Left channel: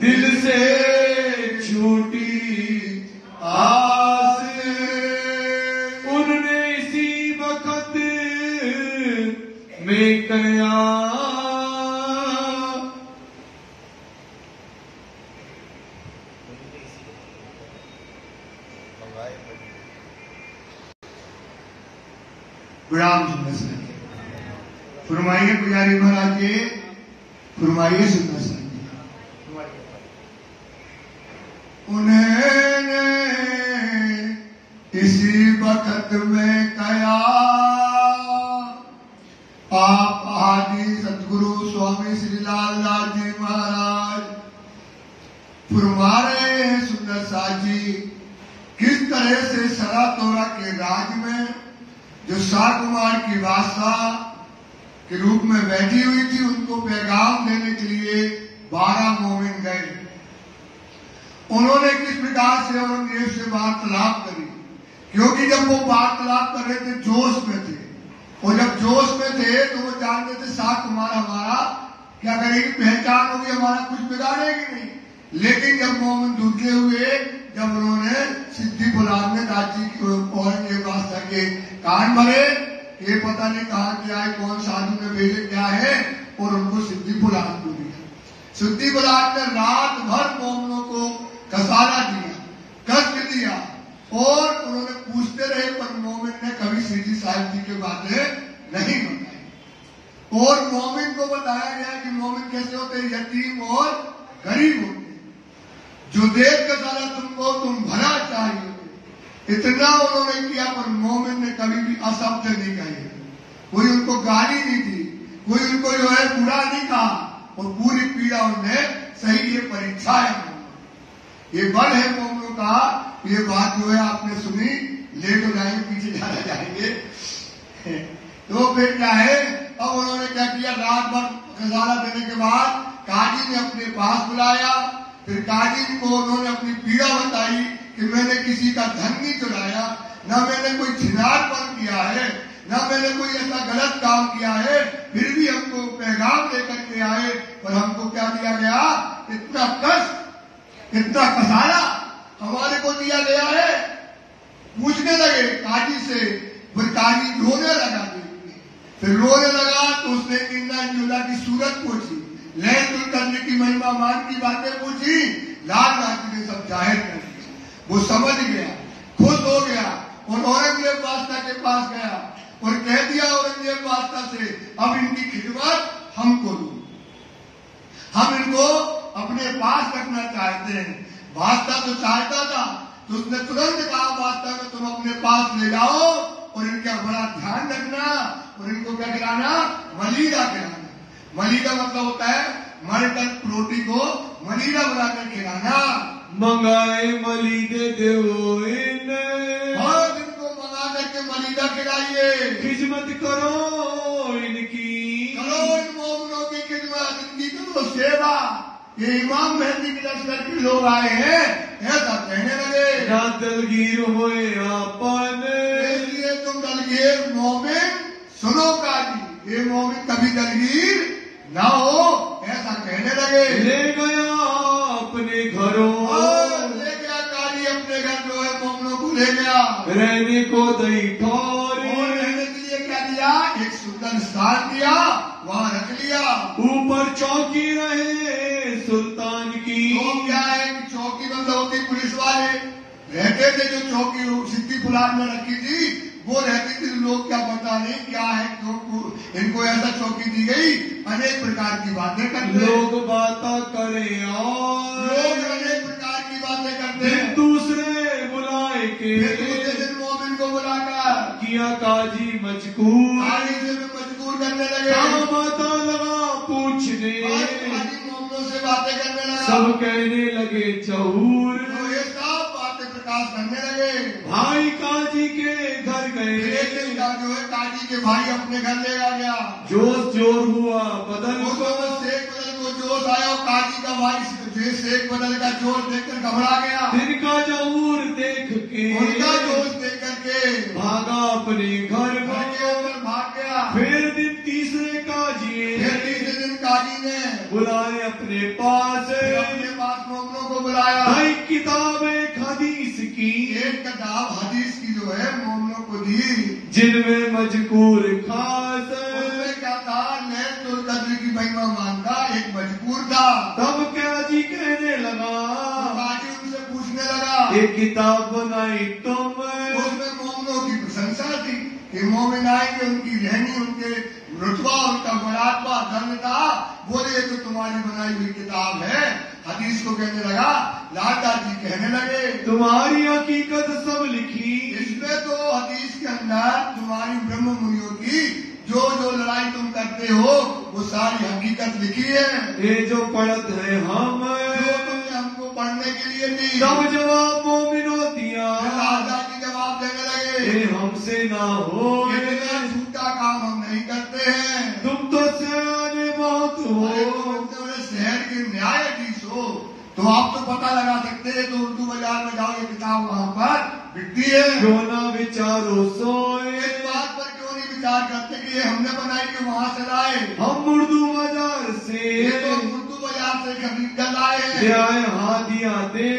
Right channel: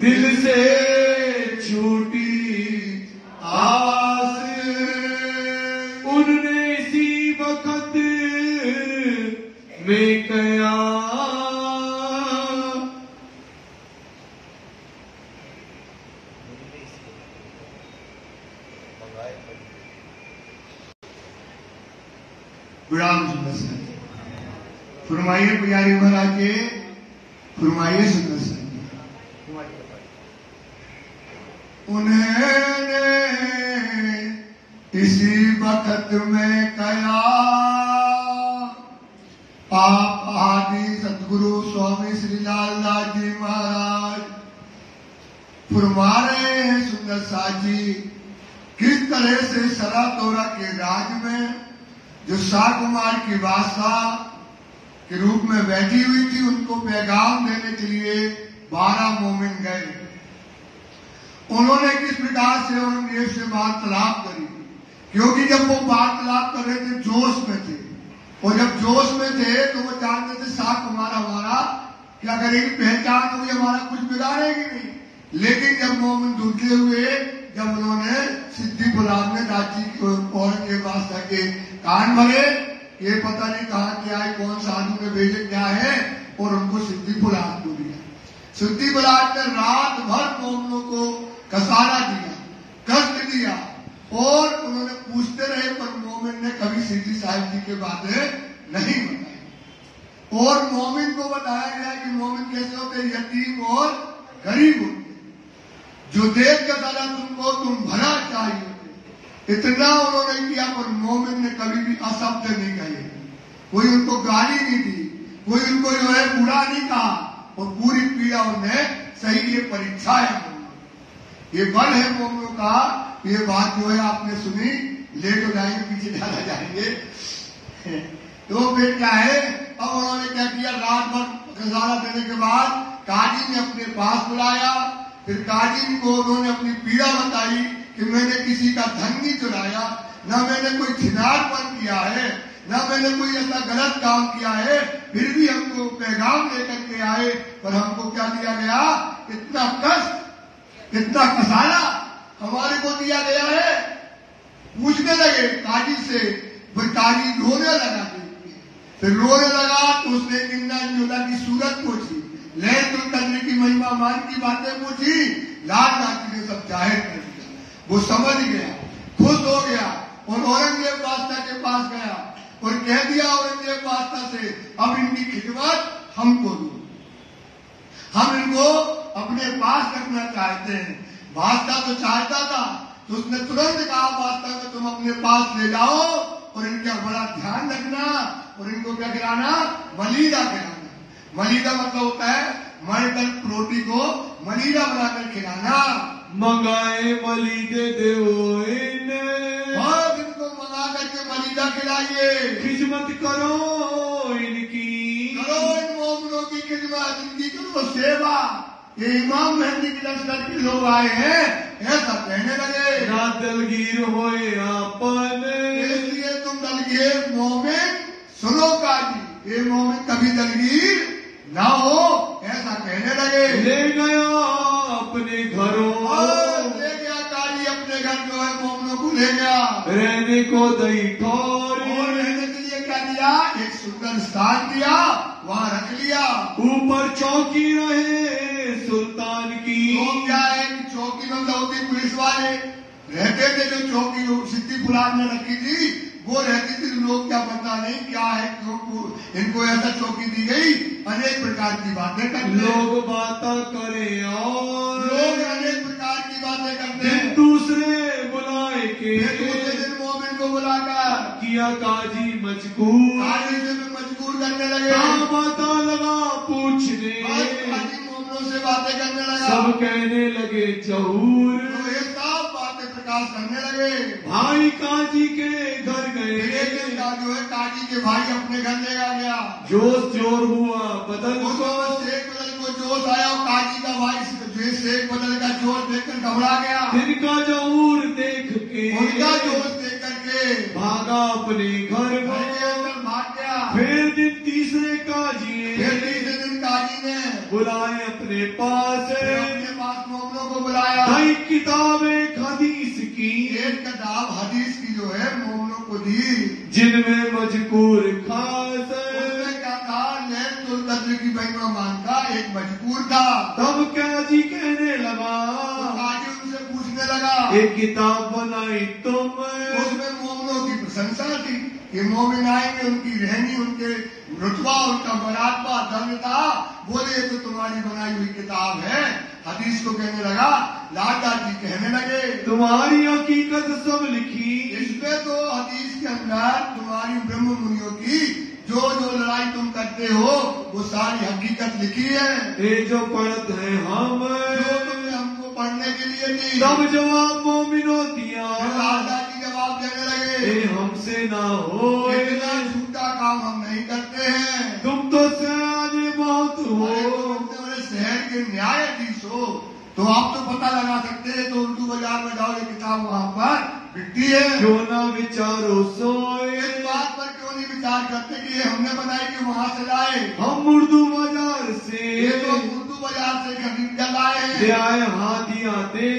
दिल से छूटी आस उन्होंने इसी वक्त में कया विराम सुनना चाहिए। फरमाइए पुजारी महाराज जी, फरमाइए सुनना चाहिए। उन्हें इसी वक्त में कया आप आदि सतगुरु स्वामी श्री लाल लाल जी महाराज फरमा रहे हैं सुंदर साथ जी, किस तरह से सरातोरा के राज में जो शाह कुमार की बादशाह के रूप में बैठी हुई थी, उनको पैगाम देने के लिए 12 मोमिन गए। उन्होंने किस प्रकार से औरंगजेब से वार्तालाप करी, क्योंकि जब वो वार्तालाप कर रहे थे जोश में थे, और जब जोश में थे तो वो जानते थे शाह कुमार हमारा क्या करेगी, पहचान होगी, हमारा कुछ बिगाड़ेगी नहीं। लेकिन जब मोमिन दुर्गे हुए, जब उन्होंने सिद्धि गुलाम ने रांची की ओर के बादशाह के कान भरे, ये पता नहीं कहाँ क्या है, कौन सा आदमी में भेजे क्या है, और उनको सिद्धि बुला दी। सिद्धि बुलाकर रात भर मोमिनों को कसारा दिया, कष्ट दिया, और उन्होंने पूछते रहे, पर मोमिन ने कभी सिद्धि साहिब जी की बातें नहीं बताई। और मोमिन को बताया गया कि मोमिन कैसे होते, यतीम और गरीब होते, जो देख कर सारा तुमको तुम भला चाहिए, इतना उन्होंने किया। पर मोमिन ने कभी भी अशब्द नहीं कहे, कोई उनको गाली नहीं दी, कोई उनको जो है बुरा नहीं कहा, और पूरी पीड़ा उन्हें सही ये परीक्षा है, ये बल है मोमिनों का। ये बात जो है आपने सुनी, ले तो जाएंगे, पीछे ज्यादा जाएंगे। तो फिर क्या है, अब उन्होंने क्या किया, रात भर नजारा देने के बाद काजी ने अपने पास बुलाया। फिर काजी को उन्होंने अपनी पीड़ा बताई कि मैंने किसी का धन नहीं चुराया, न मैंने कोई छिनारपन किया है, न मैंने कोई ऐसा गलत काम किया है, फिर भी हमको पैगाम लेकर के आए, पर हमको क्या दिया गया, इतना कष्ट, इतना कसारा हमारे को दिया गया है। पूछने लगे काजी से, फिर काजी रोने लगा, फिर रोने लगा तो उसने इंना इंजुला की सूरत पूछी, लैलतुल कद्र की महिमा मान की बातें पूछी, लाल राजी ने सब जाहिर कर दिया। वो समझ गया, खुश हो गया, और औरंगजेब बादशाह के पास गया और कह दिया औरंगजेब बादशाह से, अब इनकी खिदमत हमको दो, हम इनको अपने पास रखना चाहते हैं। बादशाह तो चाहता था, तो उसने तुरंत कहा बादशाह को, तुम अपने पास ले जाओ और इनका बड़ा ध्यान रखना, और इनको क्या खिलाना, मलीदा खिलाना। मलीदा मतलब होता है मरकर रोटी को मलीदा बनाकर खिलाना। मंगाए मलीदे देवो और इनको मंगा करके मलीदा खिलाइए, खिदमत करो इनकी, करो इन मोमिनों की खिदमत, इनकी करो सेवा। ये इमाम मेहदी के लश्कर के लोग आए हैं, ऐसा कहने लगे। ना दलगीर होए आपन, इसलिए तुम दलगीर मोमिन सुनो काजी, ये मोमिन कभी दलगीर ना हो, ऐसा कहने लगे। ले गया अपने घरों, ले गया काजी अपने घर जो है मोमिनों को ले गया, रहने को दई ठौर, और रहने के लिए क्या दिया, एक सुंदर स्थान दिया, वहाँ रख लिया। ऊपर चौकी रहे सुल्तान की, तो क्या है, चौकी बंद होती, पुलिस वाले रहते थे, जो चौकी सिद्धि बुलान में रखी थी वो रहती थी। लोग क्या पता नहीं क्या है, इनको ऐसा चौकी दी गई, अनेक प्रकार की बातें करते, लोग बातें करें और लोग अनेक प्रकार की बातें करते हैं। दूसरे बुलाए के दूसरे दिन मोमिन को बुलाकर किया काजी मजबूर, काजी से मजबूर करने लगे, पता लगा पूछने, काजी मोमिनों से बातें करने लगा, सब कहने लगे चहूर, तो ये सब बातें प्रकाश करने लगे। भाई काजी के घर गए, जो है काजी के भाई अपने घर ले आ गया, जोश जोर हुआ बदल वो तो शेख बदल को जोश आया, और काजी का भाई शेख बदल का जोश देखकर घबरा गया, तिनका जहूर देख के, उनका जोश देख करके भागा अपने घर भाग गया। फिर दिन तीसरे काजी, फिर तीसरे दिन काजी ने बुलाए अपने पास मोमिनों को बुलाया। भाई किताब एक हदीस की, एक किताब हदीस की जो है मोमिनों को दी, जिनमें मजकूर खास, उसमें क्या था, लैलतुल कद्र की महिमा का एक मजकूर था। तब काजी कहने लगा, काजी उनसे पूछने लगा, एक किताब बनाई तुम, उसमें मोमिनों की प्रशंसा थी कि मोमिनाई में उनकी रहनी, उनके रुतबा, उनका मरातबा, धन था। बोले तो तुम्हारी बनाई हुई किताब है। हदीस को कहने लगा, लाला जी कहने लगे, तुम्हारी हकीकत सब लिखी, इसमें तो हदीस के अंदर तुम्हारी ब्रह्म मुनियों की जो जो लड़ाई तुम करते हो वो सारी हकीकत लिखी है। ये जो पढ़त है हम, जो तुमने हमको पढ़ने के लिए दी। तब जवाब मोमिनों दिया, लाला जी जवाब देने लगे, ये हमसे ना हो, इतना झूठा काम हम नहीं करते हैं। तुम तो सियाने बहुत हो, शहर के न्यायाधीश हो तो आप तो पता लगा सकते हैं। तो उर्दू बाजार में जाओ, ये किताब वहाँ पर बिकती है। क्यों ना विचारो सोए, इस बात पर क्यों नहीं विचार करते कि ये हमने बनाई कि वहाँ से लाए। हम उर्दू बाजार से, ये तो उर्दू बाजार से खरीद कर लाए हैं। ले आए हादिया दे,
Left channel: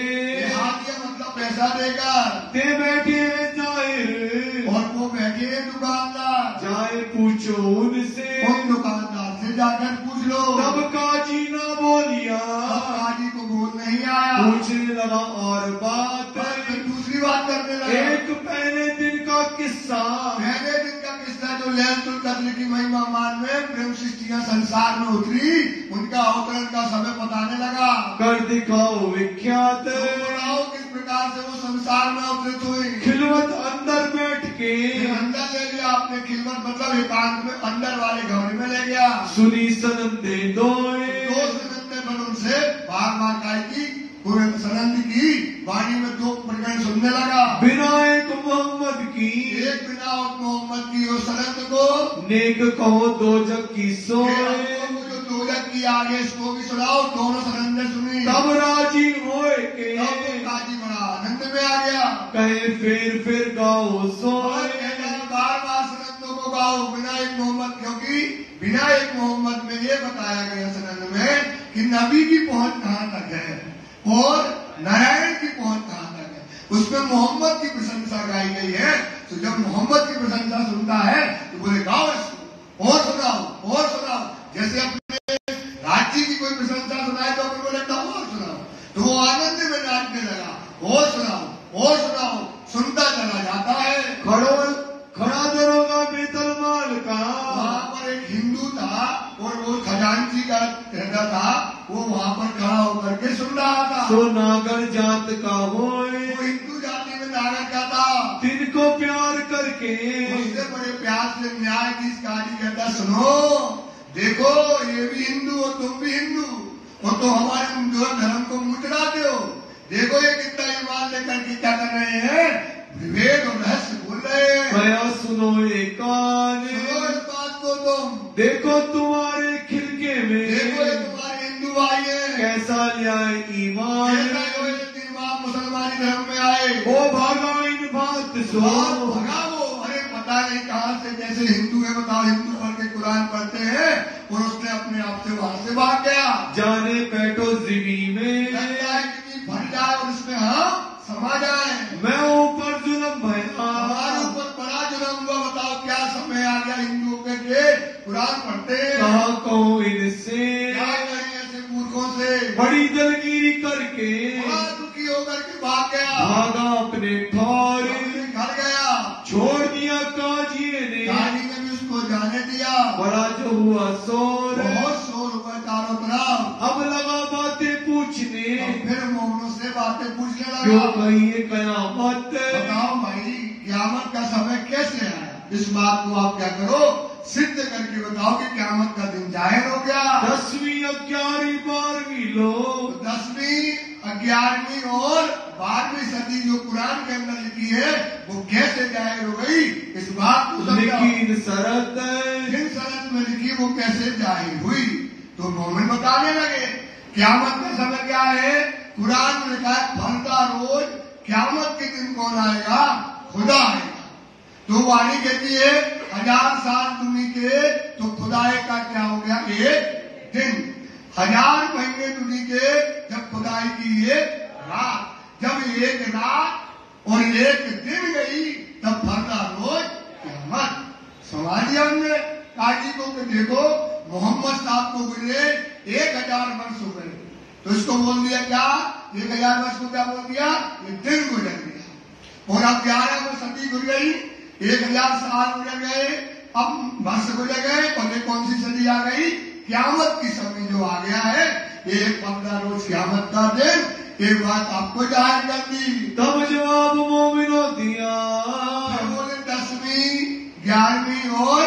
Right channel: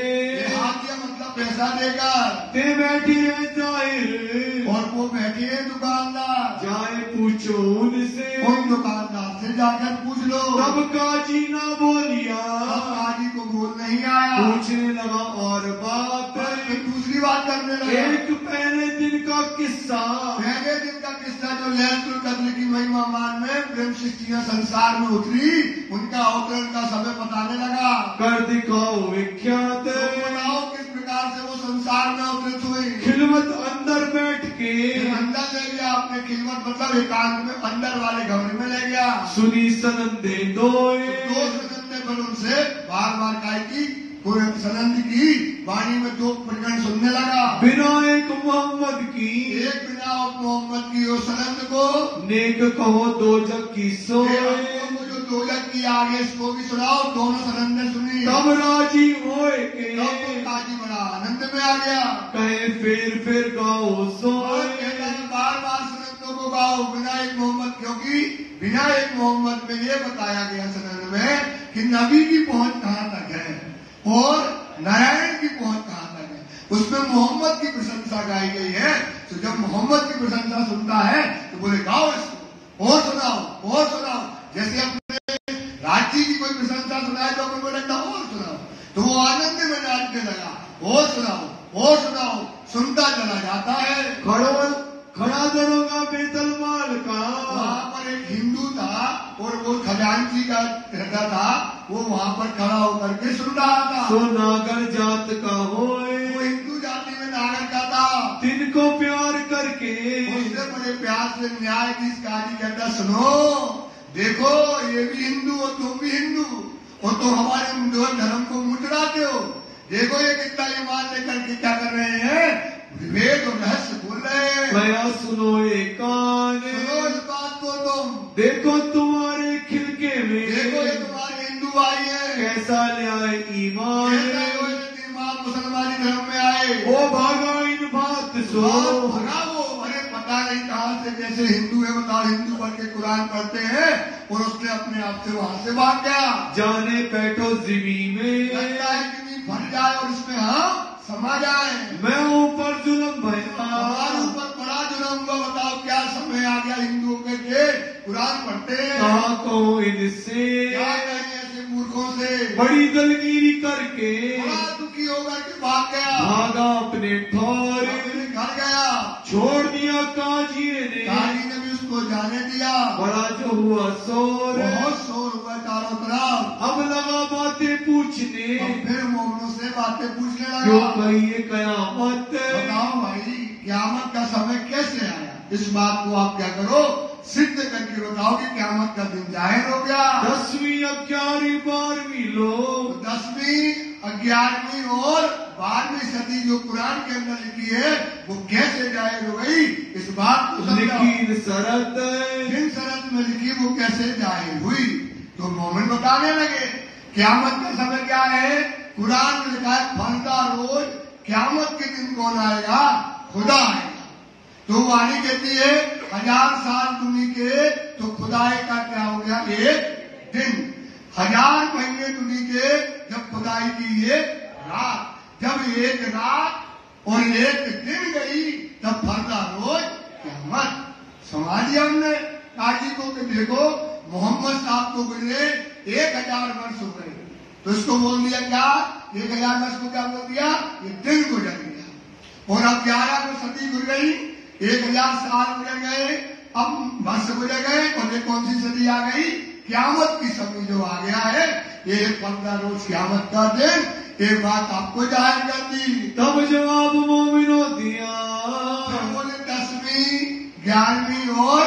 हादिया मतलब पैसा देगा। ते बैठे हैं जाहिर, और वो बैठे हैं दुकानदार, जाए पूछो उनसे, उन दुकानदार से जाकर पूछ लो। तब काजी ना बोलिया, काजी को बोल नहीं आया। पूछने लगा और बात, फिर दूसरी बात करने लगा। एक पहले दिन का किस्सा, पहले दिन का किस्सा जो लैलतुल कद्र की महिमा मान में ब्रह्म सृष्टियां संसार में उतरी, उनका अवतरण का समय बताने लगा। कर दिखाओ विख्यात, बताओ किस प्रकार से वो संसार में अवतरित हुए। खिलवत अंदर बैठ के, अंदर ले गया आपने, खिलवत मतलब एकांत में अंदर वाले घर में ले गया। सुनी सनंदे दोए, दो सनंदे फिर उनसे बार बार काय की सनंद की वाणी में दो प्रकरण सुनने लगा। बिना एक मोहम्मद की, एक बिना मोहम्मद की वो सनंद को नेक कहो दो जग की सोए, जो दो जग की आगे इसको भी सुनाओ। दोनों सनंदे सुनी, तब राजी होए के, काजी बड़ा आनंद में आ गया। कहे फिर गाओ सोए, बार बार सनंदों को गाओ बिना एक मोहम्मद, क्योंकि बिना एक मोहम्मद में ये बताया गया सनंद में कि नबी की पहुंच कहाँ तक है और नारायण की पहुंच कहाँ तक है। उसमें मोहम्मद की प्रशंसा गाई गई है। तो जब मोहम्मद की प्रशंसा सुनता है तो बोले गाओ इसको, और सुनाओ और सुनाओ। जैसे अपने राज्य की कोई प्रशंसा सुनाए तो अपन को लगता और सुनाओ, तो वो आनंद में नाचने लगा, और सुनाओ और सुनाओ, सुनता चला जाता है। खड़ा दरोगा बेतलमाल का, वहाँ पर एक हिंदू था और वो खजांची का रहता था, वो वहाँ पर खड़ा होकर के सुन रहा था। सो नागर जात का होए, वो हिंदू जाति में नागर का था। तिनको प्यार करके, उससे बड़े प्यार से न्यायाधीश काजी कहता, सुनो देखो ये भी हिंदू और तुम भी हिंदू, और तो हमारे धर्म को मुचड़ाते हो। देखो ये कितना ईमान लेकर के क्या कर रहे हैं, विभेद और रहस्य भूल रहे हैं। भया सुनो ये कान, सुनो इस बात को तुम, देखो तुम्हारे खिलके में, देखो ये तुम्हारे हिंदू भाई है, कैसा न्याय ईमान, मुसलमानी धर्म में आए। वो भागा इन बात सो, भगा वो, अरे पता नहीं कहाँ से, जैसे हिंदू है बताओ, हिंदू बन के कुरान पढ़ते हैं और उसने अपने आप से वहाँ से भाग गया। जाने कैटो जिमी में, लगता है कि भर जाए और उसमें हम समा जाए। मैं ऊपर जुलम भया, हमारे ऊपर बड़ा जुलम हुआ। बताओ क्या समय आ गया हिंदुओं के कुरान पढ़ते हैं। कहा कहूँ इनसे, क्या कहें ऐसे मूर्खों से। बड़ी दलगीरी करके, बड़ा दुखी होकर के भाग गया, भागा अपने ठौर, घर गया, छोड़ दिया काजी ने, काजी ने भी उसको जाने दिया। बड़ा जो हुआ शोर, बहुत शोर हुआ चारों तरफ। अब लगा बातें पूछने, फिर मोहम्मद से बातें पूछने क्यों लगा। कहिए कयामत, बताओ भाई क़यामत का समय कैसे आया। इस बात को आप क्या करो, सिद्ध करके बताओ कि क़यामत का दिन जाहिर हो गया। 10वीं 11वीं 12वीं लोग, 10वीं 11वीं और 12वीं सदी जो कुरान के अंदर लिखी है वो कैसे जाहिर हो गई, इस बात को समझाओ। लिखी शरत, जिन शरत में लिखी वो कैसे जाहिर हुई। तो मोमिन बताने लगे क़यामत का समय क्या है। कुरान में लिखा है फलदा रोज क़यामत के दिन कौन आएगा, खुदा आएगा। तो वाणी कहती है 1000 साल दूनी के तो खुदाई का क्या हो गया, एक दिन, 1000 महीने तो लीजिए जब खुदाई की एक रात, जब एक रात और एक दिन गई तब फरता रोज क़यामत। समझ लिया हमने काजी को कि देखो मोहम्मद साहब को गुजरे 1000 वर्ष हुए, तो इसको बोल दिया क्या, 1000 वर्ष को क्या बोल दिया, ये दिन गुजर गया। और अब 11 सदी गुजर गई, 1000 साल गुजर गए, अब वर्ष गुजर गए, और ये कौन सी सदी आ गई, क़यामत की सदी जो आ गया है, ये 15 रोज क़यामत का दिन। एक बात आपको जाहिर कर दी, तब जवाब मोमिनों दिया, बोले 10वीं 11वीं और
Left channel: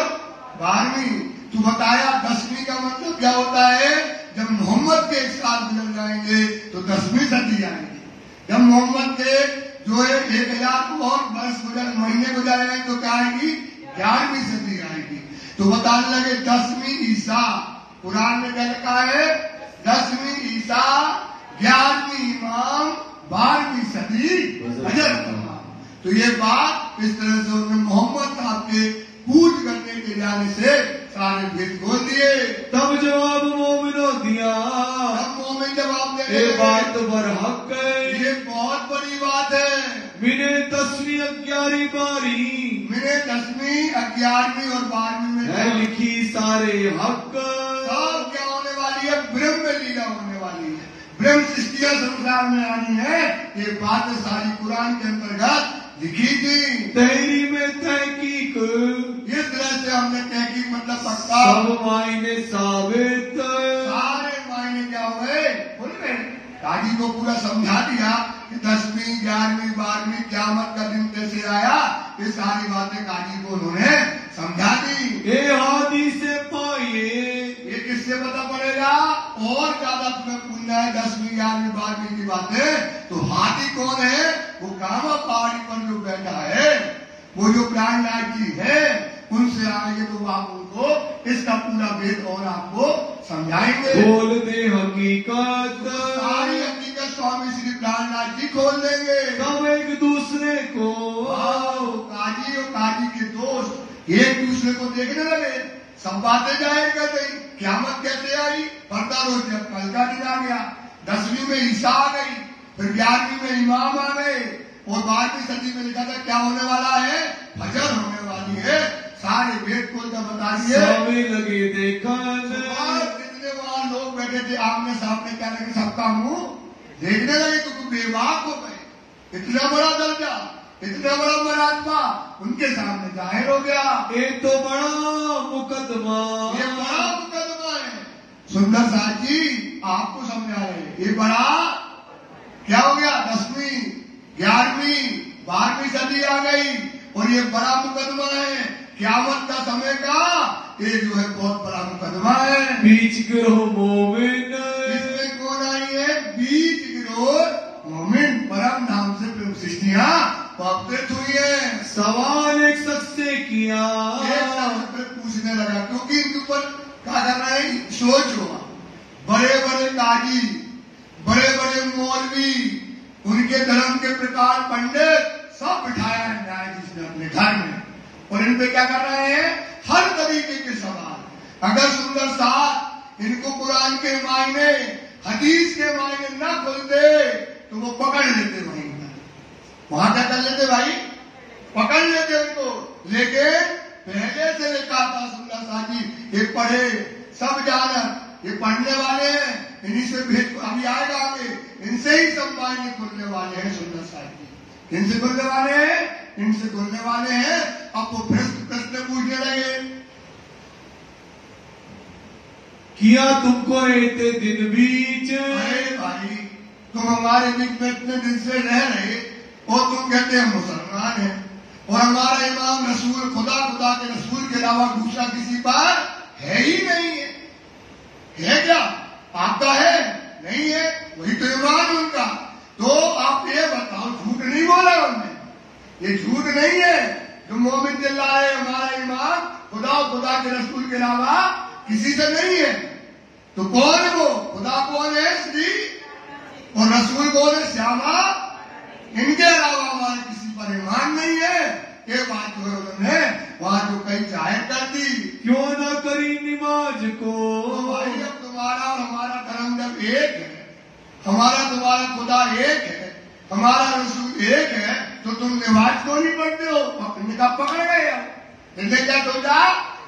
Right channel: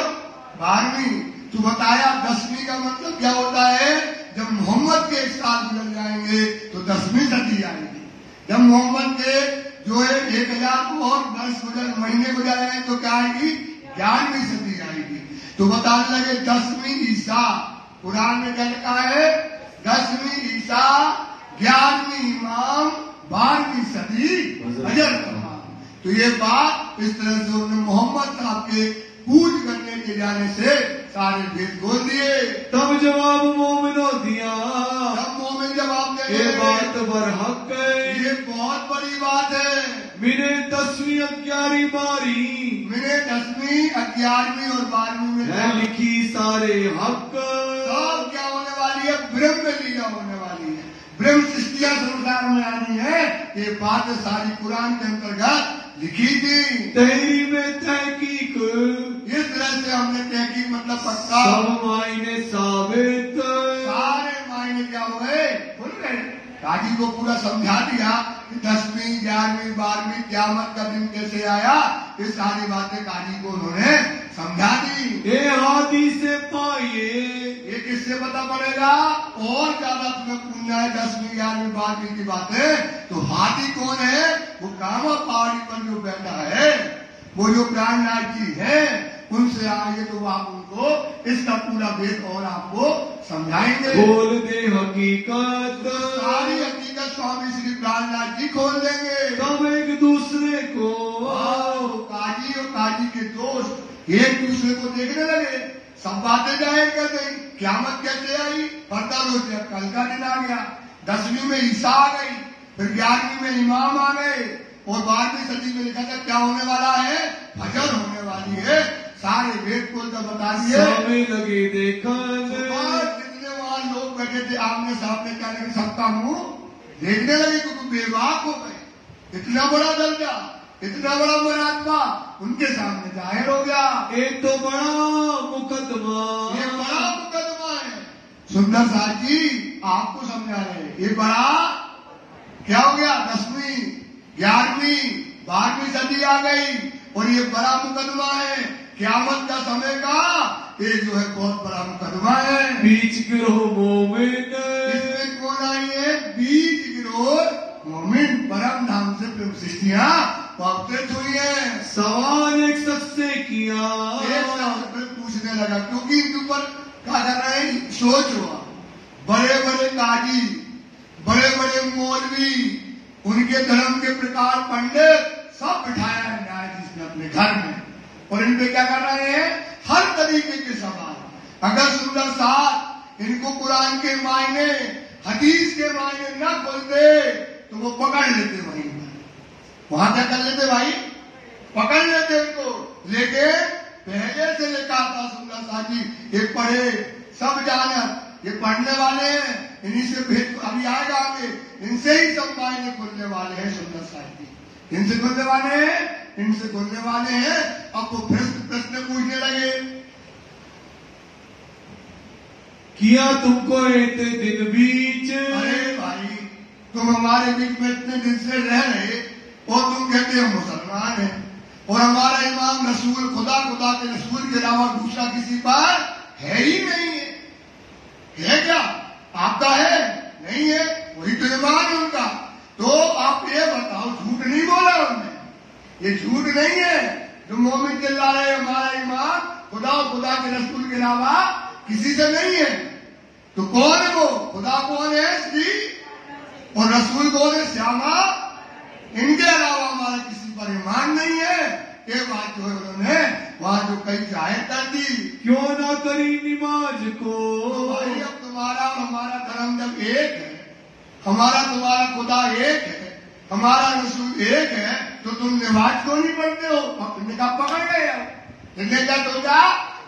12वीं। तू बताया 10वीं का मतलब क्या होता है, जब मोहम्मद के 1 साल गुजर जाएंगे तो 10वीं सदी आएगी। जब मोहम्मद के जो है 1000 को और वर्ष गुजर महीने गुजर जाएंगे तो क्या आएगी, 11वीं सदी आएगी। तो बताने लगे 10वीं ईसा, कुरान में क्या लिखा है, 10वीं ईसा, 11वीं इमाम, 12वीं सदी अजर कमा। तो ये बात इस तरह से उन्होंने मोहम्मद साहब के पूज करने के जाने से सारे भेद खोल दिए। तब जवाब मोमिनों दिया, तब मोमिन जवाब ये देंगे, बात बरहक है, ये बहुत बड़ी बात है। मिले 10वीं 11वीं 12वीं, मेरे 10वीं 11वीं और 12वीं है में लिखी सारे हक। सब क्या होने वाली है, ब्रह्म लीला होने वाली है, ब्रह्म सृष्टियां संसार में आनी है। ये बात सारी कुरान के अंतर्गत लिखी थी। तहरी में तहकीक, इस तरह से हमने तहकीक मतलब पक्का, सब मायने साबित, सारे मायने क्या हुए, बोल रहे काजी को पूरा समझा दिया कि 10वीं 11वीं 12वीं क़यामत का दिन कैसे आया, ये सारी बातें काजी को उन्होंने समझा दी। ये हाथी से पाइए, ये किससे पता पड़ेगा, और ज्यादा तुम्हें पूछना है 10वीं 11वीं 12वीं की बातें, तो हाथी कौन है, वो कामो पहाड़ी पर जो बैठा है, वो जो प्राणनाथ जी है, उनसे आगे तो आप उनको इसका पूरा वेद और आपको समझाएंगे। बोल दे हकीकत, सारी हकीकत स्वामी श्री प्राणनाथ जी खोल देंगे। सब एक दूसरे को, काजी और काजी के दोस्त एक दूसरे को देखने लगे, सब बातें जाहिर कर गई। क़यामत कैसे आई, पर्दा रोज जब कल का दिन आ गया, 10वीं में ईसा आ गई, फिर 11वीं में इमाम आ गए, और 12वीं सदी में लिखा था क्या होने वाला है, फजर होने वाली है। सारे वेद को तो बता दिए। लगे देखन, जितने वहां लोग बैठे थे आमने सामने, क्या लगे सबका मुंह देखने लगे, तो बेवाक हो गए। इतना बड़ा दर्जा, इतना बड़ा महात्मा उनके सामने जाहिर हो गया। एक तो बड़ा मुकदमा, ये बड़ा मुकदमा है। सुंदर साहब जी आपको समझा रहे, ये बड़ा क्या हो गया, 10वीं 11वीं 12वीं सदी आ गई, और ये बड़ा मुकदमा है क़यामत का समय का, ये जो है बहुत बड़ा मुकदमा है। बीच गिरो मोमिन, इसमें कौन आई है, बीच गिरोह मोमिन, परम नाम से सृष्टियां पवित्र हुई है। सवाल एक शख्स से किया, एक शख्स से पूछने लगा, क्योंकि इनके ऊपर क्या कर रहे हैं, सोच हुआ, बड़े बड़े काजी, बड़े बड़े मौलवी, उनके धर्म के प्रकार पंडित सब बिठाया है न्यायाधीश ने अपने घर में, और इन पे क्या कर रहे हैं, हर तरीके के सवाल। अगर सुंदर साहब इनको कुरान के मायने हदीस के मायने न खोलते तो वो पकड़ लेते, वहां क्या कर लेते भाई, पकड़ लेते इनको। लेकिन पहले से लिखा था सुंदर साहब जी, ये पढ़े सब जाना, ये पढ़ने वाले हैं, इन्हीं से भेद अभी आएगा आगे, इनसे ही सब मायने खुलने वाले हैं। सुंदर साहब जी इनसे खुलने वाले हैं, इनसे खुलने वाले हैं। अब वो प्रश्न पूछने लगे, किया तुमको रहते दिन बीच, अरे भाई तुम हमारे बीच में इतने दिन से रह रहे, और तुम कहते हैं मुसलमान है, और हमारा इमाम रसूल खुदा के रसूल के अलावा दूसरा किसी पर है ही नहीं है क्या, आपका है नहीं है, वही तो ईमान उनका। तो आप ये बताओ, झूठ नहीं बोला उन्होंने, ये झूठ नहीं है जो मोमिन चिल्ला रहे हमारा इमाम खुदा के रसूल के अलावा किसी से नहीं है। तो कौन है वो, खुदा कौन है श्री, और रसूल कौन है श्यामा, इनके अलावा हमारा किसी पर ईमान नहीं है। ये बात जो उन्होंने वहां जो कई जाहिर कर दी, क्यों ना करी नमाज को, तो भाई अब तुम्हारा एक है, हमारा तुम्हारा खुदा एक है, हमारा रसूल एक है, तो तुम नमाज क्यों नहीं पढ़ते हो? तुमने कहा पकड़ गए, जिसने क्या सोचा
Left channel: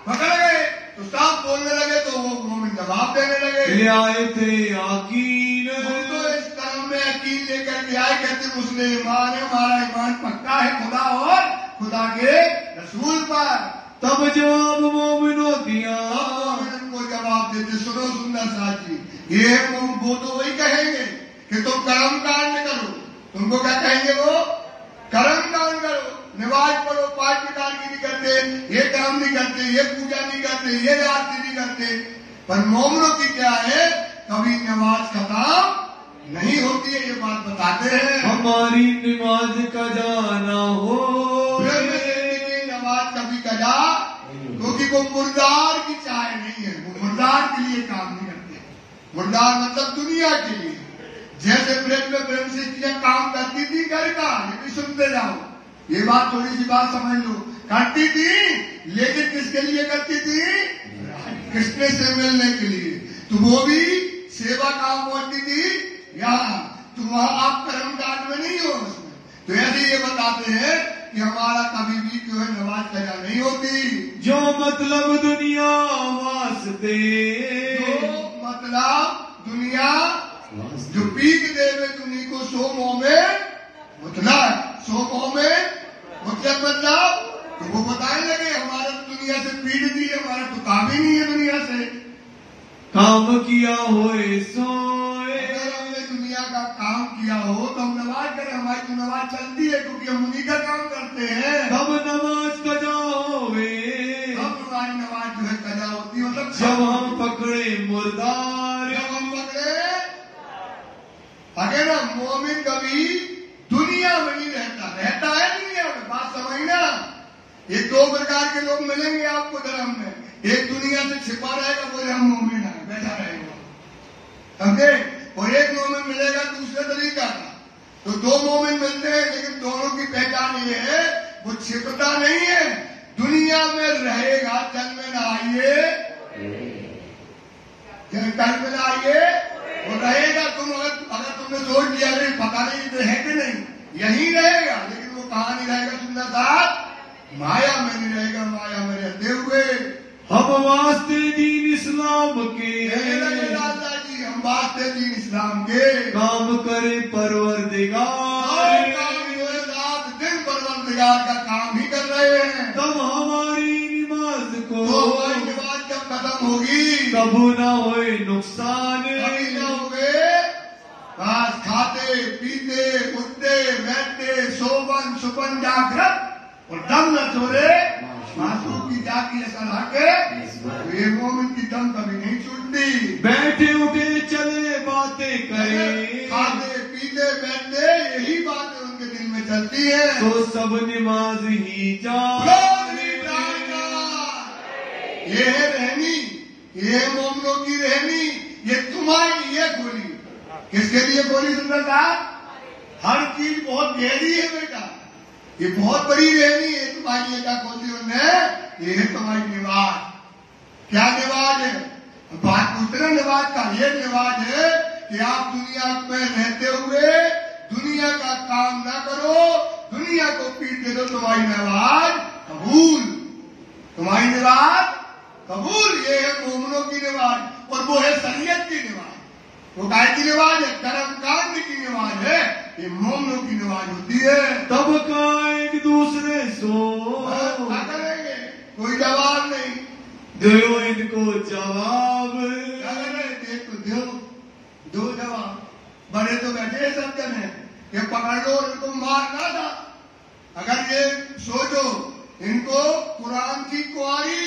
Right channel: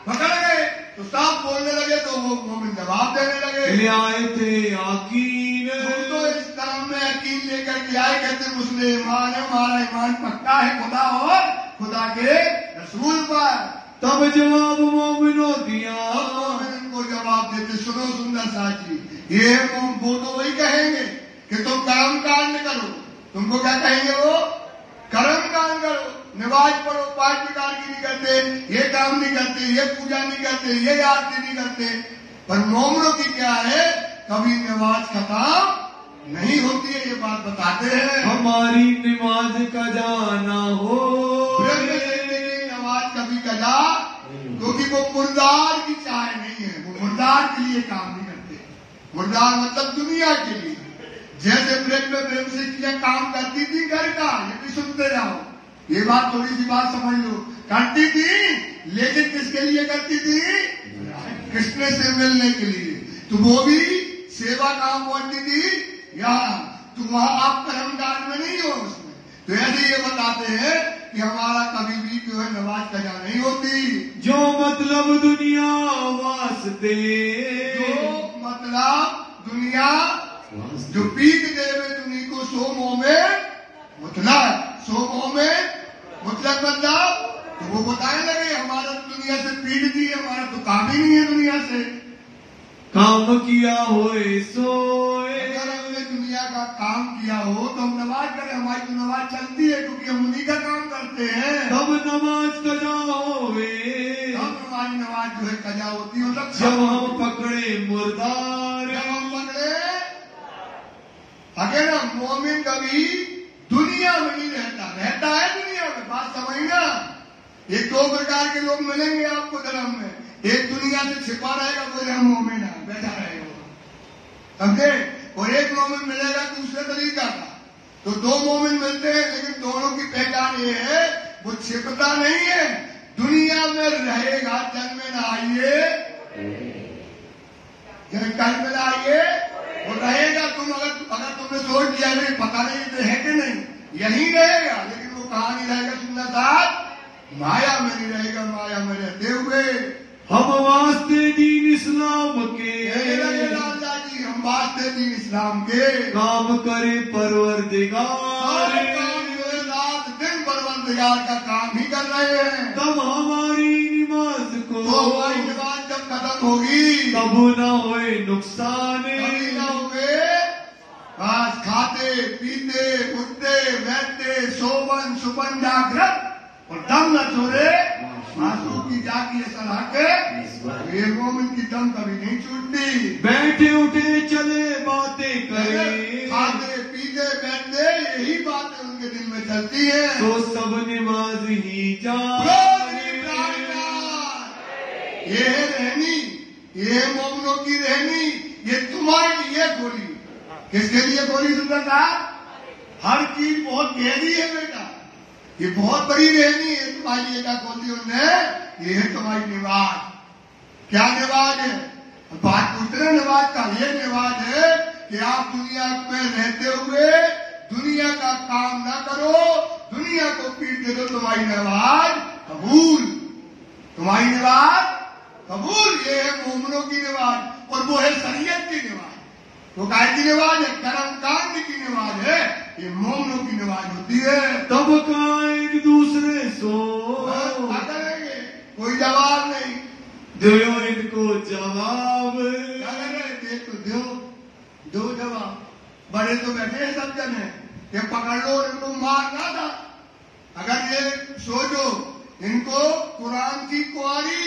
पकड़ गए, तो साफ बोलने लगे तो वो मोमिन जवाब देने लगे। ले आए थे यकीन हम तो इस कर्म में यकीन लेकर के आए, कहते मुस्लिमान है, हमारा ईमान पक्का है खुदा और खुदा के रसूल पर। तब जवाब मोमिनो दिया, उनको जवाब देते, सुनो सुंदर साथी, ये वो तो वही कहेंगे कि तुम कर्म कांड करो, तुमको क्या कहेंगे वो? कर्म कांड करो, नमाज पढ़ो, 5 प्रकार की नहीं करते, ये काम नहीं करते, ये पूजा नहीं करते, ये आरती नहीं करते। पर मोमिनों की क्या है, कभी नमाज का काम नहीं होती है, ये बात बताते हैं। हमारी नमाज का जाना हो, नमाज कभी कजा, क्योंकि वो मुर्दार की चाह नहीं है, वो मुर्दार के लिए काम नहीं करते। मुर्दार मतलब दुनिया के लिए, जैसे ब्रेक में ब्रेक से किया काम करती थी घर का, ये भी सुनते जाओ, ये बात थोड़ी सी बात समझ लो, करती थी लेकिन किसके लिए करती थी? कृष्ण से मिलने के लिए। तो वो भी सेवा काम बोलती थी, या तो वहां आप कर्म कांड में नहीं हो उसमें। तो ऐसे ये बताते हैं कि हमारा कभी भी जो है नमाज कजा नहीं होती। जो मतलब दुनिया वास्ते, मतलब दुनिया जो पीक देवे दुनिया को सो मोह में मतलब, सो मोह में मतलब तो वो बताने लगे हमारा दुनिया से पीड़ दी, हमारा तो काम ही नहीं है दुनिया से। काम किया होए सोए, अगर हमने दुनिया का काम किया हो तो हम नमाज करें, हमारी तो नमाज चलती है क्योंकि हम उन्हीं का काम करते हैं। तब नमाज कजा होए, तब हमारी नमाज जो है कजा होती है। मतलब जब हम पकड़े मुर्दार, जब हम पकड़े, अगर मोमिन कभी दुनिया में नहीं रहता, रहता है दुनिया में, बात समझना। ये 2 प्रकार के लोग मिलेंगे आपको धर्म में, एक दुनिया से छिपा रहेगा, बोले हम मोमिन है, बैठा रहेगा, समझे? और एक मोमिन मिलेगा दूसरे तरीका का। तो 2 मोमिन मिलते हैं, लेकिन दोनों की पहचान ये है, वो छिपता नहीं है, दुनिया में रहेगा, जल में ना आइए, जल में ना आइए, वो रहेगा। तुम अगर तुमने सोच दिया नहीं, पता नहीं तो है कि नहीं, यही रहेगा, लेकिन वो कहाँ नहीं रहेगा? सुंदर साथ माया में नहीं रहेगा, माया में रहते हुए। हम वास्ते दीन इस्लाम के, दादा जी हम वास्ते दीन इस्लाम के काम करे परवरदिगार, रात दिन परवरदिगार का काम ही कर रहे हैं। तब हमारी नमाज को, तो हमारी नमाज जब खत्म होगी, तब ना होए नुकसान, कभी ना होगे बस खाते पीते उठते बैठते सोवन सुपन जागृत और दम न छोड़े आंसू की जाती है सलाह के, ये मोमिन की दम कभी नहीं छूटती। बैठे उठे चले बातें करे, खाते पीते बैठते यही बातें उनके दिल में चलती है। तो सब नमाज ही ये है रहनी, ये है मोमिनों की रहनी, ये तुम्हारी लिए बोली। किसके लिए बोली? सुंदर साहब, हर चीज बहुत गहरी है बेटा, ये बहुत बड़ी रहनी है तुम्हारी लिए। क्या बोली उन्होंने? ये है तुम्हारी निवाज। क्या निवाज है? बात पूछना निवाज का, ये निवाज है कि आप दुनिया में रहते हुए दुनिया का काम ना करो, दुनिया को पीट दे दो, तुम्हारी निवाज कबूल, तुम्हारी निवाज कबूल। ये है मोमिनों की निवाज, और वो है शरीयत की निवाज। वो काय की निवाज है? कर्म कांड की निवाज है, ये मोमिनों की निवाज होती है। तब का एक दूसरे सो, क्या करेंगे? कोई जवाब नहीं, दो इनको जवाब, क्या करें? एक तो दो जवाब। बड़े तो बैठे सब जने, ये पकड़ लो, इनको मारना था। अगर ये सोचो, इनको कुरान की कुआरी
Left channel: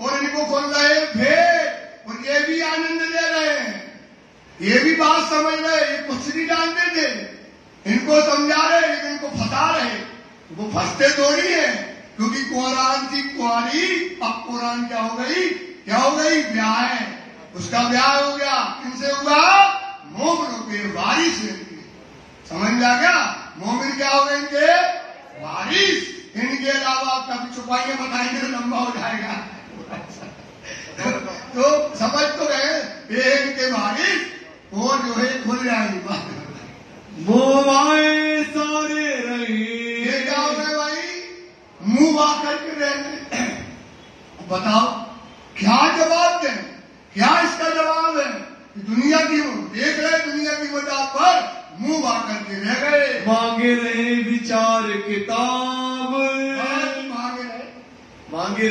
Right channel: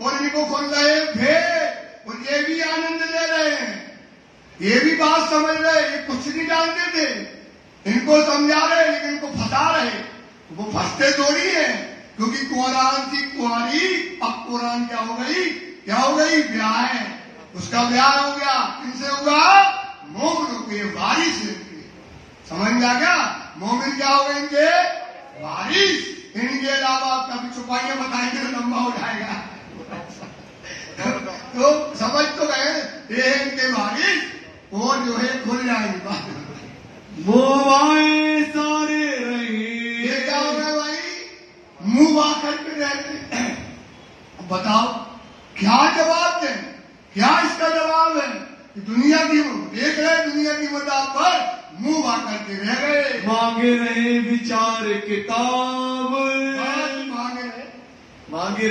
और इनको खोल रहे भेद, और ये भी आनंद ले रहे हैं, ये भी बात समझ रहे, ये कुछ नहीं जानते थे, इनको समझा रहे लेकिन इनको फंसा रहे। वो फंसते थोड़ी है, क्योंकि कुरान की कुआरी, अब कुरान क्या हो गई? क्या हो गई? ब्याह है, उसका ब्याह हो गया। किनसे हुआ? मोमिनों के वारिस से। समझ में आ गया? मोमिन क्या हो गए? इनके वारिस। इनके अलावा आप कभी छुपाइए बताएंगे तो लंबा हो जाएगा। तो समझ तो गए, ये इनके वारिस, और जो है खुल जाएगी। मोह आए सारे रहे। ये क्या हो रहा है भाई? मुंह आ करके रहते। बताओ क्या जवाब दें? क्या इसका जवाब है? दुनिया की देख रहे, दुनिया की मदा पर मुंह आ करके रह गए। मांगे रहे विचार किताब, मांगे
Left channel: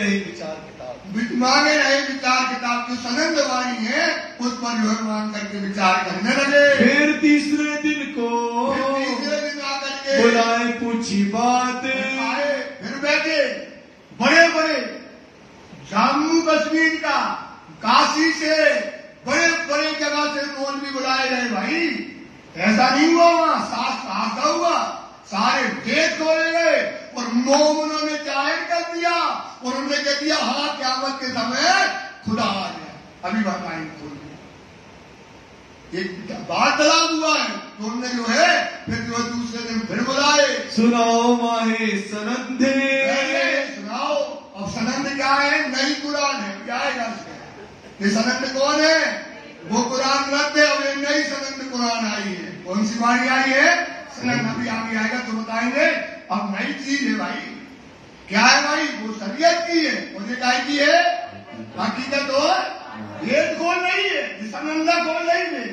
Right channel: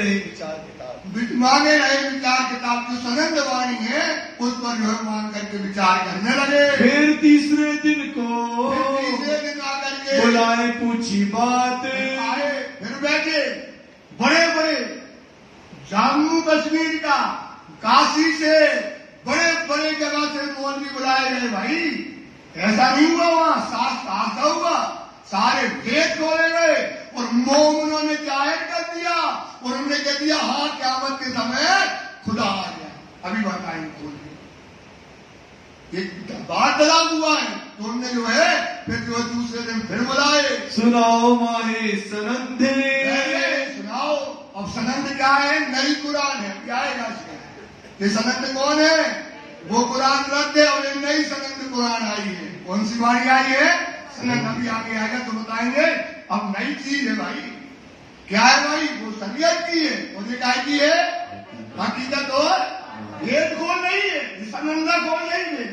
रहे विचार किताब की सनंद वाणी है, उस पर जो है मांग करके विचार करने लगे। फिर तीसरे दिन को आकर के बुलाए पूछी बात। आए, फिर बैठे बड़े बड़े जम्मू कश्मीर का, काशी से बड़े बड़े जगह से मौलवी बुलाए गए। भाई ऐसा नहीं हुआ, वहां साफ हुआ, सारे वेद खोले गए और मोमिनों ने जाहिर कर दिया और उन्होंने कह दिया हाँ क़यामत के समय खुदा आ गया। अभी बात आएंगे खोल एक वार्तालाप हुआ है, तो उन्होंने जो है फिर जो दूसरे दिन फिर बुलाए। सुनाओ माहे सनंदे, सुनाओ। अब सनंद क्या है? नई कुरान है। क्या है ये सनंद कौन है? वो कुरान रद्द है और ये नई सनंद कुरान आई है। कौन सी वाणी आई है? सनंद अभी आगे आएगा तो बताएंगे। अब नई चीज है भाई। क्या है भाई? वो शरीयत की है और ये काय की है? हकीकत और वेद खोल रही है। ये सनंदा खोल रही है।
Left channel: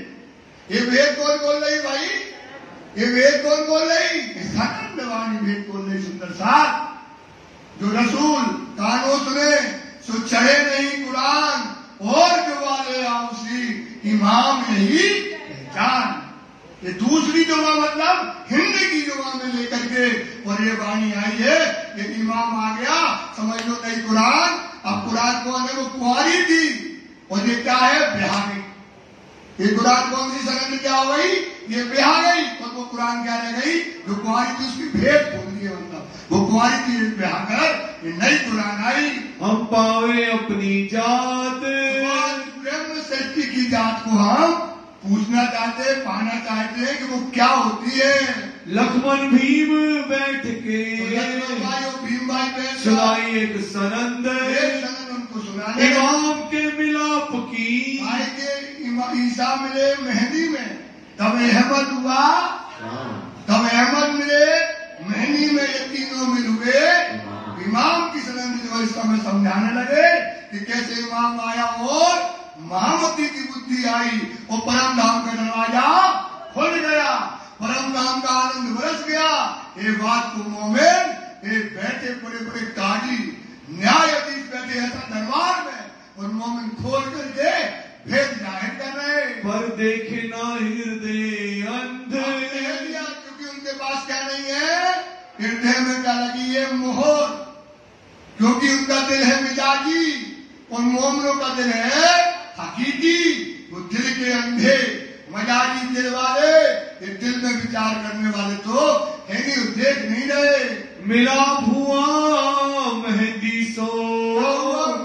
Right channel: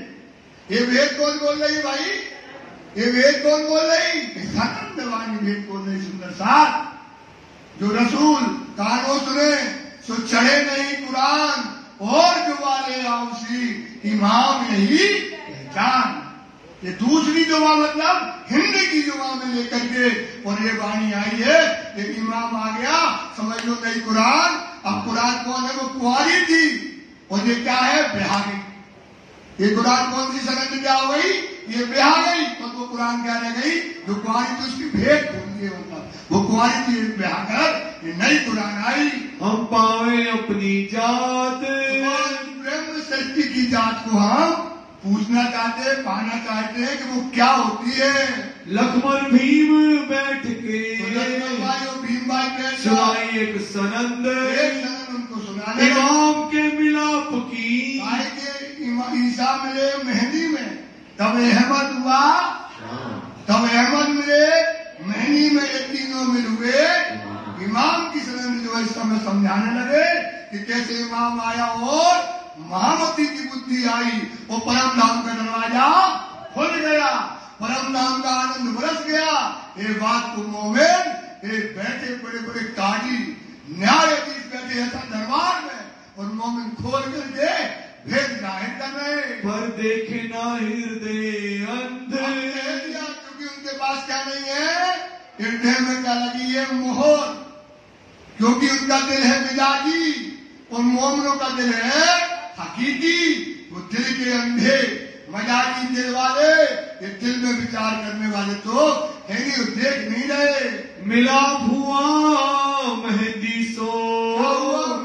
ये वेद कौन बोल रही भाई? ये वेद कौन बोल रही? सनंद वाणी वेद बोल रही। सुंदर साहब, जो रसूल कानों सुने सो चढ़े नहीं कुरान, और जो वाले आउसी इमाम नहीं पहचान। ये दूसरी जुमा मतलब हिंदी की जुमा में लेकर के और ये वाणी आई है। ये इमाम आ गया, समझ लो नहीं कुरान। अब कुरान कौन है? वो कुंवारी थी और ये क्या है? ब्याह गई। ये कुरान कौन सी सनद क्या हो गई? ये ब्याह गई। तो कुरान क्या रह गई? जो कुंवारी थी उसकी भेंट भूल गई। मतलब वो कुंवारी थी, ब्याह कर ये नई कुरान आई। हम पावे अपनी जात, ब्रह्म सृष्टि की जात को हम पूछना चाहते, पाना चाहते हैं कि वो क्या होती है। लक्ष्मण भीम बैठ के भीम भाई के सुनाई एक सनंद, उनको सुनाने इमाम के मिलाप की। भाई के ईसा मिले मेहंदी में, तब अहमद हुआ, तब अहमद मिले मेहंदी में, ये तीनों मिल हुए इमाम की सनंद जो है इस समय समझाने लगे कि कैसे इमाम आया और महामती की बुद्धि आई और परम धाम का दरवाजा खुल गया, परम धाम का आनंद बरस गया। ये बात को मोमिन, ये बैठे बड़े बड़े काजी न्यायाधीश बैठे ऐसा दरबार में और मोमिन खोल करके भेद जाहिर कर रहे। पर देखे ना हृदय अंध, क्योंकि उनके पास क्या नहीं है? हृदय में क्या लगी है? मोहर। क्योंकि उनका दिल है मिजाजी और मोमिनों का दिल है हकीकी। वो दिल के अंधे मजाकी दिल वाले, ये दिल में विचार करने वाले तो है नहीं, देख नहीं रहे। मिलाप हुआ मेहंदी सो,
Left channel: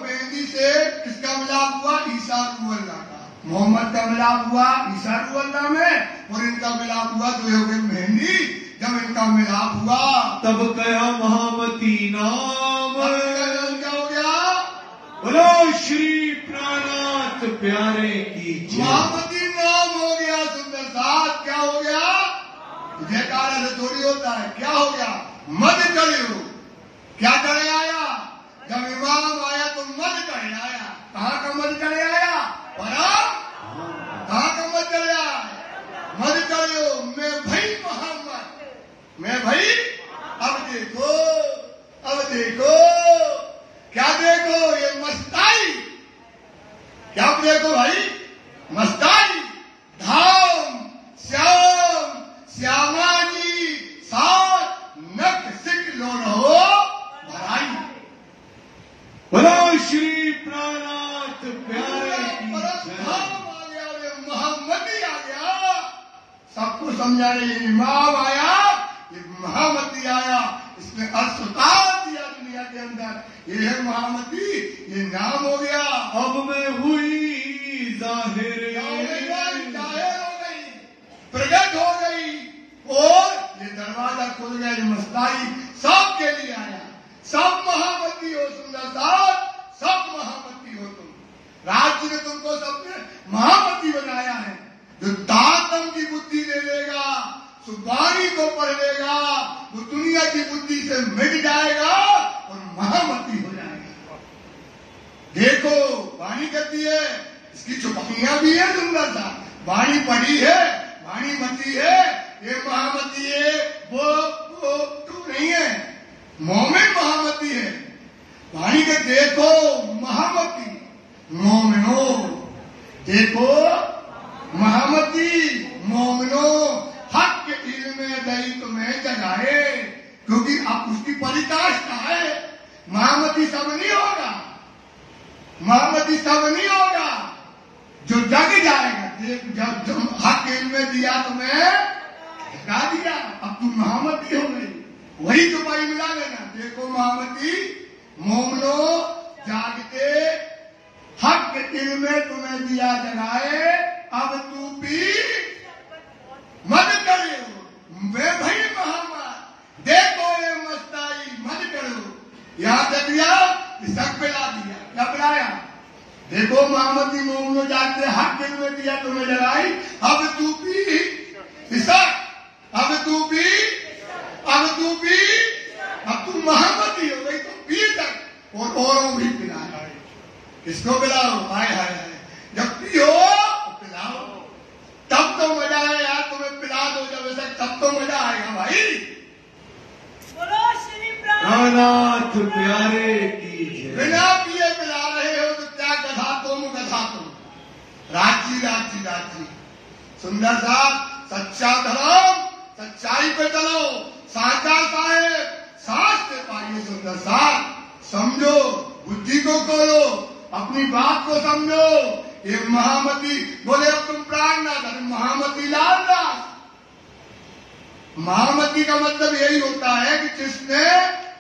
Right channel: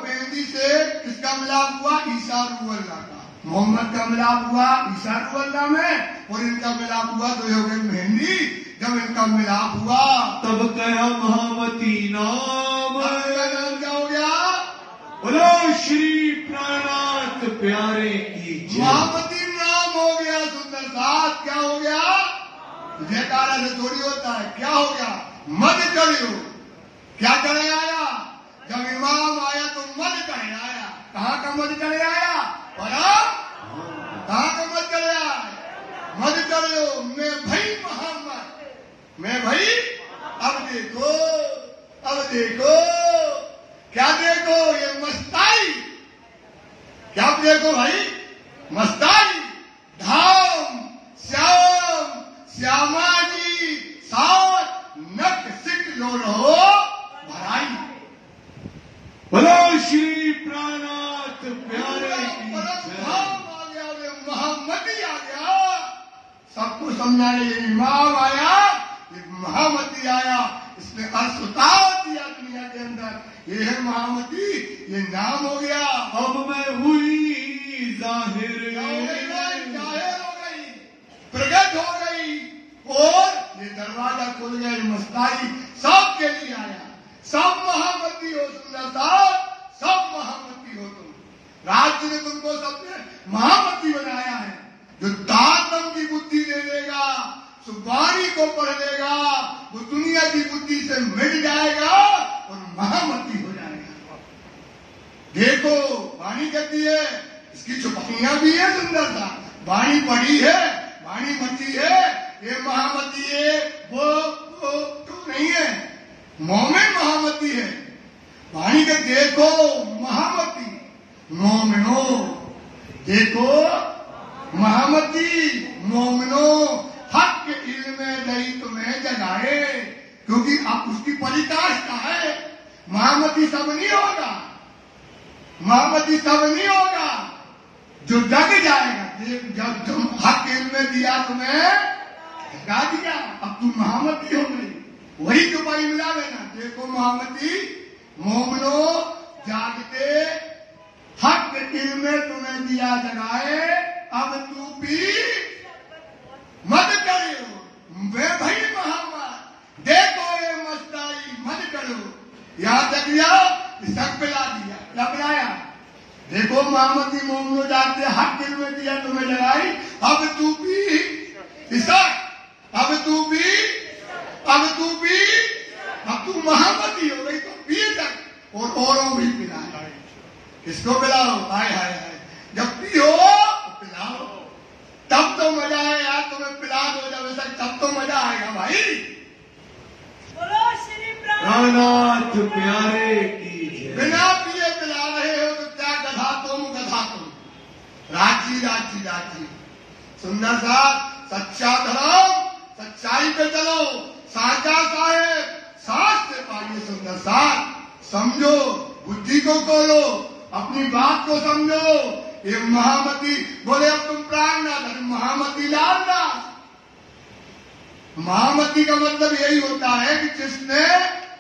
मेहंदी से किसका मिलाप हुआ? ईसा रूहल्लाह का। मोहम्मद का मिलाप हुआ ईसा रूहल्लाह में और इनका मिलाप हुआ तो ये हो गई मेहंदी। जब इनका मिलाप हुआ तब कहा महामती नाम, क्या हो गया? बोलो श्री प्राणात प्यारे की जय। महामती नाम हो गया। सुंदर साथ क्या हो गया? जयकारा से थोड़ी होता है। क्या हो गया? मद करे हो। क्या करे आया? जब इमाम आया तो मद करे आया। कहाँ का मद करे आया? कहाँ का मद करे आया? मद करे हो। मैं भाई मोहम्मद, मैं भाई। अब देखो, अब देखो, क्या देखो? ये मस्ताई। क्या देखो भाई? मस्ताई, धाम, श्याम, श्यामा जी साथ नक सिक लोड़ हो भराई। बोलो श्री प्राणात प्यारे की जय। धाम आ गया, ये महामती आ गया। सबको समझाने ये इमाम आया, ये महामती आया। इसने अस्पताल दिया दुनिया के अंदर। ये है महामती, ये नाम हो गया। अब मैं हुई जाहिर, प्रकट हो गई और ये दरवाजा खुल गया। ये मस्ताई सबके लिए आया। सब महामती हो। सुंदर साहब, सब महामती हो तुम। राज्य ने तुमको सबने महामती बनाया है। जो जो दातम की बुद्धि ले लेगा, जो वाणी को पढ़ लेगा, वो दुनिया की बुद्धि से मिट जाएगा और महामती हो जाएगा। देखो वाणी कहती है, इसकी चुपकियां भी है सुंदर सा। वाणी पढ़ी है, वाणी मती है, ये महामती है, वो तो नहीं है, मोमिन महामती है। वाणी के देखो महामती, मोमिनो देखो महामती, मोमिनो हक के इल्म दई तुम्हें जगाए, क्योंकि अब उसकी परिकाष्ठा है। महामती सब नहीं होगा, महामती सब नहीं होगा, जो जग जाएगा। जब तुम हक के इल्म दिया तुम्हें जगा दिया, अब तुम महामती हो गई, वही तुम्हारी मिला लेना। देखो महामती, मोमिनो जागते हक के इल्म तुम्हें दिया जगाए, अब तू भी मत करो वे भाई महामत, देखो ये मस्ताई मत करो। यहां तक दिया, इसक पिला दिया, क्या पिलाया? देखो महामती मोमिनो जागते हक के इल्म दिया तुम्हें जगाई, अब तू भी इसक, अब तू भी अब तू महामती हो गई, तो पी तक और औरों भी पिलाओ। किसको पिलाओ? हाय हाय हाय, जब पियो तो पिलाओ, तब तो मजा है यार। तुम्हें पिला दो जब तक, तब तो मजा आएगा भाई। बोलो श्री नाथ प्यारे की जय। बिना पिए पिला रहे हो तो क्या गधा तुम, राजी। सुंदर सा सच्चा धर्म, सच्चाई पे चलो, साचा साहेब सांस पे पाइए। सुंदर सा समझो, बुद्धि को खोलो, अपनी बात को समझो। ये महामती बोले अब तुम प्राण ना धर, महामती लालना। महामती का मतलब यही होता है कि जिसने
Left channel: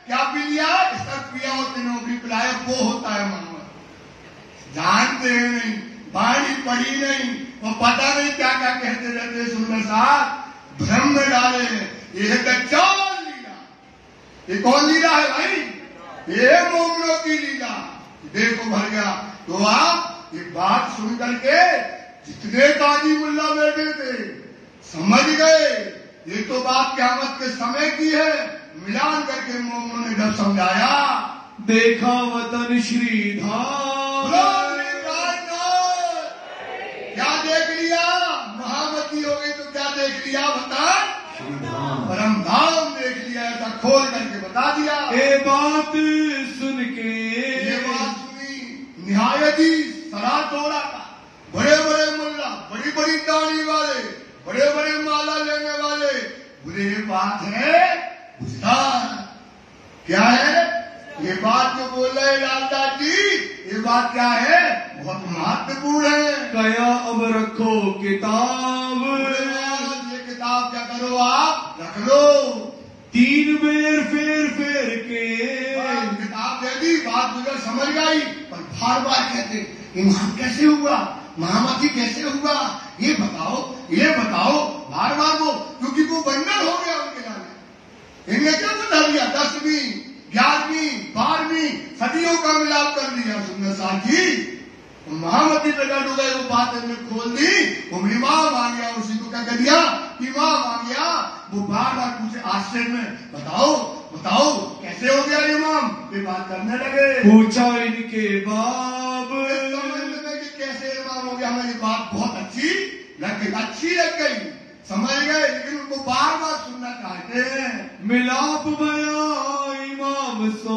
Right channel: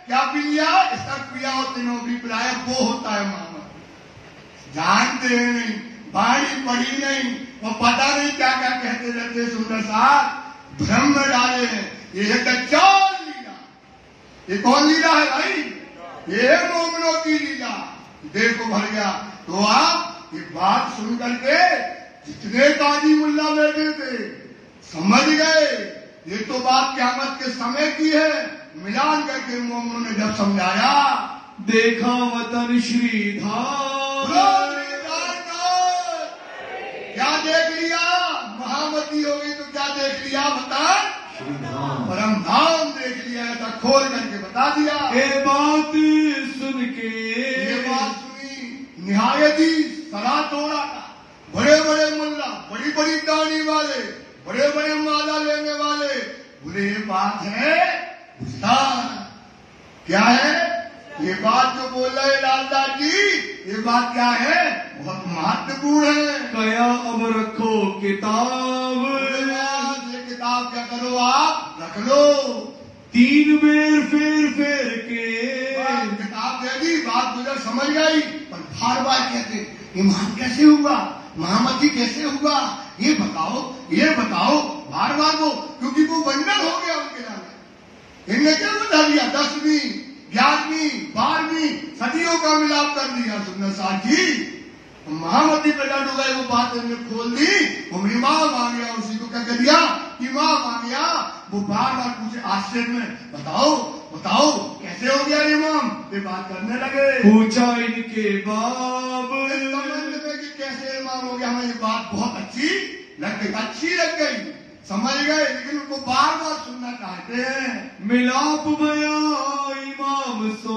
क्या पी लिया, इसका पिया और तीनों भी पिलाया, वो होता है महामती। जानते हैं नहीं, वाणी पढ़ी नहीं, वो पता नहीं क्या क्या कहते रहते। सुंदर साहब भ्रम में डाले हैं। ये है दज्जाल लीला। ये कौन लीला है भाई? ये है मोमिनों की लीला। देखो भैया, तो आप ये बात सुन करके जितने काजी मुल्ला बैठे थे समझ गए, ये तो बात क़यामत के समय की है। मिलान करके मोमिनों ने जब समझाया, देखा वतन श्रीधाम, क्या देख लिया? महामती हो गई तो क्या देख लिया? बता, परम धाम देख लिया। ऐसा खोल करके बता दिया। ये बात सुन के, ये बात सुनी निहायती सरा तोड़ा था। बड़े बड़े मुल्ला, बड़ी बड़ी दाढ़ी वाले, बड़े बड़े माला लेने वाले बोले ये बात है क्या है? ये बात जो बोल रहे लालदास जी, ये बात क्या है? बहुत महत्वपूर्ण है। कया अब रखो किताब, ये किताब क्या करो आप? रख लो। 3 बेर फेर के किताब दे दी, बात गुजर समझ गई, पर बार बार कहते इमाम कैसे हुआ, महामती कैसे हुआ, ये बताओ बार बार वो, क्योंकि वो बंधन हो गया उनके नाम। इनने क्या बता दिया? 10वीं 11वीं 12वीं सदियों का मिलाप कर दिया। सुंदर साथी महामती पे लड़ गए, वो बात इन्होंने खोल दी। वो इमाम आ गया, उसी को क्या कर दिया? इमाम आ गया। वो बार बार पूछे आश्चर्य में, बताओ कैसे हो गया इमाम? ये बात करने लगे। पूछा इनके बाप, कि कैसे इमाम हो गया? हमें ये बात बहुत अच्छी लग गई, समझ गए, लेकिन उनको बार बार सुनना चाहते हैं। मिलाप भया इमाम सो,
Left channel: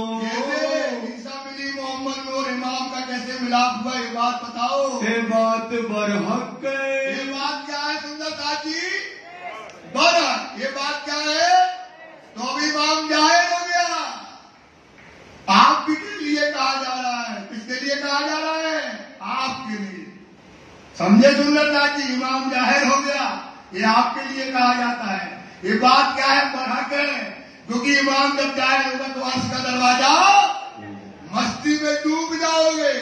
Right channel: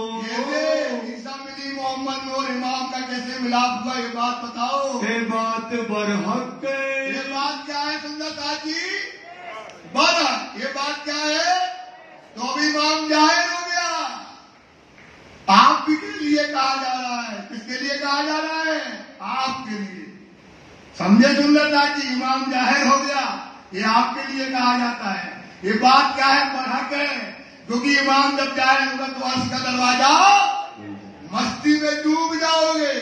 ईसा मिली मोहम्मद में और इमाम का कैसे मिलाप हुआ? ये बात बताओ। ये बात बरहक, ये बात क्या है सुंदर साथी? बरहक। ये बात क्या है? तो अब इमाम जाहिर हो गया। आपके लिए कहा जा रहा है। किसके लिए कहा जा रहा है? आपके लिए। समझे सुंदर साथी? इमाम जाहिर हो गया, ये आपके लिए कहा जाता है। ये बात क्या है? बरहक है, क्योंकि इमाम जब जाहिर होगा तो अर्श का दरवाजा, मस्ती में डूब जाओगे।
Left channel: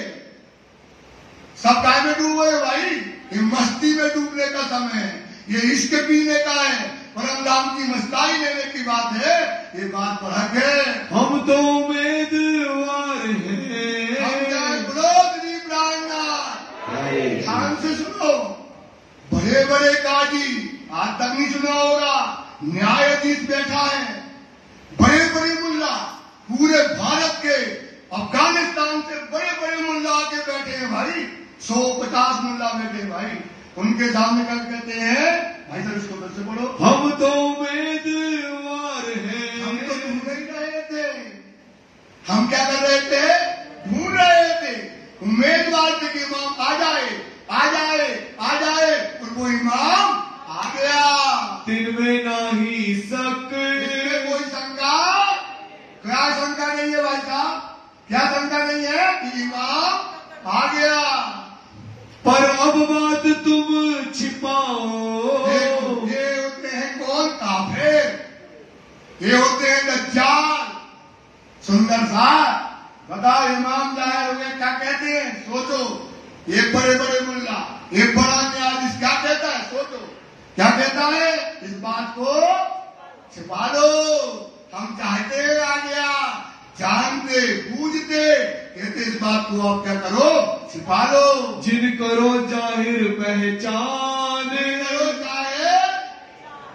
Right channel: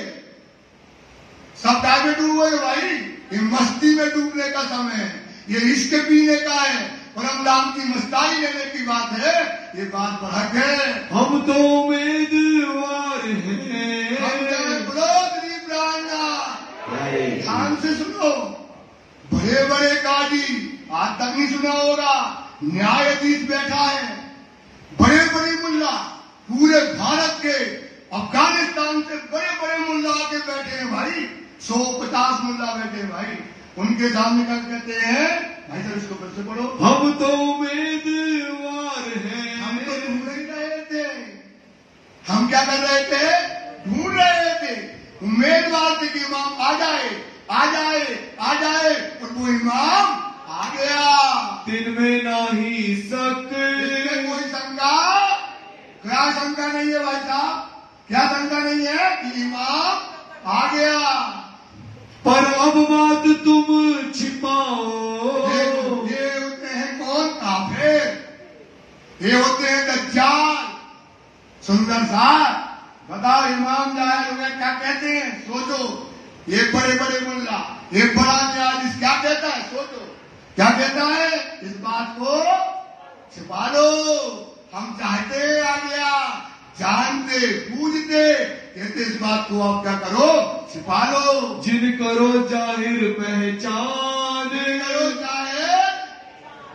सब काय में डूबोगे भाई? ये मस्ती में डूबने का समय है, ये इश्क पीने का है, परम धाम की मस्ताई लेने की बात है। ये बात बरहक है। हम तो उम्मीदवार हैं, ध्यान से सुनो, बड़े बड़े काजी, आज तक नहीं सुना होगा, न्यायाधीश बैठा है, बड़े बड़े मुल्ला पूरे भारत के, अफगानिस्तान से बड़े बड़े मुल्ला आके बैठे हैं भाई, 150 मुल्ला बैठे हैं भाई, उनके सामने कल कहते हैं भाई सर इसको फिर से पढ़ो, हम तो उम्मीदवार हैं, हम तो ढूंढ ही रहे थे, हम क्या कर रहे थे, ढूंढ रहे थे, उम्मीदवार थे कि इमाम आ जाए आ जाए आ जाए, और वो इमाम आ गया, तिनमें नाही शक, इसमें कोई शंका, क्या शंका नहीं है भाई साहब, क्या शंका नहीं है कि इमाम आ गया। पर अब बात तुम छिपाओ, ये होते हैं कौन, काफिर, ये होते हैं दज्जाल। सुंदर साहब बताओ, इमाम जाहिर उन्हें क्या कहते हैं, सोचो, ये बड़े बड़े मुल्ला, ये बड़ा न्यायाधीश क्या कहता है, सोचो क्या कहता है, इस बात को छिपा लो, हम चाहते आ गया, जानते बूझते, कहते इस बात को आप क्या करो, छिपा लो, जिन करो जाहिर पहचान, करो जाहिर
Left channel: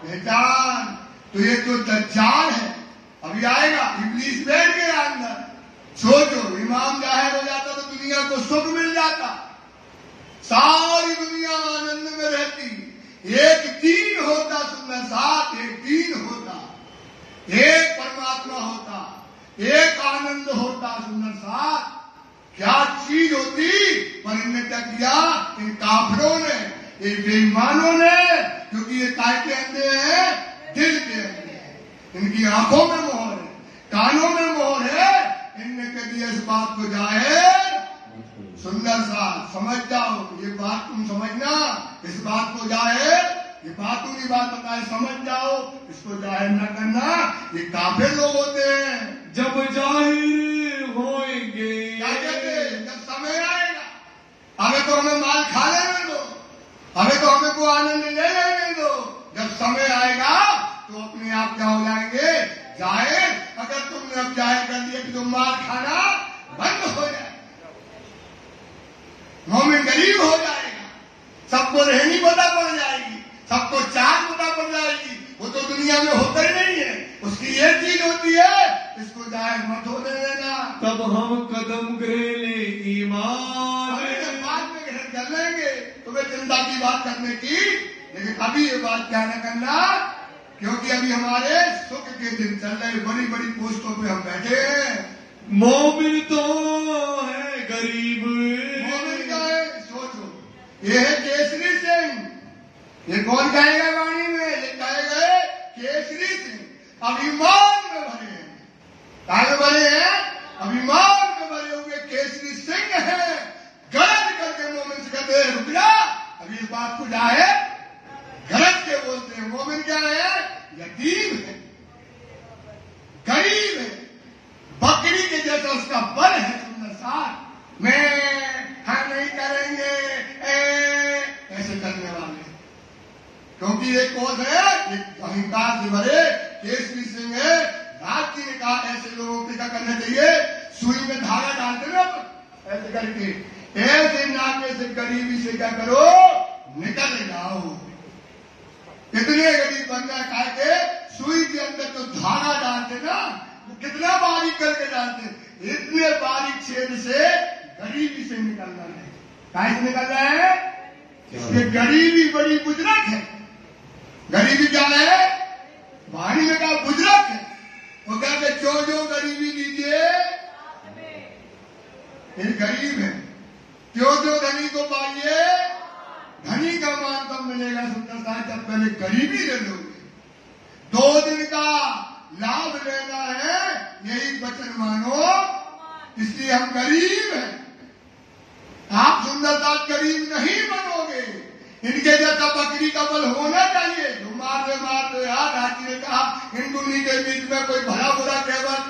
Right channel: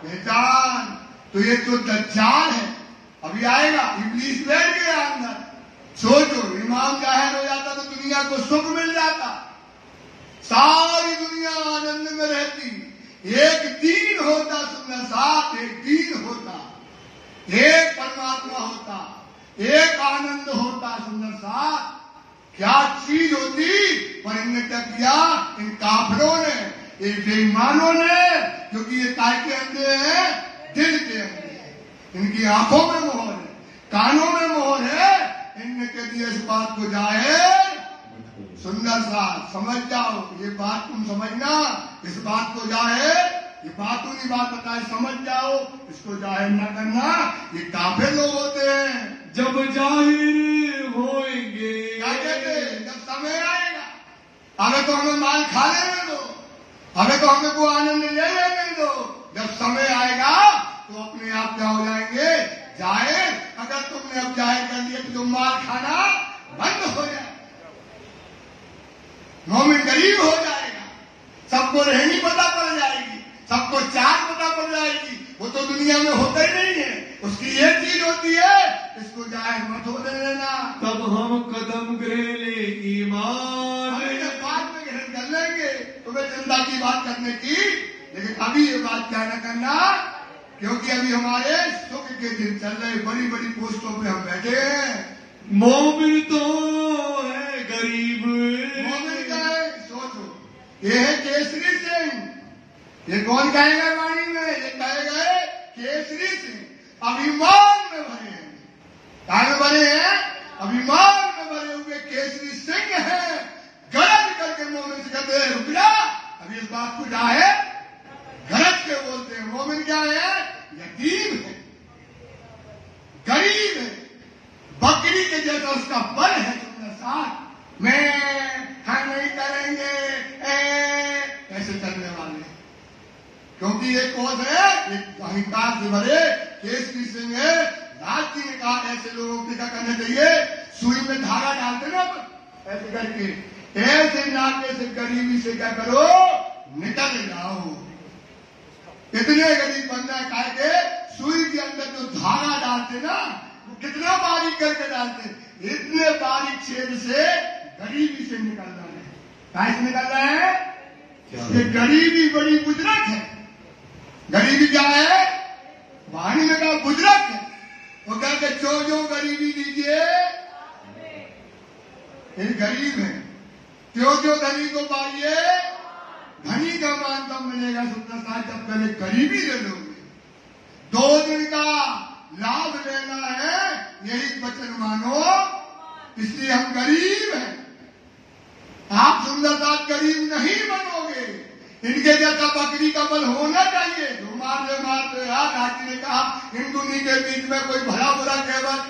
पहचान। तो ये जो दज्जाल है अभी आएगा, इब्लीस बैठ गया अंदर, सोचो इमाम जाहिर हो जाता तो दुनिया को सुख मिल जाता, सारी दुनिया आनंद में रहती, एक दीन होता, सुंदर साथ एक दीन होता, एक परमात्मा होता, एक आनंद होता, सुंदर साथ क्या चीज होती। पर इनने क्या किया, इन काफिरों ने, इन बेईमानों ने, क्योंकि ये काय के अंधे हैं, दिल के अंधे हैं, इनकी आंखों में मोहर है, कानों में मोहर है, इनने कह दिया इस बात को जाहिर, सुंदर सा समझ जाओ, ये बात तुम समझना, इस बात को जाहिर, ये बातूनी बात होता है, समझ जाओ, इसको जाहिर न करना, ये काफिर लोग होते हैं। जब जाहिर होएंगे, क्या कहते हैं, जब समय आएगा, हमें तो हमें माल खा लेने दो, हमें तो हमें को आनंद ले लेने दो, जब समय आएगा तो अपने आप क्या हो जाएंगे, जाहिर। अगर तुमने अब जाहिर कर लिया कि तुम माल खाना बंद हो जाए, मोमिन गरीब हो जाएगा, सबको रहनी पता पड़ जाएगी, सबको चार पता पड़ जाएगी, वो तो दुनिया में होता ही नहीं है, उसकी एक चीज होती है, इसको जाहिर मत होने देना। तब हम कदम ग्रेले ईमान, बाद में ग्रहण कर लेंगे तुम्हें जिंदा की बात करने की, लेकिन अभी ये बात क्या न करना, क्योंकि अभी हमारे सुख के दिन चल रहे, बड़ी बड़ी पोस्टों पे हम बैठे हैं। मोमिन तो है गरीब, मोमिन का है, सोचो ये है केसरी सिंह, ये कौन कहेगा वाणी में, ये कहेगा केसरी सिंह, अभिमान में भरे हैं, काहे भरे हैं, अभिमान में भरे हुए केसरी सिंह है, गलत करके मोमिन से कहते हैं रुक जा, अभी इस बात को जाए गलत के बोलते हैं। मोमिन क्या है, यतीम है, गरीब है, बकरी के जैसा उसका बल है, तुमने साथ में हम नहीं करेंगे ऐसे करने वाले, क्योंकि एक कौन है, एक अहंकार से भरे केसरी सिंह है। राज जी ने कहा ऐसे लोगों को क्या करना चाहिए, सुई में धागा डालते ना ऐसे करके, ऐसे नाके से गरीबी से क्या करो, निकल जाओ। इतने गरीब बंदा खा के सुई के अंदर जो धागा डालते ना, वो कितना बारीक करके डालते, इतने बारीक छेद से गरीबी से निकलना है। कहाँ से निकलना है, इसलिए गरीबी बड़ी बुजुर्ग है। गरीबी क्या है, वाणी में कहा बुजुर्ग है, वो कहते जो गरीबी दीजिए, ये गरीब है, जो धनी को पाइए, धनी का मान तब मिलेगा। सुंदर साहब जब पहले गरीबी ले लोगे, 2 दिन का लाभ लेना है, यही वचन मानो, इसलिए हम गरीब हैं। आप सुंदर साहब गरीब नहीं बनोगे, इनके जैसा बकरी का बल होना चाहिए, जो मार दो यार। राजी ने कहा हिंदुनी के बीच में कोई भला बुरा कहवत,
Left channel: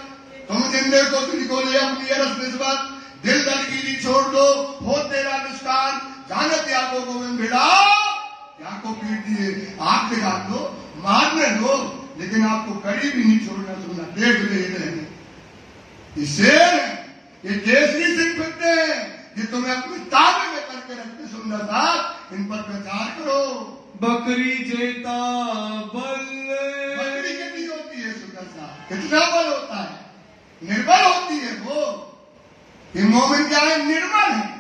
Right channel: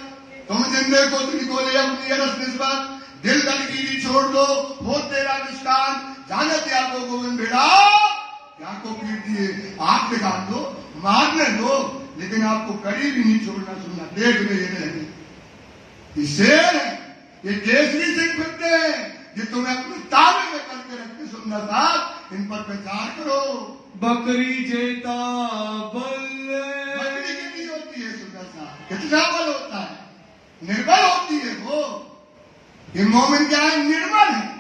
तुम जिंदे को तुझको ले अपनी अरस निस्बत, दिल दलगिरी छोड़ दो, हो तेरा निस्तान, जानत या को गोविंद भिड़ा, या को पीट दिए, आंख दिखा दो, मारने दो, लेकिन आपको गरीब ही नहीं छोड़ना, सुनना देख ले रहने। ये शेर है, ये केसरी सिंह फिरते हैं, ये तुम्हें अपनी ताकत में करके रखते सुंदर साथ, इन पर प्रचार करो। बकरी जेता बल, बकरी कितनी होती है सुंदर साथ, कितना बल होता है, निर्बल होती है वो। ये मोमिन क्या है, निर्बल है।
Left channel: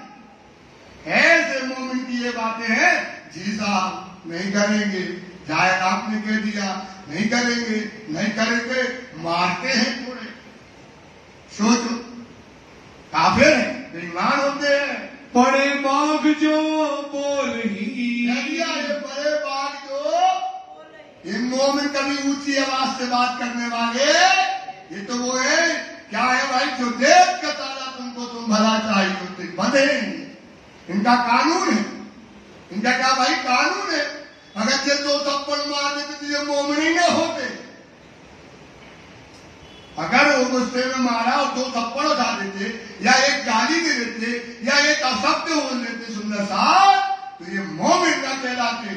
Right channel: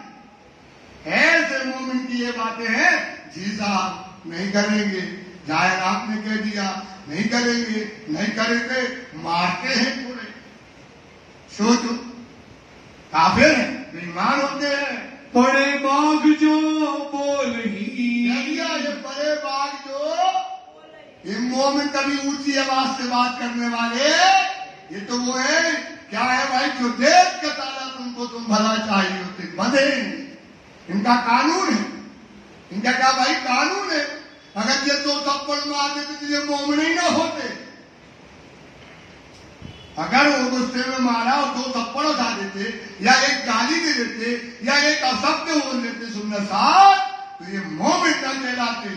ऐसे मोमिन की ये बातें हैं, जी साहब नहीं करेंगे, जायद आपने कह दिया नहीं करेंगे, नहीं करेंगे, मारते हैं थोड़े। सोचो, काफिर है, बेईमान होते हैं। बड़े बाग जो बोल ही, ये बड़े बाग जो, इन मोमिन कभी ऊंची आवाज से बात करने वाले, ये तो वो है, क्या है भाई, जो देश के तारा तुमको तुम भला चाहिए उससे बंधेंगे। इनका कानून है, इनका क्या भाई कानून है। अगर ये 2 थप्पड़ मार देते तो ये मोमिन ही ना होते। अगर वो गुस्से में मारा और 2 थप्पड़ उठा देते, या एक गाली दे देते, या एक अशब्द बोल देते सुंदर साहब, तो ये मोमिन न कहलाते,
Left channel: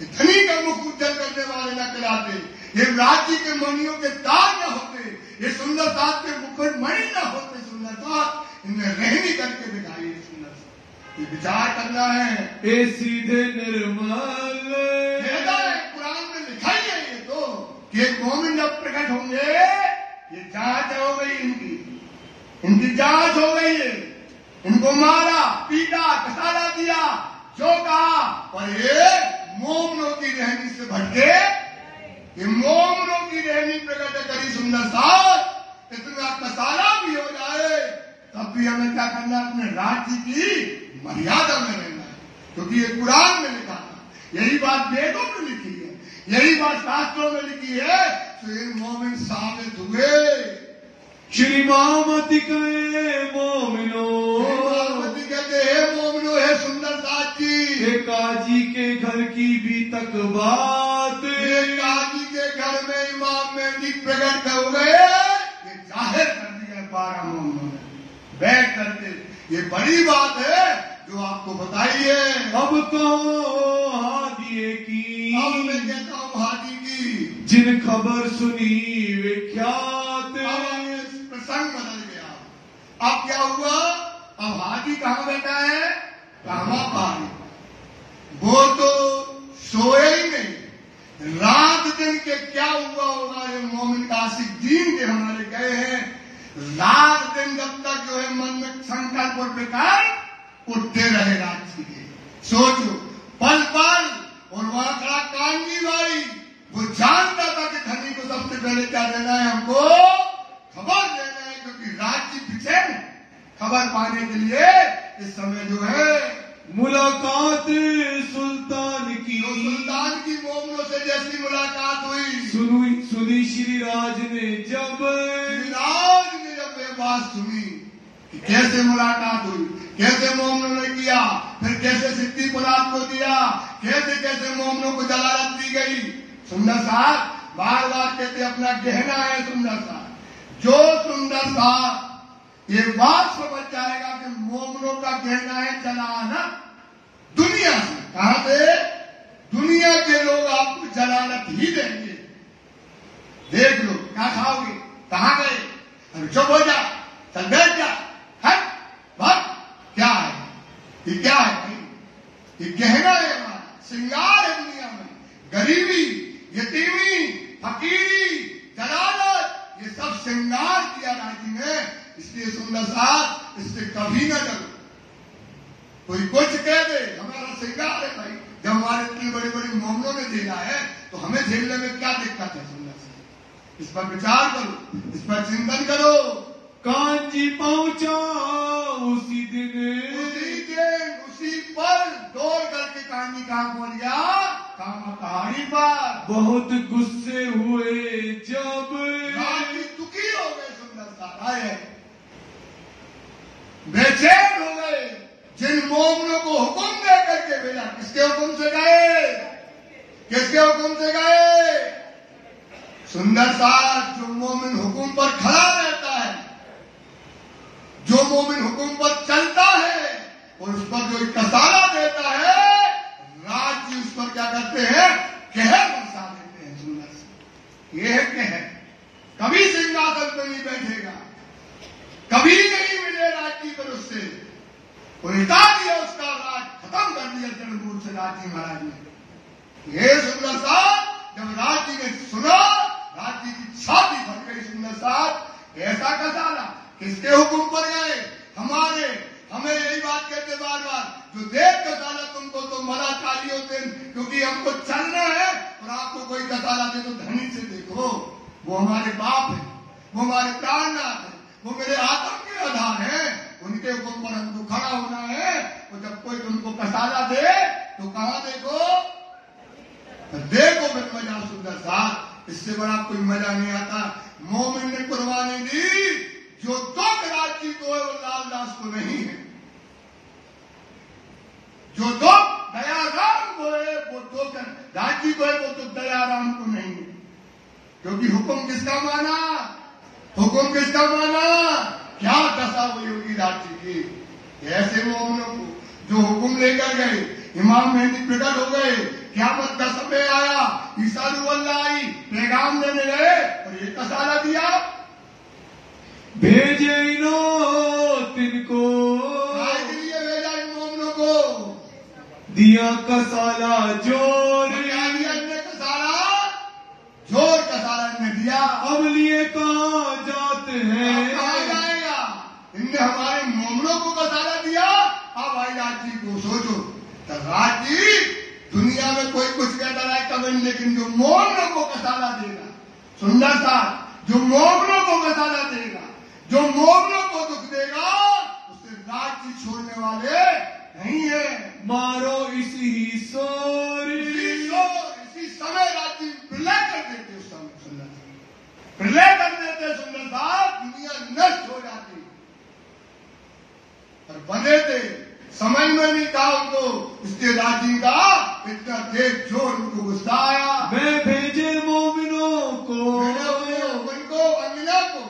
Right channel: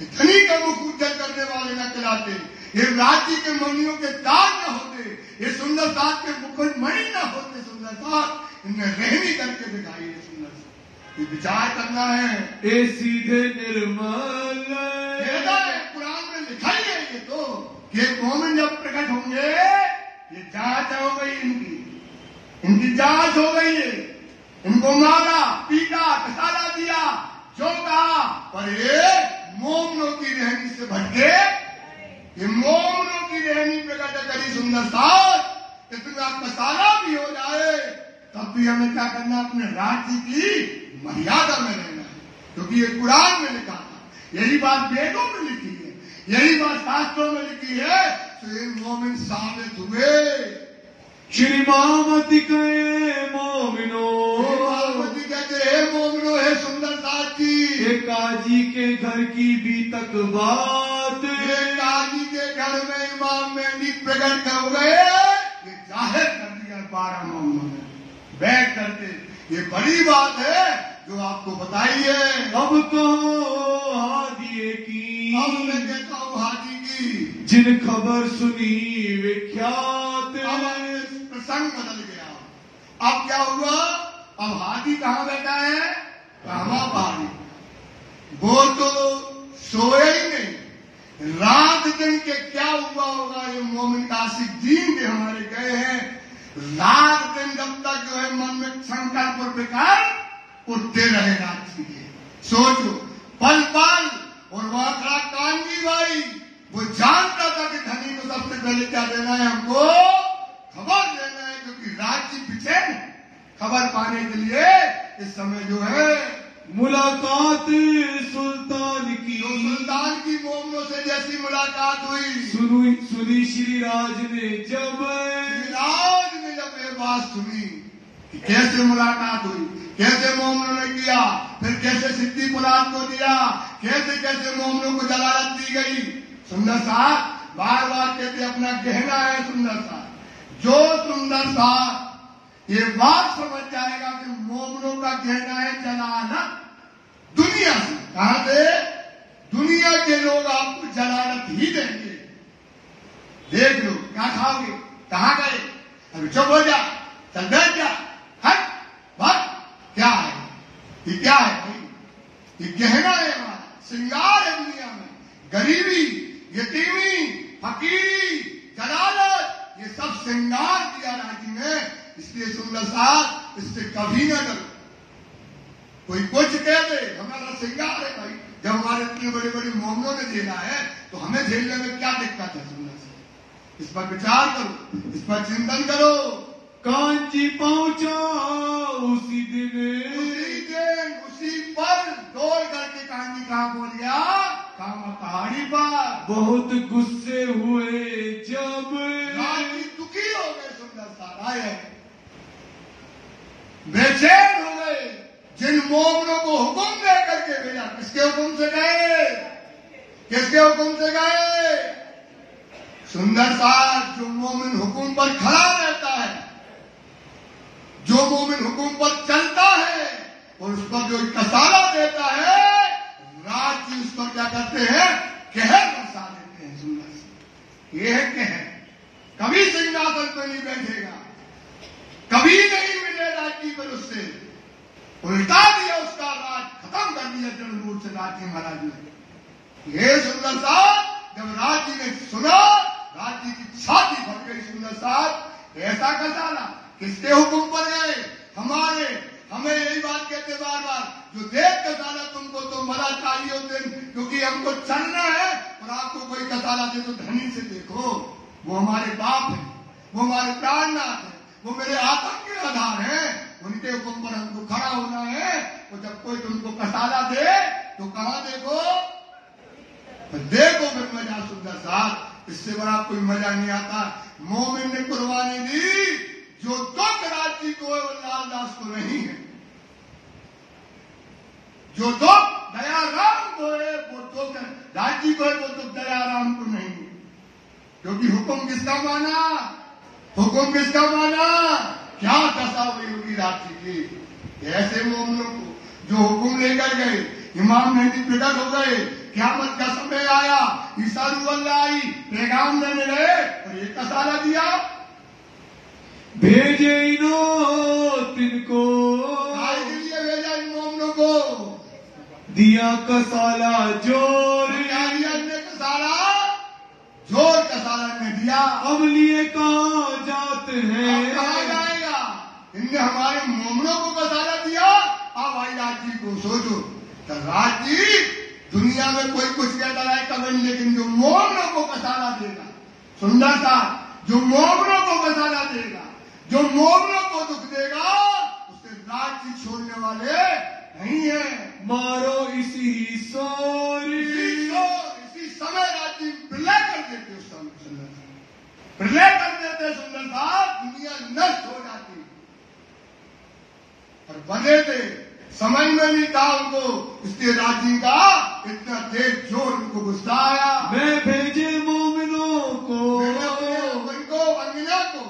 इतनी का मुख उज्जवल करने वाले न कहलाते, ये राज्य के मणियों के तार न होते, ये सुंदर साहब के मुकुट मणि न होते। सुंदर साहब इनने रहनी करके दिखाई है। सुंदर साहब ये विचार करना है। ए सीधे निर्मल, कुरान में लिखाई है ये तो, कि एक मोमिन जब प्रकट होंगे, ये जांच हो गई, इनकी जांच हो गई है। इनको मारा, पीटा, कसाला दिया, जो कहा, पर ये मोमिनों की रहनी से भटके, ये मोमिनों की रहनी प्रकट करी। सुंदर साहब इतना कसाला भी हो जाए, तब भी हमें क्या करना, अपने राज्य की मर्यादा में रहना है, क्योंकि ये कुरान में लिखा था। यही बात वेदों में लिखी है, यही बात शास्त्रों में लिखी है। तो इन मोमिन साबित हुए। श्री महामती कहे मोमिनो, महामती कहते हे मोमिनो, हे सुंदर साथ जी, काजी के घर की भी तक बात, काजी के घर में इमाम मेहदी प्रकट हो गए, ये जाहिर कर दिया 12 मोमिनों ने बैठ करके। ये बड़ी बात है जो आपको बताई है। अब तो हादिए की, अब मैं कहता हूँ हादी की, जिन खबर सुनी विख्यात, प्रसंग बदल गया। अब क्या हुआ, अब हादी कहाँ बैठा है, कहवा पानी। वो तो सोए ही नहीं, रात दिन के क्या हुआ होगा। ये मोमिन कासिक दीन के हमारे गए हैं, रात दिन जब तक जो है मन में संकल्प और विकार उठते रहे राज्य के। सोचो, पल पल, और वहां खड़ा कानजी भाई, वो जानता था कि धनी को सबसे पहले क्या देना है, हमको खबर देना है, क्योंकि राज्य पीछे खबर पाने के लिए इस समय जो है मुलाकात सुल्तान की, सुल्तान की मोमिनों से जैसी मुलाकात हुई, सुनी श्री राज ने जब ये बात सुनी कि कैसे मुलाकात हुई, कैसे मोमिनों ने किया, फिर कैसे सिद्दी मुराद को दिया, कैसे कैसे मोमिनों को जलालत दी गई। सुंदर साहब बार बार कहते अपना गहना है सुंदर साहब। जो सुंदर साहब ये बात समझ जाएगा कि मोमिनों का कहना है जलाना दुनिया से, कहां से, दुनिया के लोग आपको जलालत ही देंगे। देख लो क्या खाओगे, कहां गए, अभी चुप हो जा, चल बैठ जा, हट भट, क्या है ये, क्या है भाई, ये गहना है हमारा, श्रृंगार है दुनिया में। गरीबी, यतीमी, फकीरी, जलालत, ये सब श्रृंगार दिया राज्य में। इसलिए सुंदर साहब इससे कभी न डरो। कोई कुछ कह दे, हमारा श्रृंगार है भाई। जब हमारे इतनी बड़ी बड़ी मोमिनों ने झेला है तो हमें झेलने में क्या दिक्कत है। सुंदर साहब इस पर विचार करो, इस पर चिंतन करो। कांची पहुंचा उसी दिन, उसी पर दौड़ करके कांची कहां पहुंच गया, कामा पहाड़ी पर। बहुत गुस्से हुए जब, दुखी हो गए सुंदर साहब, आए बेचैन हो गए। जिन मोमिनों को हुक्म दे करके भेजा, किसके हुक्म से गए, किसके हुक्म से गए, सुंदर साहब जो मोमिन हुक्म पर खड़ा रहता है, जो मोमिन हुक्म पर चलता है और उस पर जो कसाला देता है, राज्य उस पर क्या करते हैं, कहर बरसा देते हैं। सुंदर साहब ये है कहर, कभी सिंहासन पर नहीं बैठेगा, कभी नहीं मिले राज्य पर उससे, उल्टा दिया उसको राजी महाराज ने। ये सुंदर साहब जब राज जी ने सुना, राज जी की छाती फट गई। सुंदर साहब ऐसा कसाला किसके हुक्म पर गए? हमारे। हमें यही बात कहते बार बार, जो देख कसाला तुमको तो भला कालियों दिन, क्योंकि हमको चलना है। और आपको कोई कसाला दे तो धनी से देखो, वो हमारे बाप है, वो हमारे प्राणनाथ है, वो मेरे आत्म के आधार है। उनके हुक्म पर हमको खड़ा होना है। तो जब कोई तुमको कसाला दे तो कहाँ देखो? देखो फिर मजा। सुंदर साहब इससे बड़ा कोई मजा नहीं आता। मोमिन ने कुर्बानी दी जो दुख राज जी को लालदास को नहीं है। जो दुख दयाराम को है वो दुख राज जी को है, वो दुख दयाराम को नहीं है। क्योंकि हुक्म किसका माना? हुक्म किसका माना? क्या दशा हुई होगी राज जी की। ऐसे मोमिनों को जो हुक्म लेकर गए, इमाम मेहदी प्रकट हो गए, क़यामत का समय आया, ईसा अल्लाह आई, पैगाम देने गए और ये कसाला दिया। भेजे इनो तिनको, के लिए भेजा इन मोमिनों को, दिया कसाला जोर, ने कसाला जोर कसाला ने दिया। अब लिए कहाँ जाते हैं? कहा जाएगा? इनने हमारे मोमिनों को कसाला दिया। अब आई राज जी को सोचो, तो राज जी दुनिया में कोई कुछ कहता है कभी, लेकिन जो मोमिनों को कसाला देगा, सुंदर सा जो मोमिनों को कसाला देगा, जो मोमिनों को दुख देगा, उसे राज जी छोड़ने वाले नहीं है। मारो इसी सोर, इसी समय राज जी प्रलय कर देते, प्रलय कर देते। सुंदर साहब दुनिया नष्ट हो जाती। और बने थे, समझ में नहीं था उनको, इसलिए राज जी का इतना तेज जोर उनको गुस्सा आया। मैं भेजे मोमिनों को, उनको अमीना को,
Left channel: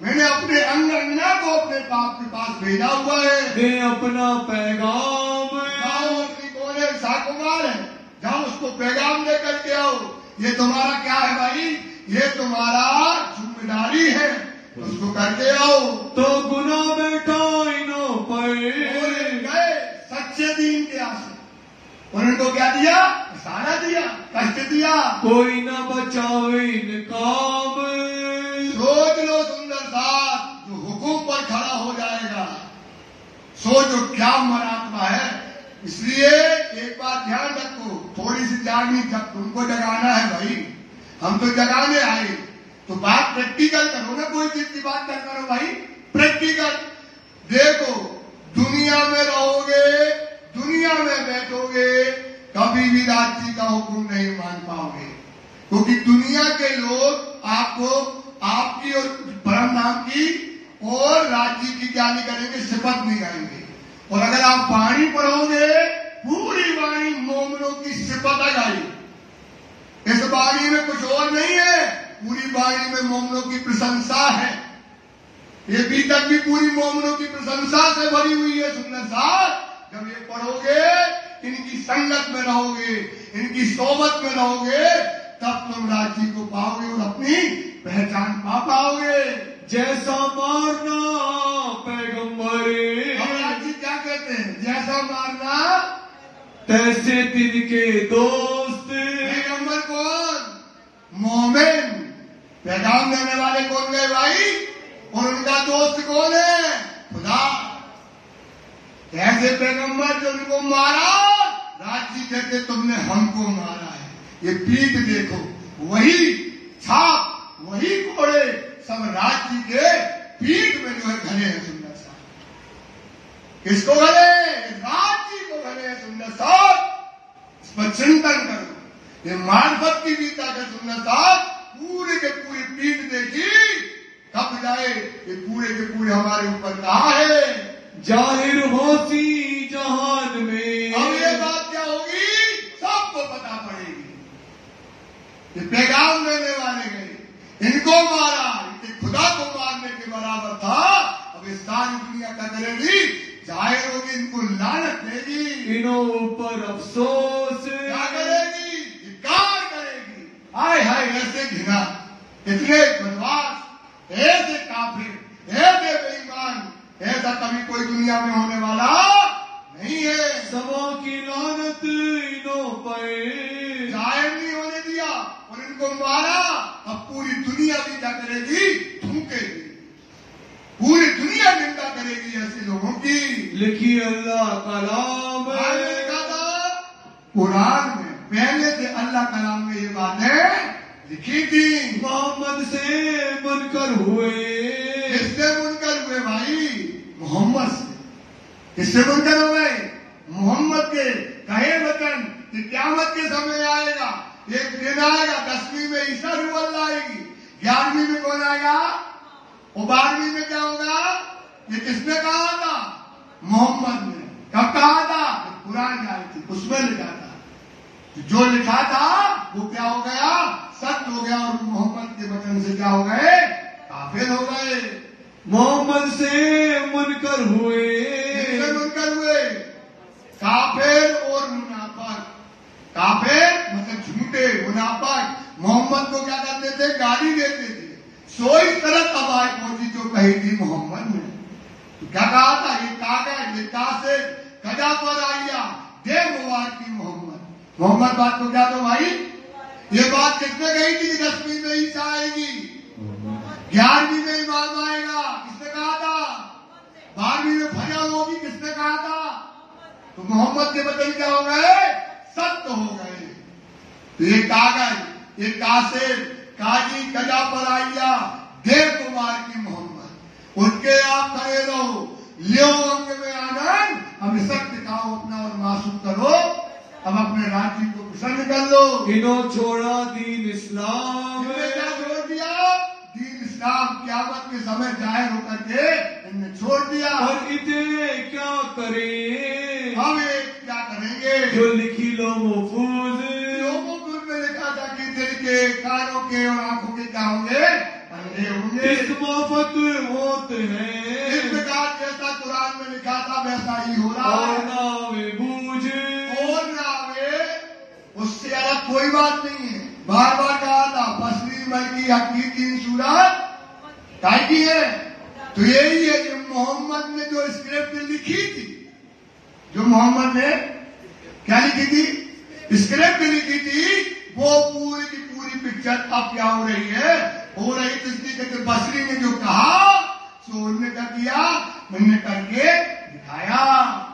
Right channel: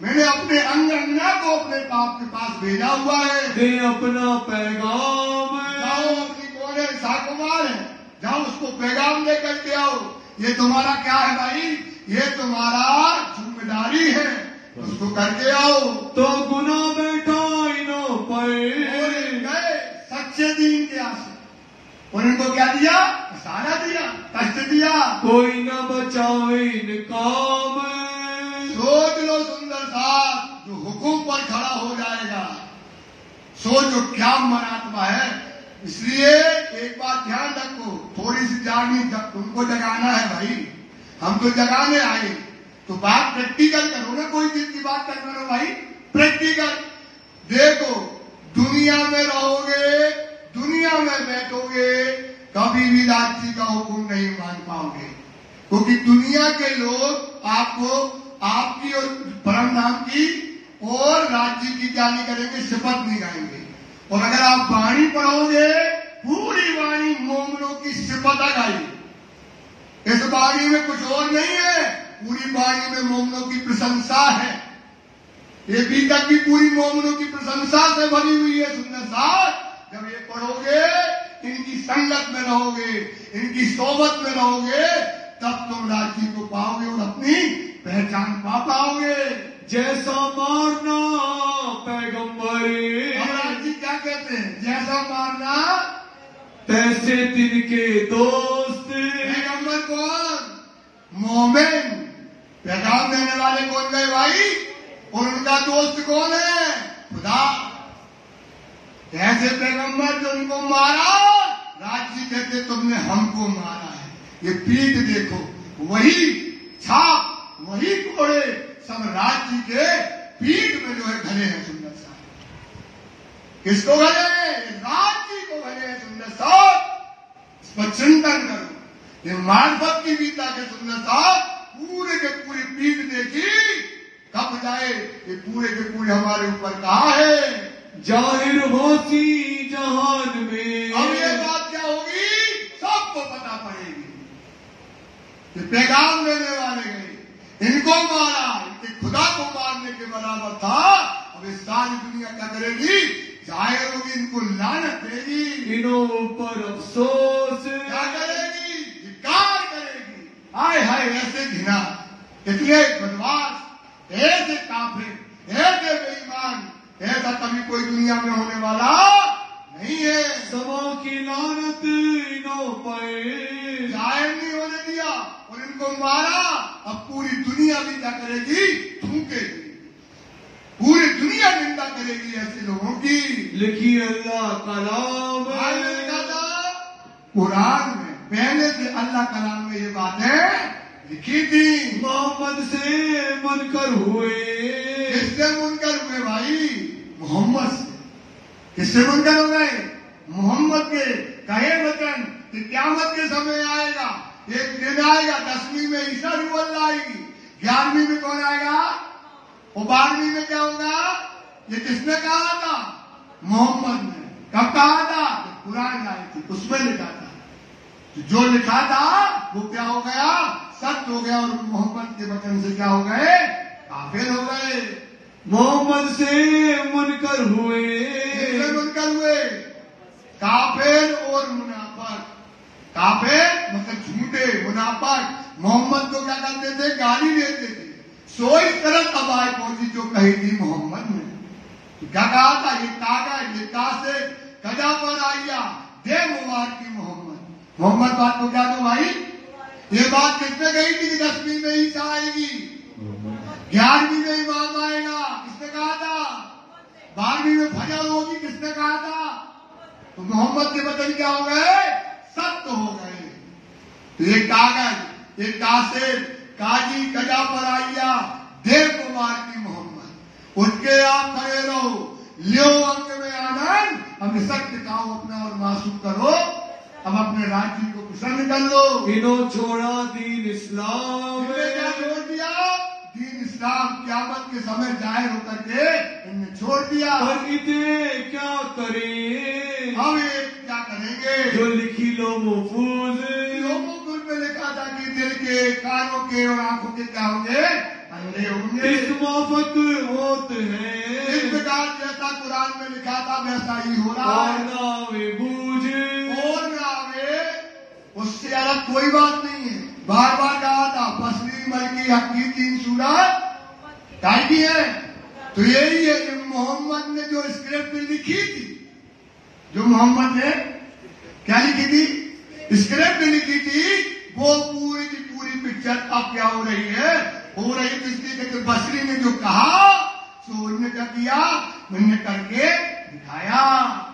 मैंने अपने अन्ना को अपने बाप के पास भेजा हुआ है। दे अपना पैगाम, जाओ अपनी कोने साकुमार है, जाओ उसको पैगाम लेकर के आओ। ये तुम्हारा क्या है भाई? ये तुम्हारा जिम्मेदारी है, उसको करके आओ। तो गुना बैठा इनो पर, गए सच्चे दीन के आसे। उनको क्या दिया? सारा दिया, कष्ट दिया। कोई न बचाओ इन काम, सोच लो सुंदर साहब, जो हुकूम पर खड़ा हो जाएगा, सोचो क्या मरात्मा है। इसलिए एक बात ध्यान रखो, थोड़ी सी जागनी उनको जगाना है भाई। हम तो जगाने आए, तो बात प्रैक्टिकल करो ना, कोई चीज की बात कर रहे हो भाई, प्रैक्टिकल। देखो दुनिया में रहोगे, दुनिया में बैठोगे, कभी भी राज जी का हुक्म नहीं मान पाओगे। क्योंकि दुनिया के लोग आपको आपकी और परमधाम की और राज जी की क्या नहीं करेंगे? शपथ नहीं करेंगे। और अगर आप वाणी पढ़ोगे, पूरी वाणी मोमिनों की शपथ लगाई। इस वाणी में कुछ और नहीं है, पूरी वाणी में मोमिनों की प्रशंसा है। ये भीतर भी पूरी मोमिनों की प्रशंसा से भरी हुई है। सुंदर साहब जब ये पढ़ोगे, इनकी संगत में रहोगे, इनकी सोबत में रहोगे, तब तुम राज जी को पाओगे और अपनी पहचान पा पाओगे। जैसा मारना पैगंबरे, और राज जी क्या कहते हैं? जैसा मारना तैसे तिनके दोस्त। पैगंबर कौन? मोमिन। पैगाम देने वाले कौन गए भाई? और उनका दोस्त कौन है? खुदा। ऐसे पैगंबर जो उनको मारा, राज जी कहते तुमने हमको मारा है। ये पीठ देखो, वही छाप, वही कोड़े सब राज जी के पीठ में जो है घरे हैं। सुंदर साहब किसको घरे? राज जी को घरे हैं। सुंदर साहब इस पर चिंतन करो। ये मार्फत की गीता के सुंदर साहब पूरे के पूरी पीठ देखी, कब जाए ये पूरे के पूरे हमारे ऊपर कहा है? जाहिर होती जहान में। अब ये बात क्या होगी? सबको पता पड़ेगी। ये पैगाम देने वाले गए, इनको मारा, इनके खुदा को मारने के बराबर था। अब इस सारी दुनिया क्या करेगी? जाहिर होगी, इनको लानत देगी, इनों ऊपर अफसोस क्या करेगी? धिक्कार करेगी। हाय हाय ऐसे घिना, इतने बदमाश, ऐसे काफिर, ऐसे बेईमान, ऐसा कभी कोई दुनिया में होने वाला नहीं है। समा की लानत इन्हों पर जायज नहीं होने दिया और इनको मारा। अब पूरी दुनिया भी क्या करेगी? थूकेगी। पूरी दुनिया निंदा करेगी ऐसे लोगों की। लिखी अल्लाह कलाम लिखा था कुरान में, पहले से अल्लाह कलाम में ये बातें लिखी थी। मोहम्मद से मुनकर हुए। किससे मुनकर हुए भाई? मोहम्मद से। किससे मुनकर हुए? मोहम्मद के कहे वचन कि क़यामत के समय आएगा, एक दिन आएगा 10वीं में ईसा रुल्लाह आएगी, 11वीं में कौन आएगा और 12वीं में क्या होगा? ये किसने कहा था? मोहम्मद ने। कब कहा था? कुरान आई थी, उसमें लिखा था। जो लिखा था वो क्या हो गया? सत्य हो गया। और मोहम्मद के वचन से क्या हो गए? काफिर हो गए। मोहम्मद से मुनकर हुए। किससे मुनकर हुए? काफिर और मुनाफिक। काफिर मतलब झूठे, मुनाफिक मोहम्मद को क्या करते थे? गाली देते थे। सो इस तरह अब आए पहुंची जो कही थी मोहम्मद ने। तो क्या कहा था? ये कागज, ये कासिद, कदा पर आइया दे मुबारक की मोहम्मद। मोहम्मद बात को क्या था भाई? ये बात किसने कही थी कि 10वीं में ईसा आएगी, 11वीं में इमाम आएगा? किसने कहा था? 12वीं में फजर होगी? किसने कहा था? तो मोहम्मद के वचन क्या हो गए? सत्य हो गए। तो ये कागज, ये कासिद, काजी, कजा पर आइया दे मुबारक की मोहम्मद, उनके आप खड़े रहो, लियो अंक में आनंद, अब सत्य खाओ अपना और मासूम करो, अब अपने राज्य को पसंद कर लो। इन्हों छोड़ा दीन इस्लाम। इन्होंने क्या छोड़ दिया? दीन इस्लाम। क़यामत के समय जाहिर होकर के इन्होंने छोड़ दिया। और इतने क्या करें? हम क्या करेंगे? जो लिखी लो महफूज। लोगों में लिखा था कि दिल के, कानों के और आंखों के क्या होंगे? अंधे होंगे। इस माफक होते हैं। इस प्रकार जैसा कुरान में लिखा था वैसा ही हो रहा है। और नावे बूझ, और नावे, उससे अलग कोई बात नहीं है। बार बार कहा था फसली मलकी हकी 3 सूरत काय की है। तो यही है कि मोहम्मद ने जो स्क्रिप्ट लिखी थी, जो मोहम्मद ने क्या लिखी थी? स्क्रिप्ट लिखी थी, वो पूरी की पूरी पिक्चर अब क्या हो रही है? हो रही थी। इसलिए कि बसरी ने जो कहा तो उन्होंने क्या किया? मैंने करके दिखाया।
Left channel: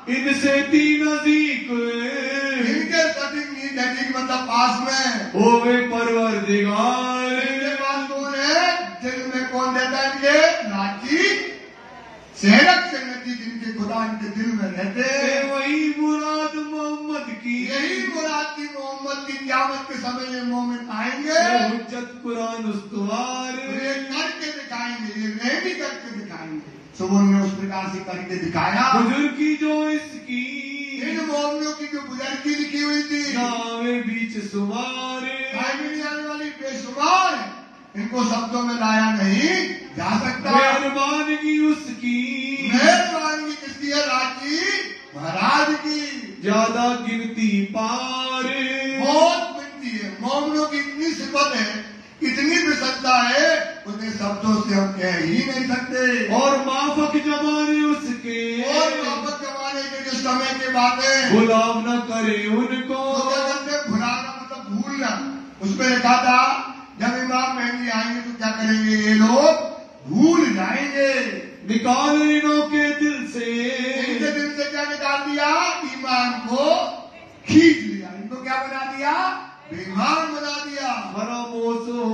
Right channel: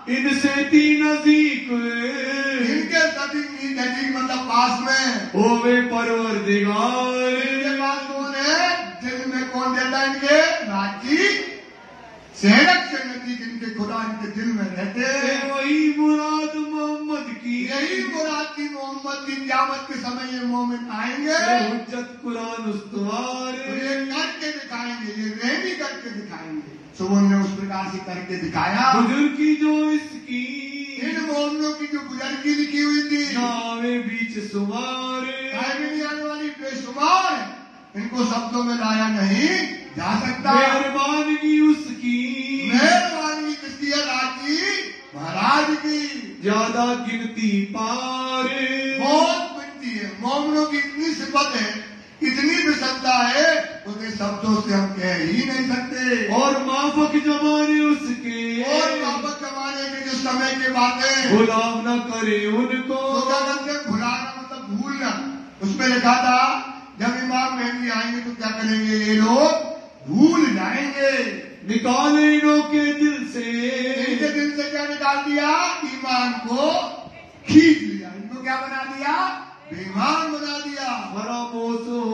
इनसे तीन नजीक इनके सटीक नजीक मतलब पास में होवे परवरदिगार। इनके पास कौन है? दिन में कौन देता है? इनके राजी सेहरत के नजीक इनके खुदा इनके दिन में रहते हैं। वही मुराद मोहम्मद की। यही मुराद थी मोहम्मद की। क़यामत के समय ये मोमिन आएंगे, हुज्जत कुरान उस्तवार, ये करके दिखाएंगे, ये रेडी करके दिखाएंगे। तो उन्होंने उस प्रकार से करके दिखाया। बुजुर्गी जो इसकी, इन मोमिनों की जो बुजुर्गी लिखी हुई थी, नावे बीच सुमार, आने वाली बेशुमार है, इनको शब्दों में लाया नहीं जा सकता। मेहरबानी उसकी, मेहरबानी किसकी है? राजी महाराज की। ज्यादा गिनती पार, बहुत मिलती है। मोमिनों की इतनी सिफत है, इतनी विशेषता है, उन्हें शब्दों से हम कह ही नहीं सकते। और माफक जमाने उसके, और माफक जमाने के जो समय की बातें गुलाम न करे उनको। भुलाना मतलब भूलना। उसमें लिखा था जब इमाम मेहदी आएंगे तो क्या करेंगे? ये लोग भूल जाएंगे। निकाल इन्हों के दिल से, इनके दिल से क्या निकाल दिया? ईमान को खींच लिया। इनको क्या बना दिया? बेईमान बना दिया। फरामोश हो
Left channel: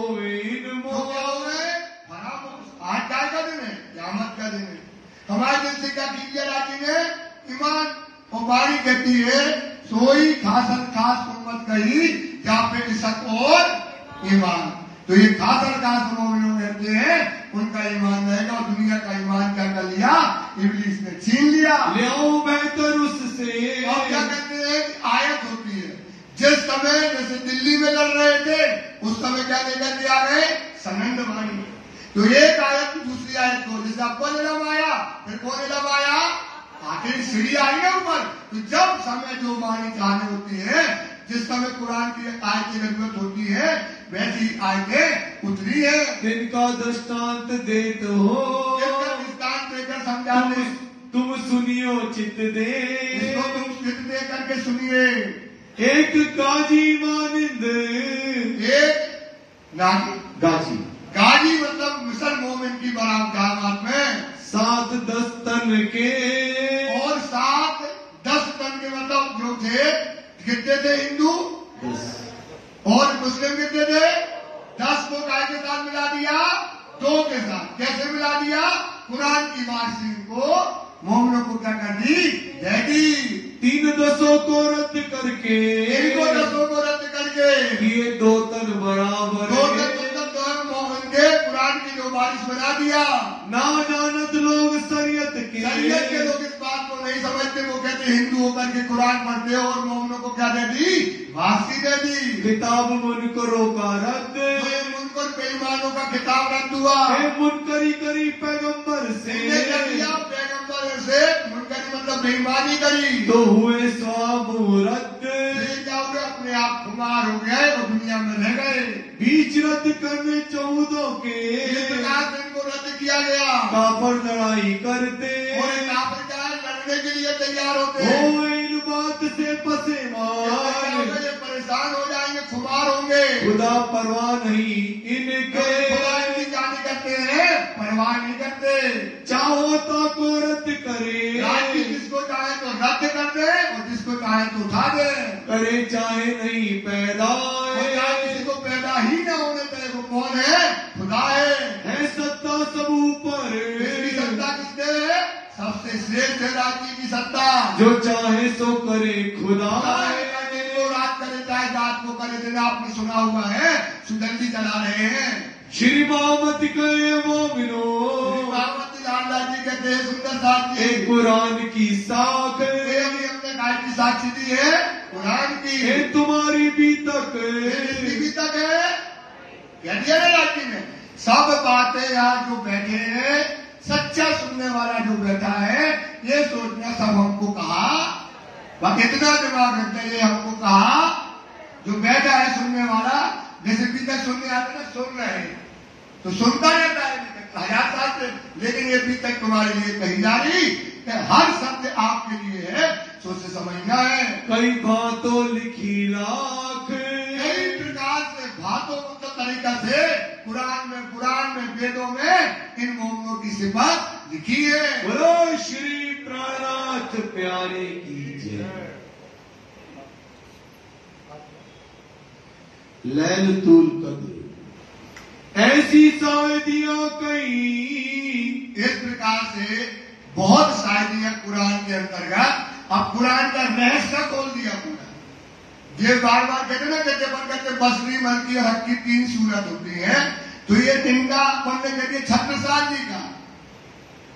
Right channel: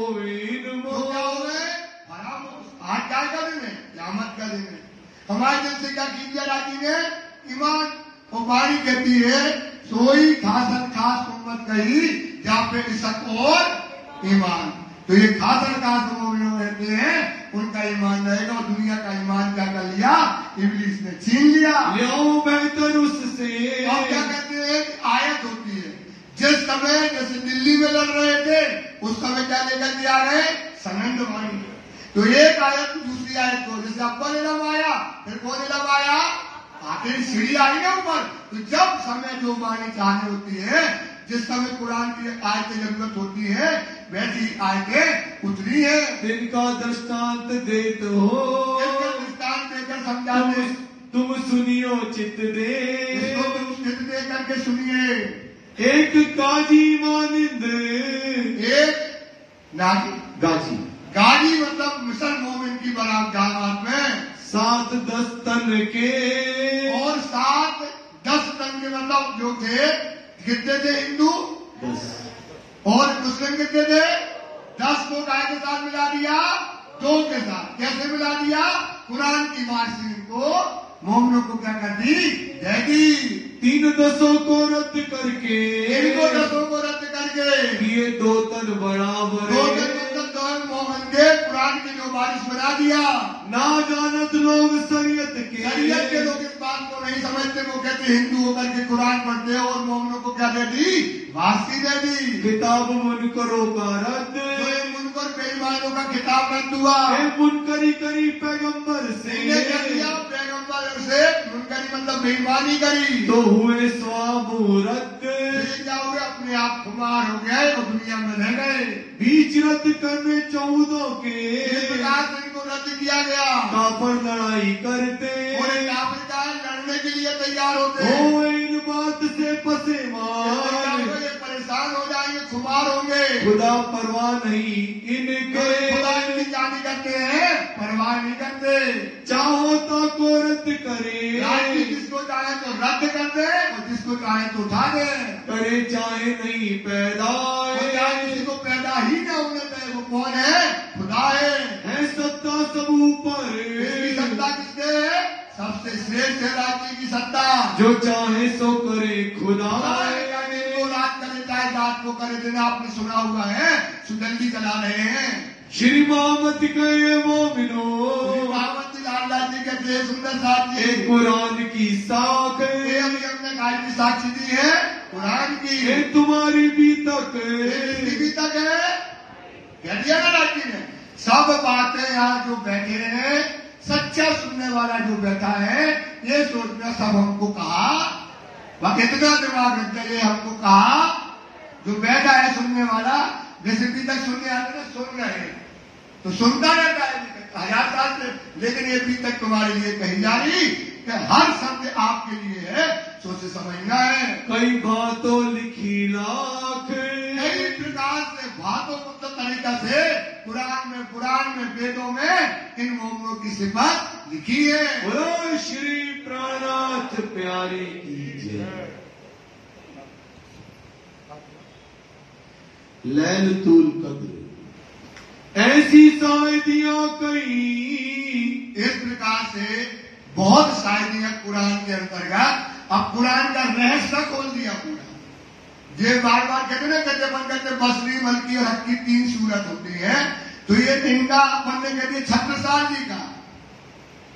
तो क्या हो गए? फरामोश। आज क्या का दिन है? क़यामत का दिन है। हमारे दिल से क्या खींच लिया राजी ने? ईमान। और वाणी कहती है सोई खासन खास मोहम्मद कही या फिर शक और ईमान। तो ये खासन खास मोमिन रहते हैं, उनका ईमान रहेगा और दुनिया का ईमान क्या कर लिया? इब्लीस ने छीन लिया। ले बेहतर उससे। और क्या कहते हैं? आयत होती है जिस समय जैसे दिल्ली में लड़ रहे थे उस समय क्या लेकर के आ रहे? सनंद वाणी। तो एक आयत दूसरी आयत को, जैसे अब्बल इलम आया फिर कौन इलम आया? आखिर सीढ़ी आई है ऊपर। तो जब समय जो वाणी चाहनी होती है, जिस समय कुरान की आयत की जरूरत होती है, वैसी आयतें उतरी है। दिन का दृष्टांत देते हो, इसका दृष्टांत देकर समझाते तुम सुनियो चित दे, इसको तुम चित दे करके सुनिए। एक गाजी मानिंद, एक गाजी, गाजी मतलब मिसल मोमिन की बराबर में 7-10 तन के, और 7-10 तन के मतलब जो थे कितने थे हिंदू, और मुस्लिम कितने थे 10 को काय के साथ मिला दिया, 2 के साथ। कैसे मिला दिया? कुरान की मार्कशीट को मोमिनों को क्या कर दी, दे दी। 3 10 को रद्द करके, इनको 10 को रद्द करके ये 2 तन बराबर, 2 तन मतलब तो मोहन के कुरान की जो बारिश बना दिया। ना जानत लोग शरीयत के लोग इस बात को नहीं समझते, वो कहते हिंदू होकर के कुरान पढ़ते हो, और मोमिनों को क्या दे दी, वासी दे दी। किताब मुनकरों का रद्द, मुनकर बेईमानों का किताब रद्द हुआ। मुनकरी करी पैगंबर से, पैगंबर से मुनकरी मतलब बेईमानी करी, तो हुए स्वाबू रद्द, क्या हुए, अपने आप खुमार हो गए, वो दुनिया में रह गए। बीच रद्द करने 14 के, इनको रद्द किया गया। काफर लड़ाई करते, और काफिर का लड़ने के लिए तैयार होते, हो इन बात से पसेमार, परेशान हो जाएंगे, खुमार होंगे। खुदा परवाह नहीं इनके, खुदा की जानी करते हैं, परवाह नहीं करते। चाहो तो को रद्द करे, जिसको चाहे तो रद्द कर दे, और जिसको चाहे तो उठा दे। करे चाहे नहीं पैदा, किसी को पैदा ही न होने दे, वो कौन है, खुदा है सत्ता सब ऊपर, इसकी सत्ता किसके है, सबसे श्रेष्ठ है राज्य की सत्ता। जो चाहे सो करे खुदा, रात करे चाहे रात को करे, दिन आपने सुना हुआ है, सुगंधी चला रहे हैं। श्री मोहम्मद करे मोमिनो, अल्लाह जी कहते हैं सुंदर साक्षी, कुरान की साख, हमने गाय की साक्षी दी है कुरान की, तुम्हारी भी तक है, कह दिया ना राज्य ने। सब बातें यहाँ जो बैठे हैं, सच्चा सुनने वाला जो बैठा है, ये सोचना सब हमको कहा, वह कितना दिमाग है, ये हमको कहा, जो बैठा है सुनने वाला, जैसे भी तक सुनने आते ना, सुन रहे हैं तो सुनता रहता है 1000 साल से, लेकिन ये भी तक तुम्हारे लिए कही जा रही कि हर शब्द आपके लिए है, सोचे समझना है। कई बातों लिखी लाख, कई प्रकार से बातों मतलब तरीका से कुरान में वेदों में इन मोमिनों की सिफत लिखी है। बोलो श्री प्राणाथ प्यारे की जय। लैलतुल कद्र ऐसी शायदियां कई, इस प्रकार से बहुत शायदियां कुरान के अंतर्गत। अब कुरान का रहस्य खोल दिया पूरा। ये बार बार कहते ना, कहते बसरी मलकी हक की 3 सूरत होती है, तो ये इनका अपन ने कहते छत्रसाल जी का,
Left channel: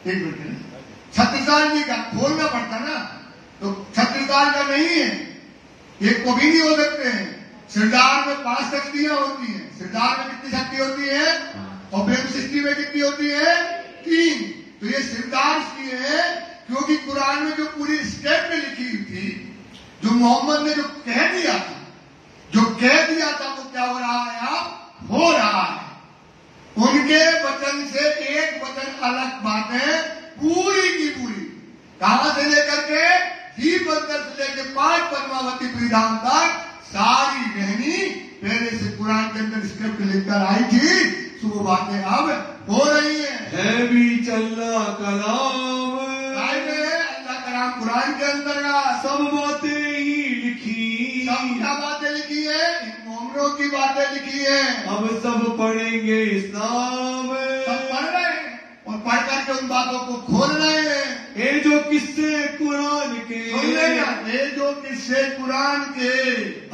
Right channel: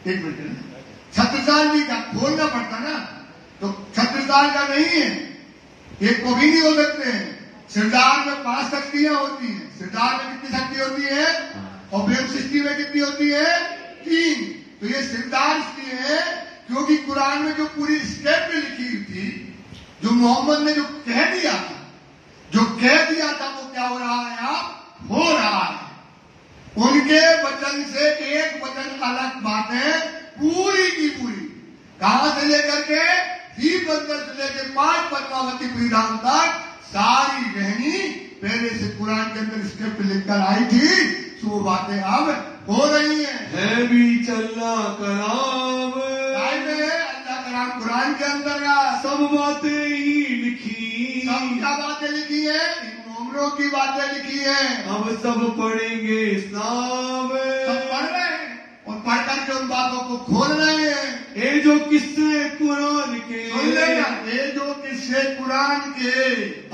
एक मिनट, छत्रसाल जी का खोलना पड़ता ना, तो छत्रसाल का नहीं है, ये कभी नहीं हो सकते हैं। सिरदार में 5 शक्तियां होती हैं। सिरदार में कितनी शक्ति होती है, और ब्रह्म सृष्टि में कितनी होती है, 3। तो ये सिरदार इसलिए है क्योंकि कुरान में जो पूरी स्टेप में लिखी हुई थी, जो मोहम्मद ने जो कह दिया था, वो क्या हो रहा है, अब हो रहा है। उनके वचन से एक वचन अलग बात है, पूरी की पूरी, कहां से लेकर के ही बंदर से लेकर 5 पद्मावती पीढ़ाओं तक सारी रहनी पहले से कुरान के अंदर स्क्रिप्ट लेकर आई थी, तो वो बातें अब हो रही है भी चलना कलाम, अल्लाह कलाम कुरान के अंदर का सब बातें ही लिखी, सब क्या बातें लिखी है, इन मोमिनों की बातें लिखी है। अब सब पढ़ेंगे इस्लाम, सब पढ़ रहे हैं और पढ़ करके उन बातों को खोल रहे हैं। ये जो किस्से कुरान के, ये जो किस्से कुरान के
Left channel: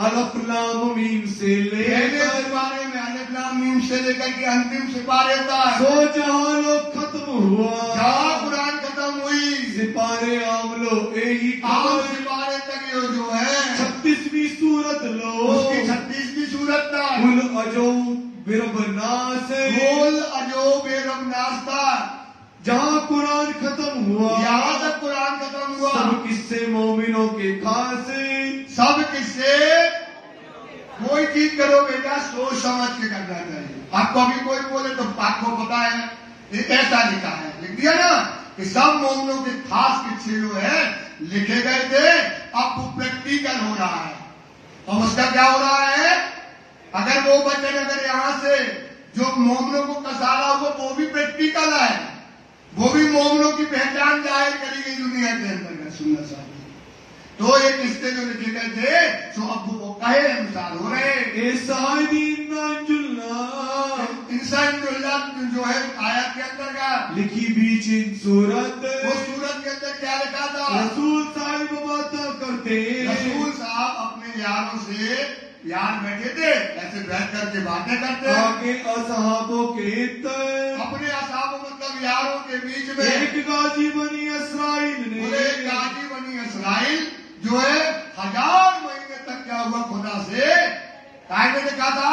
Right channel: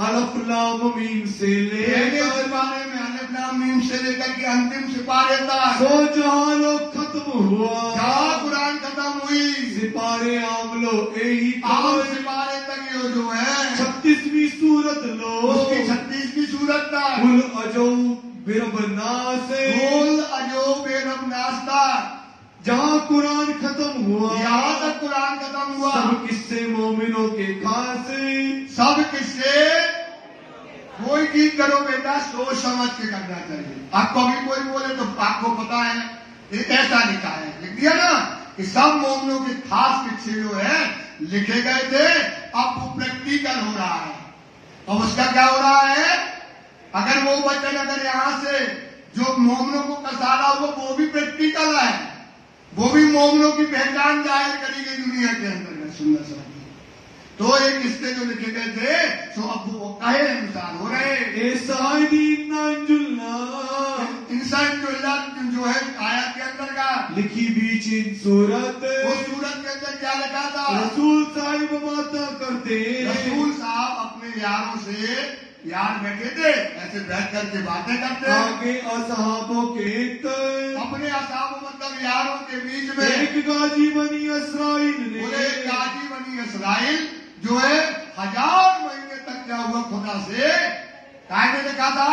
अलफ लाम मीम से लेकर बारे में, अलफ लाम मीम से लेकर के अंतिम सिपारे तक, सो जहां लोग खत्म हुआ, जहां कुरान खत्म हुई, सिपारे आमलो यही सिपारे तक ये जो है 36वीं सूरत लो, उसकी 36वीं सूरत तक कुल अजो बिरबनास, कुल अजो बेरबनास तक, जहाँ कुरान खत्म हुआ, यहाँ तक कुरान खत्म हुआ। सब किस्से मोमिनों के खास, सब किस्से, कोई चीज करो बेटा सोच समझ के करना चाहिए। आपको अभी कोई बोले तो आपको पता है, ये ऐसा लिखा है, लिख दिया ना, कि सब मोमिनों के खास किस्से जो है लिखे गए थे, अब वो प्रैक्टिकल हो रहा है। और उसका क्या हो रहा है, अगर वो वचन अगर यहाँ से जो मोमिनों को कसारा होगा वो भी प्रैक्टिकल है, वो भी मोमिनों की पहचान जाहिर करी गई दुनिया के अंदर है। सुनना चाहिए तो एक किस्से जो लिखे गए थे तो अब वो कहे इंसान हो रहे इंसान जो है आयत के अंदर का लिखी बीच इन सूरत, वो सूरत के अंदर क्या लिखा था, रसूल साहिब बाता करते, रसूल साहब अपने यारों से यार बैठे थे, ऐसे बैठ करके बातें करते, आगे असहाबों के अपने असहाबों मतलब यारों के बीच में एक गाजी बनी इसराइल ने, एक गाजी बनी इसराइल जो है 1000 महीने तक क्या हुआ खुदा से कायदे लिखा था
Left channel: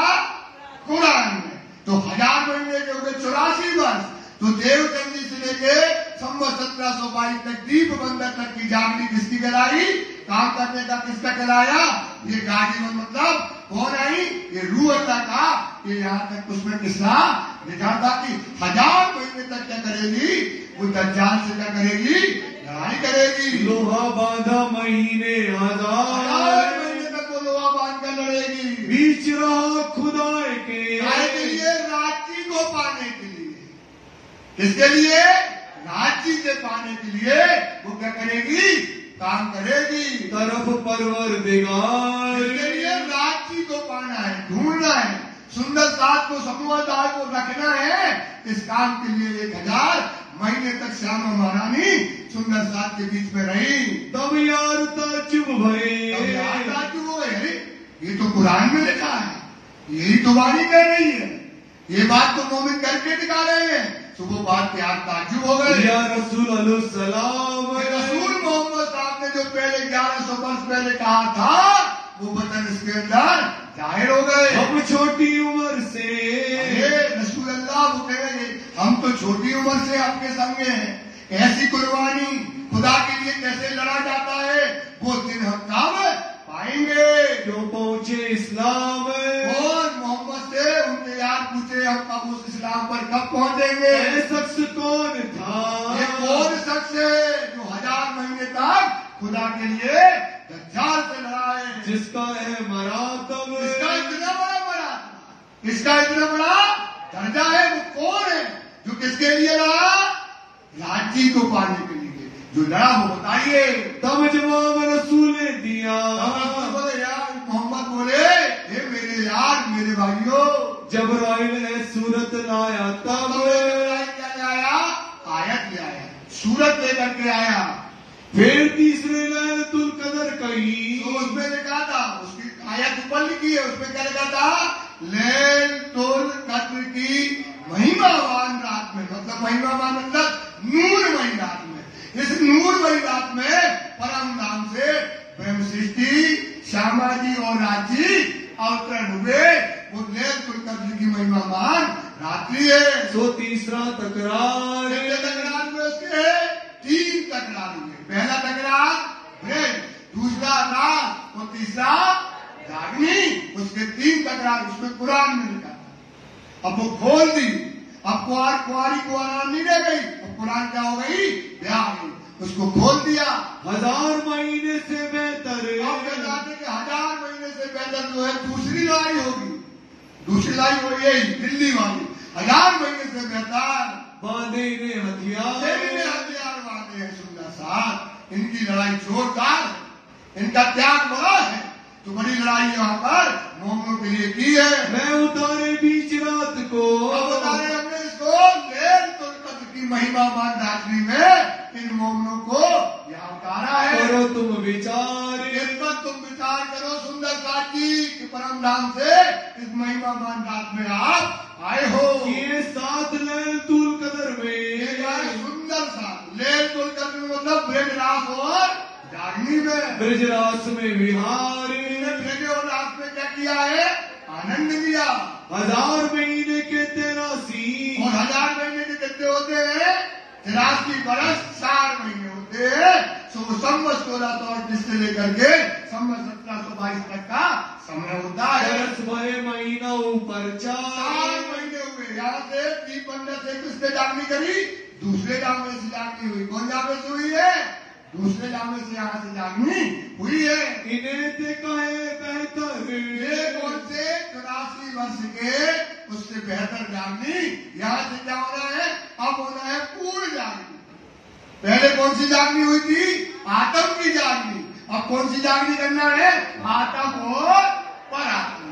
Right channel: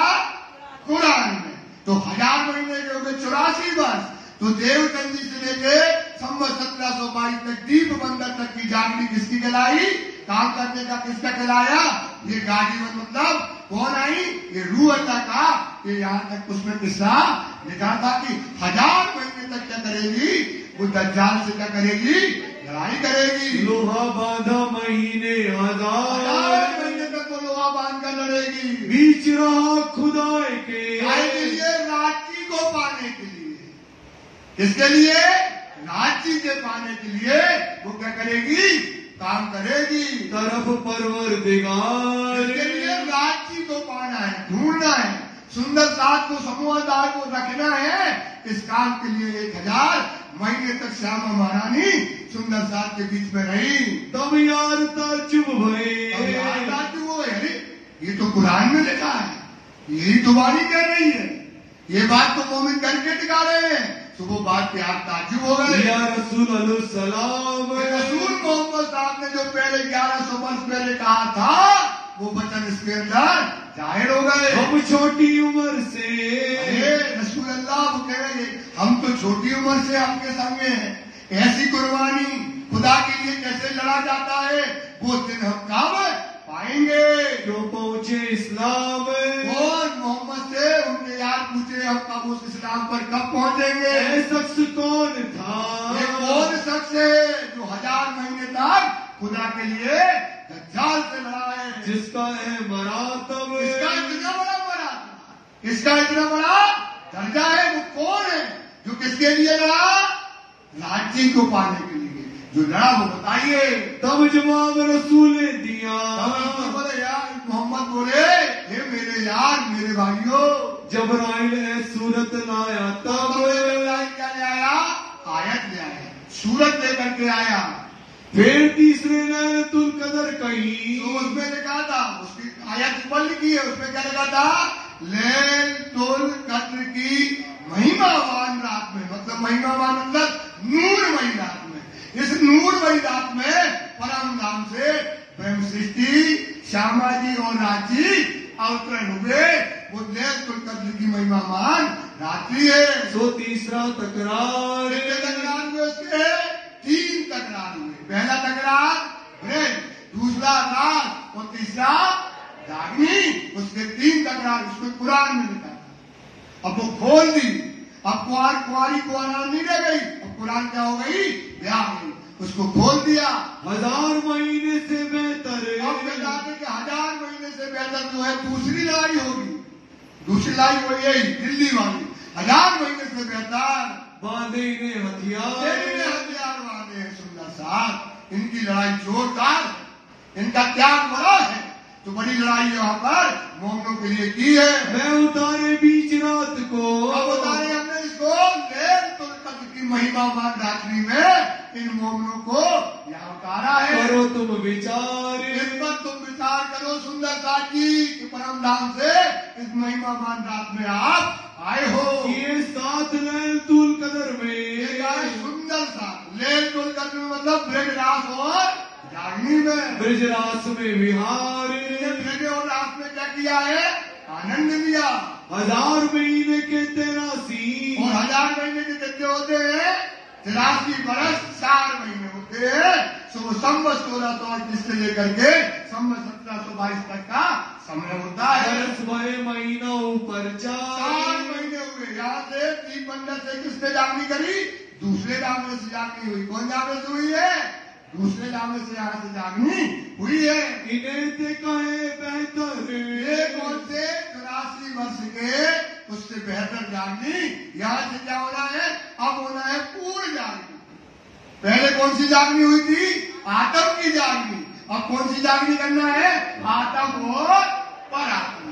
कुरान में। तो 1000 महीने के हो गए 84 वर्ष। तो देवचंदी से लेके संवत 1722 तक दीप बंदर तक की जागनी किसकी कहलाई, काम करने का किसका कहलाया, ये गाजी में मतलब कौन आई, ये रूह अल्लाह का। ये यहाँ तक उसमें किस्सा लिखा था कि 1000 महीने तक क्या करेगी, वो दज्जाल से क्या करेगी, लड़ाई करेगी। लोहा बांधा महीने 1000 महीने तक वो लोहा बांध कर लड़ेगी, बीच रहा खुदाए के लिए राजी को पाने के लिए, किसके लिए, राजी के पाने के लिए वो क्या करेगी, काम करेगी। तरफ परवरदिगार इसके लिए राजी को पाना है, ढूंढना है, सुंदर साथ को समूहदार को रखना है। इस काम के लिए 1000 महीने तक श्यामा महारानी सुंदर साथ के बीच में रही। तब यार ताजुब भरे, ताजुब हुए, अरे ये तो कुरान में लिखा है, यही तो वाणी कह रही है, ये बात तो मोमिन करके दिखा रहे हैं। तो वो बात के आप ताजुब हो गए। या रसूल अलैहिस्सलाम, रसूल मोहम्मद साहब ने जो पहले 1100 वर्ष पहले कहा था वो वचन इसके अंदर जाहिर हो गए। हम छोटी उम्र से, रसूल अल्लाह वो कह रहे हम तो छोटी उम्र से आपके संग में हैं, ऐसी कुर्बानी खुदा के लिए कैसे लड़ा जाता है वो दिन हम कब पाएंगे। जो पहुंचे इस्लाम और मोहम्मद से उनके यार पूछे हम कब उस इस्लाम पर कब पहुंचेंगे। शख्स कौन था, ये कौन शख्स है जो 1000 महीने तक खुदा के लिए दज्जाल से लड़ा है, जिसका है मरातब, इसका इतना बड़ा बड़ा, इसका इतना बड़ा दर्जा है, वो कौन है जो किसके लिए लड़ा, लाठी को पाने के लिए जो लड़ा, वो बताइए। तब जवाब रसूल ने दिया, बोले यार मोहम्मद बोले ये मेरे यार मेरे भाइयों, जबराइल है सूरत लाया, तब क्या ले आया, आयत ले आया, सूरत लेकर के आया। फिर तीसरे लैलतुल कदर कही, तो उसमें लिखा था, उसकी आयत ऊपर लिखी है, उसमें क्या लिखा था, लैलतुल कद्र की महिमावान रात में, मतलब महिमावान मतलब नूरमयी रात में। इस नूरमयी रात में परम नाम से ब्रह्म सृष्टि श्यामा जी और राजी अवतरण हुए। वो लैलतुल कद्र की महिमावान रात्रि है। तो तीसरा तकरार, तकरार में उसके 3 तकरार हुए। पहला तकरार है, दूसरा था और तीसरा रागनी, उसके 3 तकरार उसमें कुरान में लिखा था। अब वो खोल दी, अब कुआरी को आराम नहीं रह गई, अब कुरान क्या हो गई, ब्याह गई, उसको खोल दिया। 1000 महीने से बेहतर, अब बताते कि 1000 महीने से बेहतर जो है दूसरी लड़ाई होगी, दूसरी लड़ाई हो गई दिल्ली वाली, 1000 महीने से बेहतर बांधे ने हथियार बांधे हैं सुंदर साथ, इनकी लड़ाई जोरदार, इनका त्याग बड़ा है। तो बड़ी लड़ाई यहाँ पर मोमिनों के लिए की है। मैं उतारे बीच रात को, अब उतारे हमने इसको लैलतुल कद्र की महिमावान रात्रि में इन मोमिनों को यहाँ उतारा है। करो तुम विचार, इस पर तुम विचार करो सुंदर साथी कि परम धाम से इस महिमावान रात में आप आए हो। ये 7 लैलतुल कदर में, सुंदर साथ लैलतुल कद्र में मतलब ब्रजरास और जागनी में, ब्रजरास में विहार, ब्रज और रास में क्या किया है, आनंद लिया। 1000 महीने के 83, और 1000 महीने के कितने होते हैं, 83 बरस 4 महीने होते हैं। संवत 1638 से लेकर के संवत 1722 तक का समय होता है। बरस भरे महीना ऊपर 4 महीने हुए। यहाँ से दीप बंदर से किसने जागनी करी, दूसरे जामे से जागनी हुई। कौन जामे से हुई है? दूसरे जामे से यहाँ से जागनी हुई है। इन्हें से कहे बेहतर ये कौन से 84 वर्ष के उससे बेहतर जागनी यहाँ से क्या होना है? अब होना है पूर्ण जागनी। पहले कौन सी जागनी हुई थी? आत्म की जागनी। अब कौन सी जागनी करना है? आत्म और परात्म।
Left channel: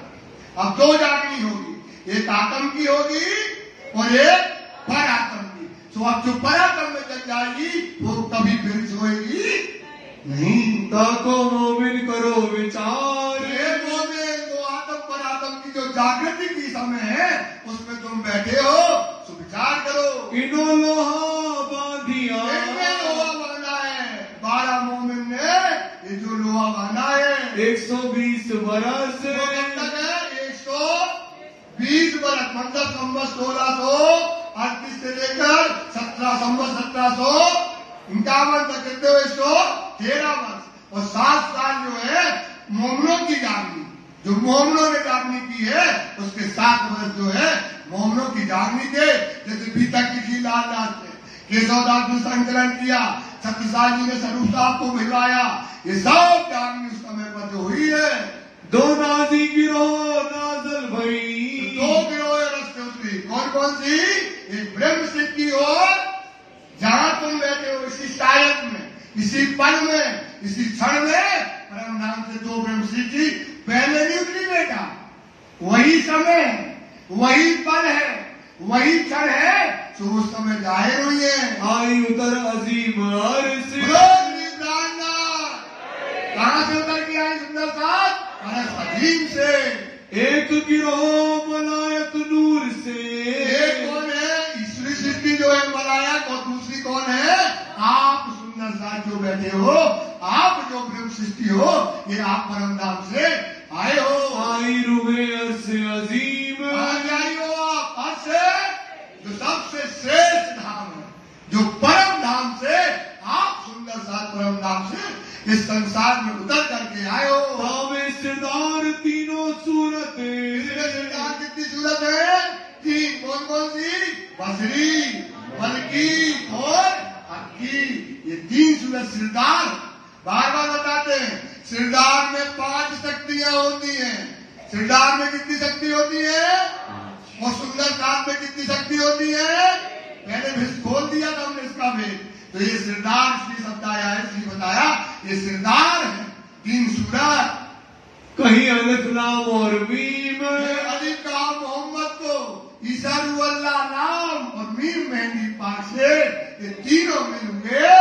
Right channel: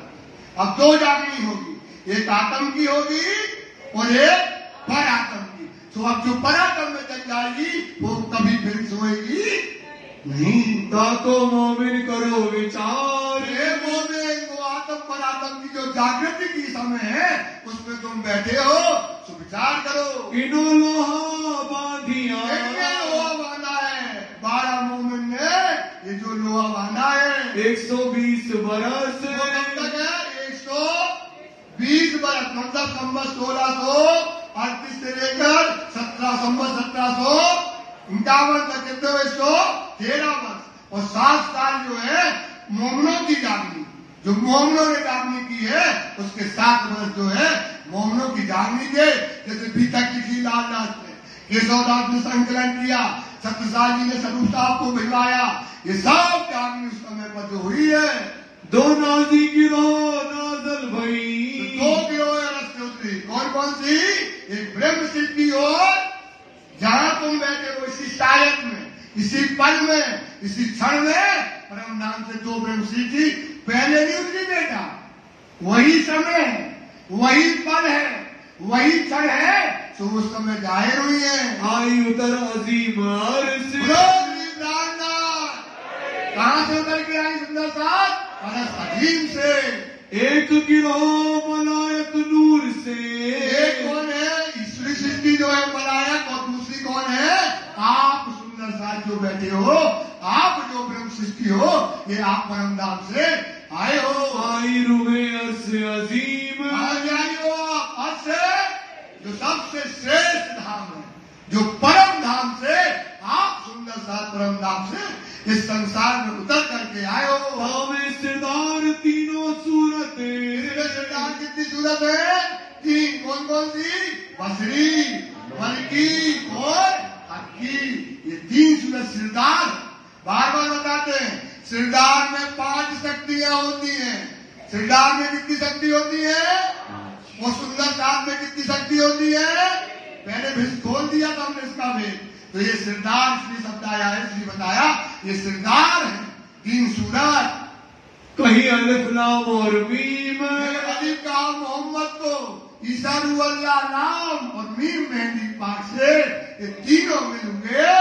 अब दो जागनी होगी, एक आत्म की होगी और एक परात्म की। तो अब जो परात्म में जग जाएगी वो कभी फिर सोएगी नहीं। ताको मोमिन करो विचार, मोमिन वो आत्म परात्म की जो जागृति की समय है उसमें तुम बैठे हो तो विचार करो। इनो लोहा बांधिया, लोहा बांधा है 12 मोमिन ने। ये जो लोहा बांधा है 120 बरस कब तक है? 120 बरस, मतलब संवत 1638 से लेकर 1751 तक कहते हो इसको 13 वर्ष। और 7 साल जो है मोमनों की जागनी, जो मोमनों ने जागनी की है उसके 7 वर्ष जो है मोमनों की जागनी के। जैसे भीतर किसी लालदास ने, केशवदास ने संकलन किया, सत्यसाई जी ने स्वरूप साहब को भिजवाया, ये सब जागनी उस समय पर जो हुई है। 2 नाजी गिरोह नाजल भई, 2 गिरोह रस्ते उतरी। कौन कौन सी? एक ब्रह्म सिद्धि और जहां तुम बैठे हो इसी सायक में, इसी पल में, इसी क्षण में परम नाम से 2 ब्रह्म सिद्धि पहले नहीं उतरी बेटा। वही समय, वही पल है, वही क्षण है, तो उस समय जाहिर हुई है। आई उतर अजीम अर्श, कहां से उतर के आई सुंदर साहब? अजीम से। एक गिरोह मलायक नूर से, एक कौन है? ईश्वरी सिद्धि जो है मलायक, और दूसरी कौन है? आप सुंदर साहब जो बैठे हो, आप जो ब्रह्म सृष्टि हो, ये आप परम धाम से आए हो। आई रुए अर्श अजीम, आई हो आप अर्श, जो सबसे श्रेष्ठ धाम है, जो परम धाम से आप सुंदर साहब परम धाम से इस संसार में उतर करके आए हो। सिरदार तीनों सूरत, सिरदार कितनी सूरत है? तीन। कौन कौन सी? बसरी, बल्कि और अक्की, ये 3 सूरत सिरदार। बार बार बताते हैं सिरदार में 5 शक्तियां होती हैं। सिरदार में कितनी शक्ति होती है? और सुंदर साहब में कितनी शक्ति होती है? पहले भी खोल दिया था हमने इसका भेद। तो ये सिरदार श्री शब्द आया है, इसलिए बताया ये सिरदार है 3 सूरत। कहीं अलिफ लाम और मीम, अली का मोहम्मद को, ईसा अल्लाह नाम और मीम मेहंदी पाक से ये तीनों मिल गए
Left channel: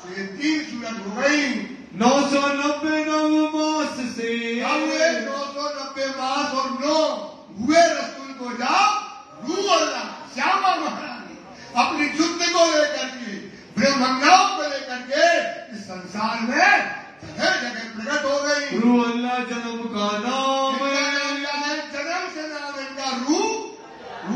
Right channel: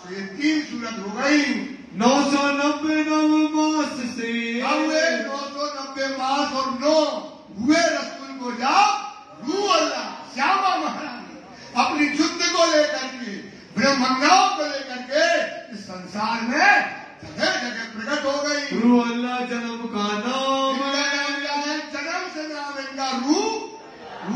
तो ये 3 सूरत हो गई। 999 मास से, 990 मास और 9 हुए रसूल को जाओ रू अल्लाह श्यामा महारानी अपनी युद्ध को लेकर के, ब्रह्मज्ञान को लेकर के इस संसार में जगह जगह प्रकट हो गई। रू अल्लाह जन्म का नाम, जन्म से नाम इनका रू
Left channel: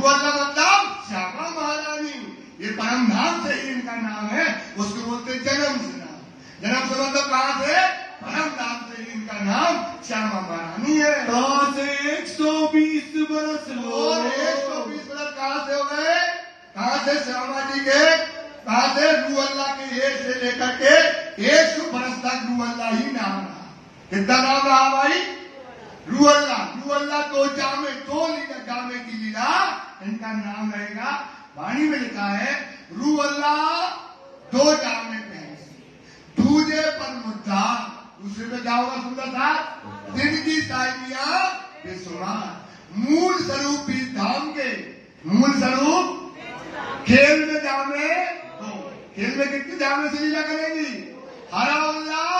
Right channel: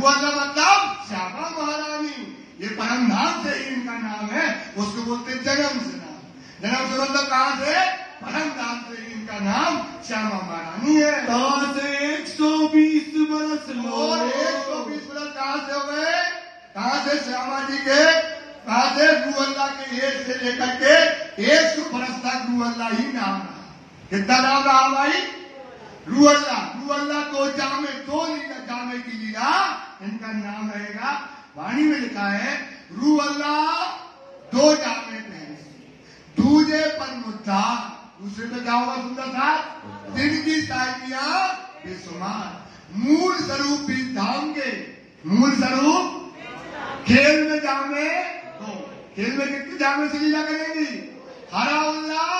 अल्लाह मतलब श्यामा महारानी। ये परम धाम से ही इनका नाम है, उसको बोलते जन्म से नाम। जन्म से मतलब कहाँ से? परम धाम से ही इनका नाम श्यामा महारानी है। कहाँ से 120 बरस लो, और 120 बरस कहाँ से हो गए? कहाँ से? श्यामा जी के। कहाँ से? रू अल्लाह के 1 से लेकर के 100 बरस तक रू अल्लाह ही नाम रहा। कितना नाम रहा भाई? रू अल्लाह 2 जामे, 2 लीला जामे की लीला इनका नाम रहेगा। वाणी में लिखा है रू अल्लाह 2 जामे पहले, दूजे पर मुद्दा, दूसरे में क्या होगा सुंदर साहब? दिन की साइकियां बेसुमार। मूल स्वरूप इस धाम के, मूल स्वरूप खेल में जामे 2। खेल में कितनी जामे से लीला करेगी? हरा अल्लाह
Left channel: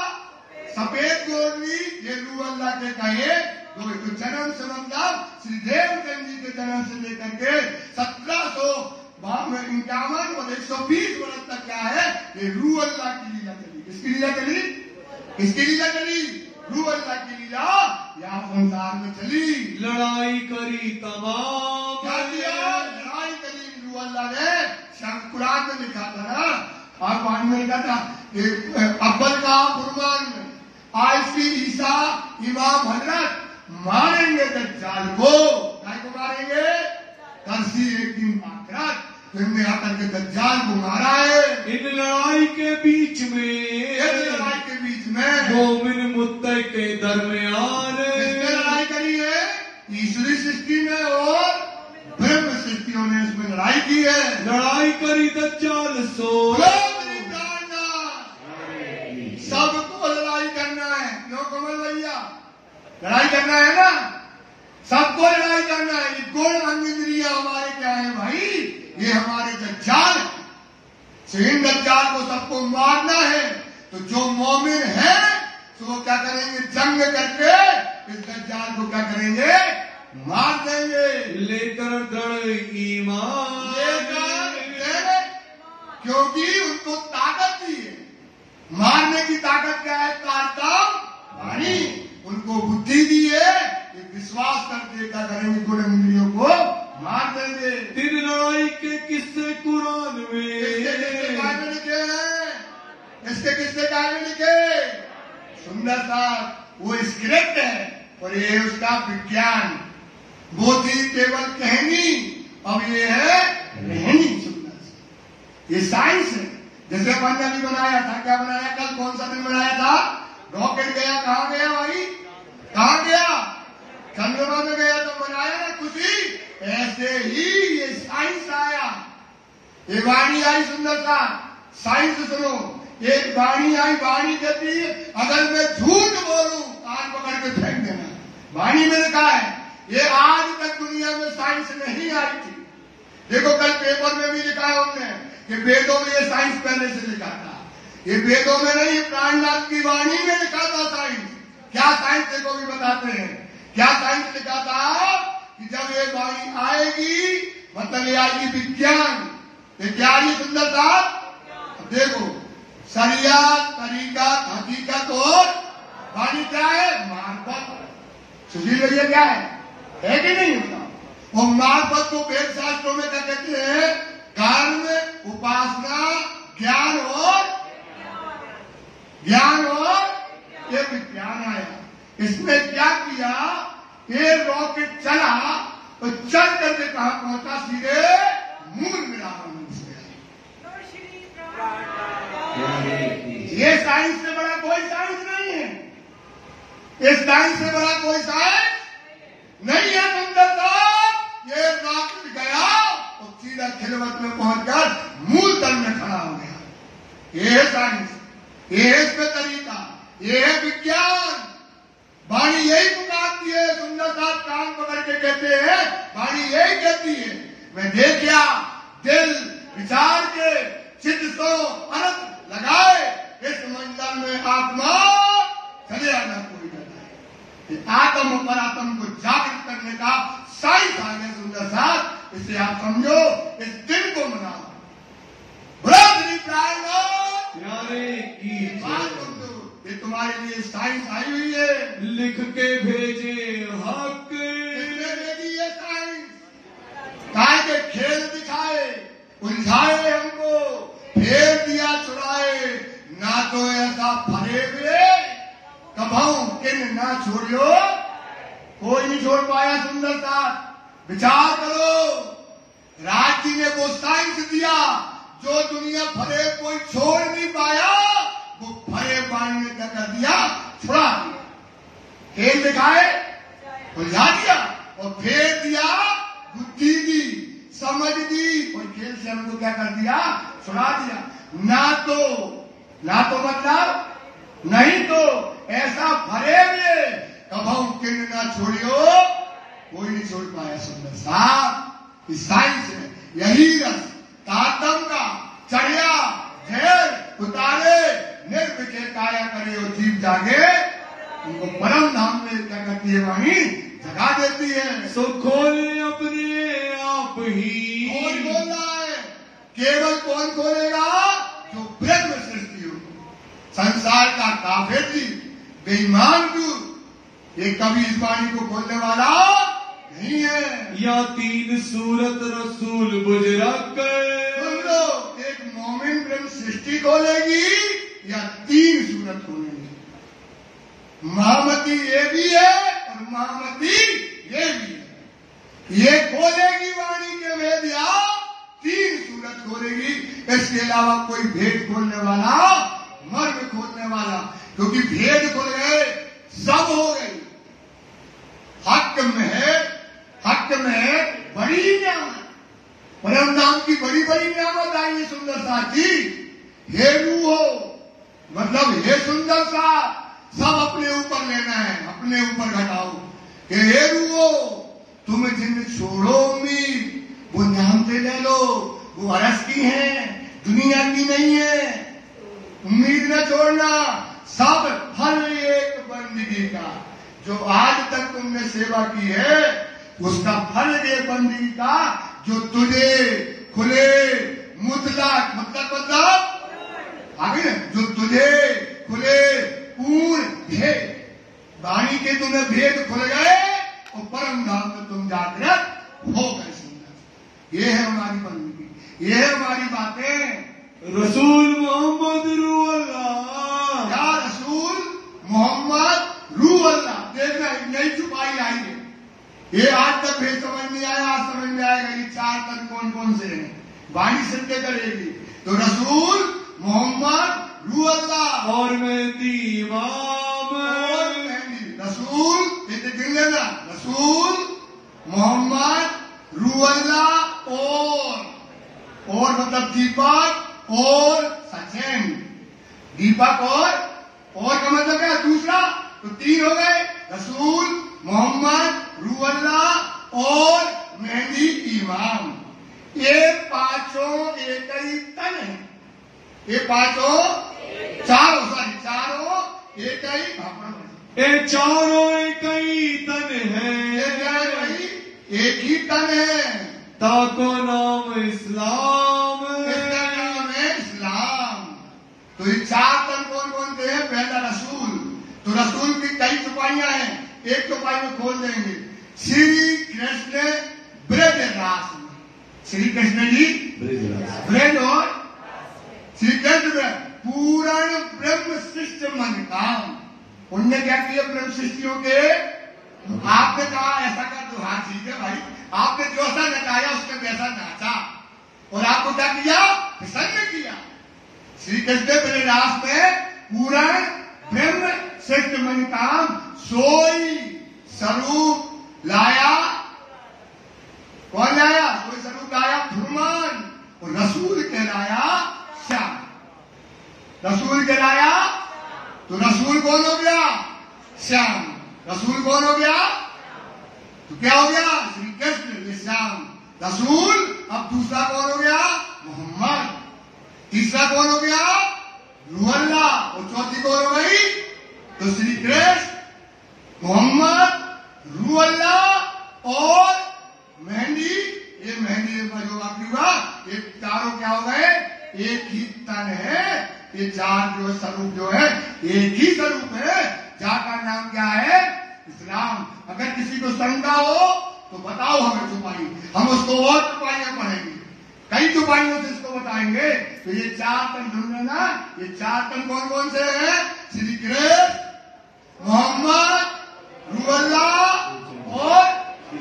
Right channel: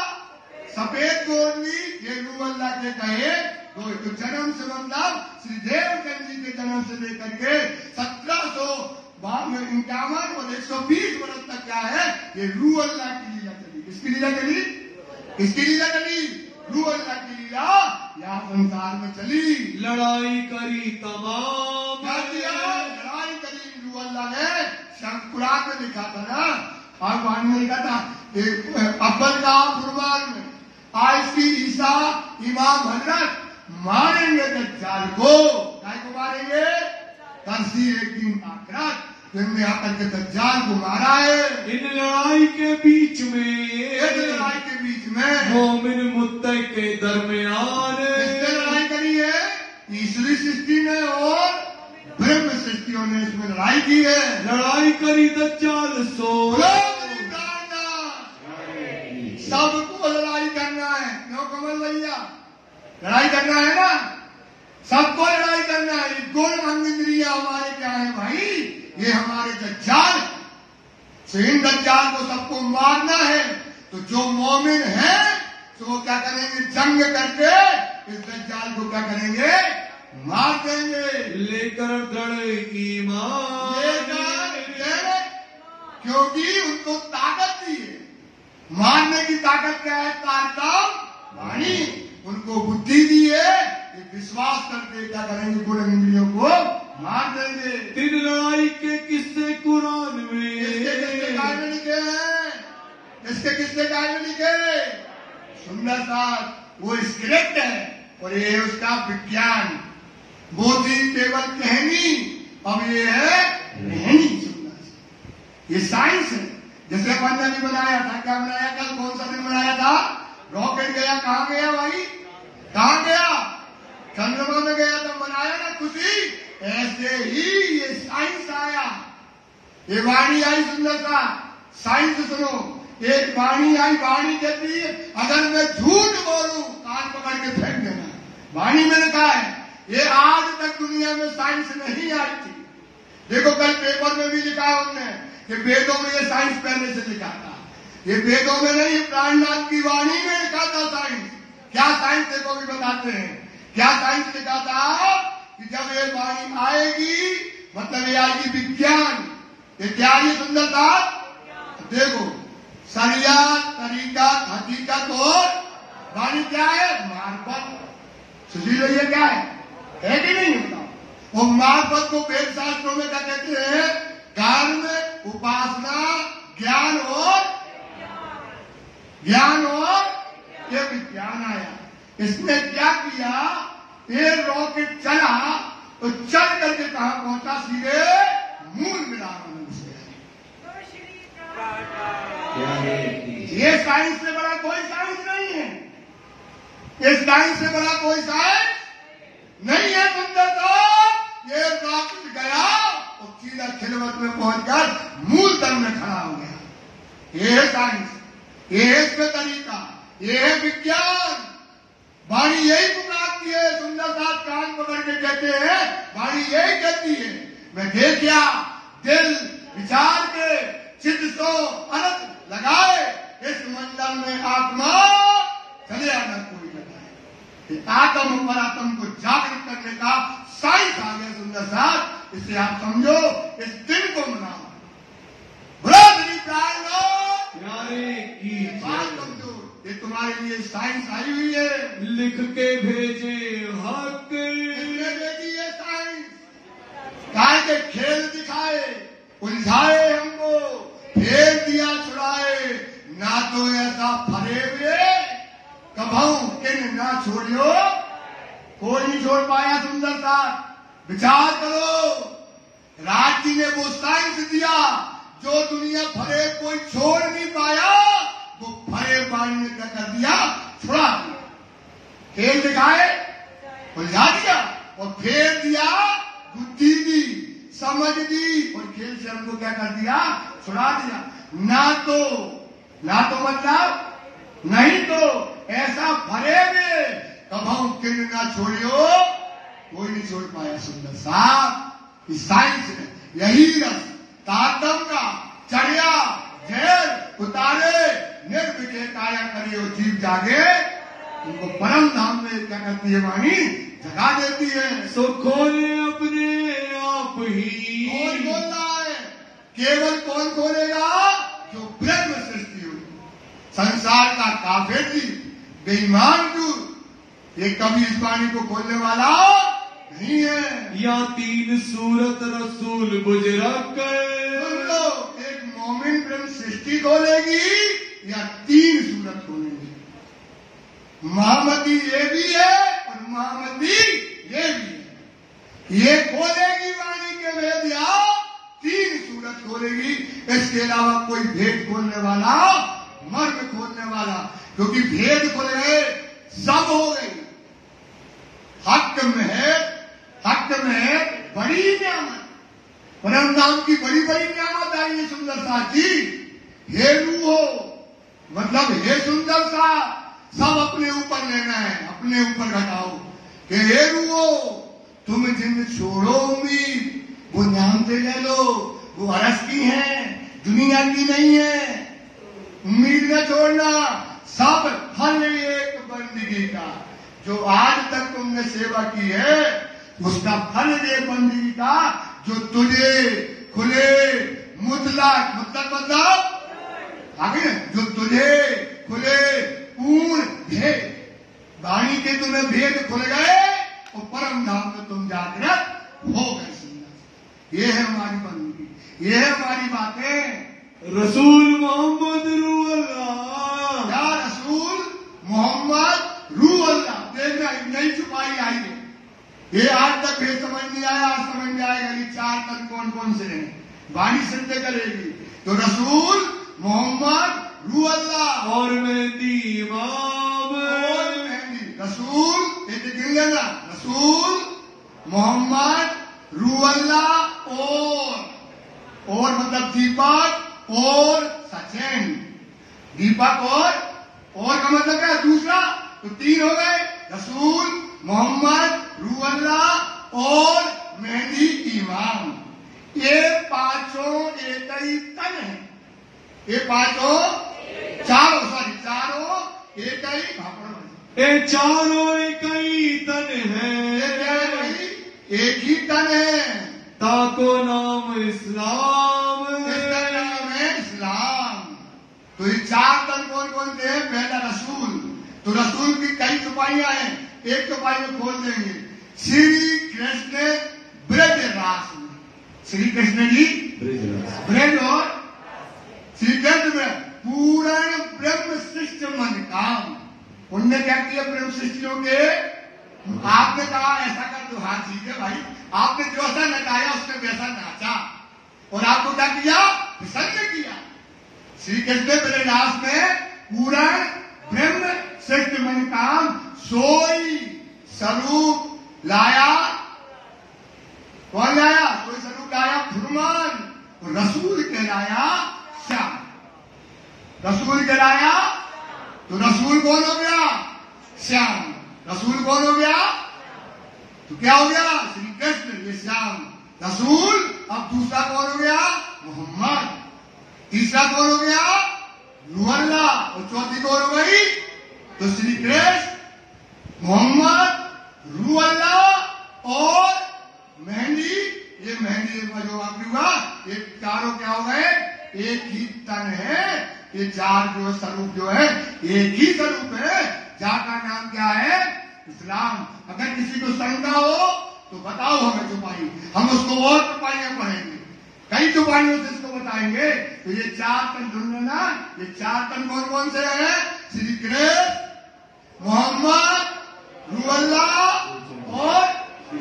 सफेद गोरली, ये रू अल्लाह के कहे। तो जन्म से मतलब श्री देवचंद जी के जन्म से लेकर के 1751 और 120 वर्ष तक क्या है? ये रू अल्लाह की लीला करी। किसकी लीला करी? किसकी लीला करी? रू अल्लाह की लीला यहाँ संसार में चली। लड़ाई करी तमाम, क्या किया? लड़ाई करी रू अल्लाह ने। कुरान में लिखा था ना, और वाणी में लिखा था अव्वल का फुरमान में, आज की ईसा इमाम हजरत मारेंगे दज्जाल को। क्या को मारेंगे? तरसी एक दिन आखिरत। तुमने आकर के दज्जाल को मारा है। इन लड़ाई के बीच इस में, लड़ाई के बीच में मोमिन मुत्तक़ी के दरमियान किसने लड़ाई करी है? तीसरी सृष्टि ने और ब्रह्म सृष्टियों ने इसमें लड़ाई की है। लड़ाई करी दज्जाल सो। सबको लड़ाई करना है, क्यों कमल भैया? लड़ाई करना है ना, सबको लड़ाई करना है। ये गुण अंग इंद्रिया हमारे क्या है भाई? ये हमारे दज्जाल है। तो इन दज्जाल को सबको मारना है। तो जो मोमिन है तो वो क्या करेंगे? जंग करके इस दज्जाल को क्या करेंगे? मार देंगे। लेकर दृढ़ ईमान, क्योंकि उनको ताकत दी है। मारने की ताकत क्या है? ताकत वाणी। उनको बुद्धि दी है, विश्वास करके क्या करेंगे? गुण इंद्रियों को मार देंगे। तीन लड़ाई के किस्से कुरान में, इसके काय में लिखे हैं? इसके किससे काय में लिखे? सुंदर सा वो स्क्रिप्ट है और ये उसका विज्ञान। वो थी केवल कहनी, अब ये है रहनी। सुंदर सा ये साइंस है। जैसे अपन ने अभी बनाया था, क्या बनाया? कल कौन सा दिन बनाया था? रॉकेट गया, कहाँ गया भाई? कहाँ गया? चंद्रमा में गया तो बनाया ना खुशी। ऐसे ही ये साइंस आया, ये वाणी आई। सुंदर सा साइंस सुनो। एक वाणी आई, वाणी कहती है अगर मैं झूठ बोलूं कान पकड़ के फेंक देना। वाणी में लिखा है। ये आज तक दुनिया में साइंस नहीं आई थी। देखो कल पेपर में भी लिखा है उन्होंने कि वेदों में ये साइंस पहले से लिखा था। ये वेदों में नहीं, प्राणनाथ की वाणी में लिखा था साइंस। क्या साइंस देखो भी बताते हैं। क्या साइंस लिखा था कि जब ये वाणी आएगी, मतलब ये आएगी विज्ञान। ये क्या ये सुंदर बात देखो, सरिया तरीका हकीकत और वाणी क्या है? मार्फत। सुधी ये क्या है कि नहीं होता? वो मार्फत को वेद शास्त्रों में क्या कहते हैं? कर्म, उपासना, ज्ञान और ये विज्ञान आया। इसने क्या किया? ये रॉकेट चला तो चल करके कहा पहुंचा? सीधे मून मिला से। ये साइंस से बड़ा कोई साइंस नहीं है। इस साइंस से बड़ा कोई साइंस नहीं है। सुंदरता ये रॉकेट गया और सीधा खिलवत में पहुंचकर मूल तल में खड़ा हो गया। ये है साइंस, ये है इसका तरीका, ये है विज्ञान। वाणी यही पुकारती है। सुंदर साहब कान पकड़ के कहते हैं, वाणी यही कहती है मैं देखा दिल विचार के चित्त सो अनंत लगाए इस मंडल में आत्मा चले आना कोई बताए। आत्म और आत्म को जागृत करने का साइंस आ गया। सुंदर साहब इससे आप समझो, इस दिन को मनाओ। ये तुम्हारे लिए साइंस आई हुई है। लिख के भेजे हक, किसने भेजी है साइंस? काय के खेल दिखाए, उलझाए हमको, फेर दिया छुड़ाए। ना तो ऐसा फरे हुए कभाऊ किन ना छोड़ियो, कोई नहीं छोड़ पाया। सुंदर सा विचार करो। राज जी ने वो साइंस दिया जो दुनिया फरे कोई छोड़ नहीं पाया। वो फरे पानी ने क्या कर दिया? छुड़ा दिया। खेल दिखाए, उलझा दिया और फेर दिया, बुद्धि दी, समझ दी और खेल से हमको क्या कर दिया? छुड़ा दिया। ना तो मतलब नहीं तो ऐसा भरे में कभाऊ किन ना छोड़ियो, कोई नहीं छोड़ पाया। सुंदर साहब इस साइंस में यही रस तारतम का चढ़िया झेल उतारे निर्विषय काया करे और जीव जागे। उनको परम धाम में क्या करती है? वाणी जगा देती है। सो खोले अपने आप ही। कौन बोल रहा है? केवल कौन खोलेगा? जो ब्रह्म सृष्टि हो। संसार का काफिर जी, बेईमान दूर, ये कभी इस वाणी को खोलने वाला नहीं है। या तीन सूरत रसूल बुजरक, एक मोमिन ब्रह्म सृष्टि खोलेगी या तीन सूरत खोलेगी। महामती ये भी है और महामती ये भी है। ये खोलेगी वाणी के वेद या तीन सूरत खोलेगी, इसके अलावा कोई भेद खोलने वाला, मर्म खोलने वाला, क्योंकि भेद खुल गए, सब हो गई। हक में बड़ी नियामत, परम नाम की बड़ी बड़ी नियामत आई है सुंदर सा जी। हे रूहो, मतलब हे सुंदर सा, सब अपने ऊपर लेना है, अपने ऊपर घटाओ कि हे रूहो, तुम जिन छोड़ो उम्मीद, वो नाम से ले लो, वो अरस की है, दुनिया की नहीं है। उम्मीद न छोड़ना, सब फल एक बंदगी का, जो आज तक तुमने सेवा की है उसका फल ये बंदगी का, जो तुझे खुले मुतलक मतलब आगे, जो तुझे खुले पूर्ण भेद, वाणी के तुम्हें भेद खुल गए और परम धाम में तुम जागृत हो गए। सुंदर, ये है हमारी बंदगी, ये है हमारी बातें। रसूल मोहम्मद रूअल्लाह, या रसूल मोहम्मद रूअल्लाह, देखना नई छुपाई आई है। ये आज तक भी समझ नहीं आया, आज समझ में आएगा। ये 4 तन कौन कौन से हैं, वाणी सिद्ध करेगी। तो रसूल मोहम्मद रूअल्लाह और मेहदी इमाम, और मेहदी रसूल, ये गिन लेना, रसूल मोहम्मद रूअल्लाह और मतलब दीपक और सचिन, दीपक और का मतलब क्या, दूसरा, तो 3 हो गए, रसूल मोहम्मद रूअल्लाह और मेहदी इमाम। ये पांचों एक ही तन है, ये पांचों चारों एक ही भापण, ये चारों एक ही तन है, ये क्या है भाई, एक ही तन है। ताको नाम इस्लाम, इसका नाम है इस्लाम। तो ये 4 तन कौन कौन से हैं? पहला रसूल, तो रसूल की कई छुपाइयां हैं, एक छुपाई को खोल देंगे। श्री कृष्ण ब्रज रास, श्री कृष्ण जी ब्रज और श्री कृष्ण पूर्ण ब्रह्म सृष्टि मन काम। उनने क्या किया ब्रह्म सृष्टियों के, आपने कहा ऐसा कर दो, हाँ ठीक है भाई, आपने जो ऐसा नचाया उसने वैसा नाचा, और आपको क्या किया, प्रसन्न किया। श्री कृष्ण ब्रजरास में पूर्ण ब्रह्म सृष्टि मन काम, सोई स्वरूप लाया, कौन लाया, कोई स्वरूप लाया भगवान, और रसूल कहलाया श्याम, रसूल कहलाया। तो रसूल कौन हो गया, श्याम, रसूल कौन हो गया, तो क्या हो गया, श्री कृष्ण ये श्याम रसूल। अब दूसरा कौन हो गया, मोहम्मद, तीसरा कौन हो गया, रूअल्लाह, और चौथी कौन हो गई, तो श्री कृष्ण मोहम्मद रूअल्लाह और मेहंदी। ये मेहंदी का जो वाक्य हुआ, ये चारों क्या हो गए, एक ही तन है। ये 4 जो स्वरूप जो है एक ही स्वरूप है, जाका नाम क्या है, इस्लाम। अगर किसी को शंका हो तो बताओ हमें छुपाई, हम उसको और छुपाइयां पढ़ेंगे, कई छुपाइयों से इसको बताएंगे। तो ये 4 तन सुन लेना, ये 4 तन कौन कौन से हैं, श्री कृष्ण मोहम्मद रूअल्लाह और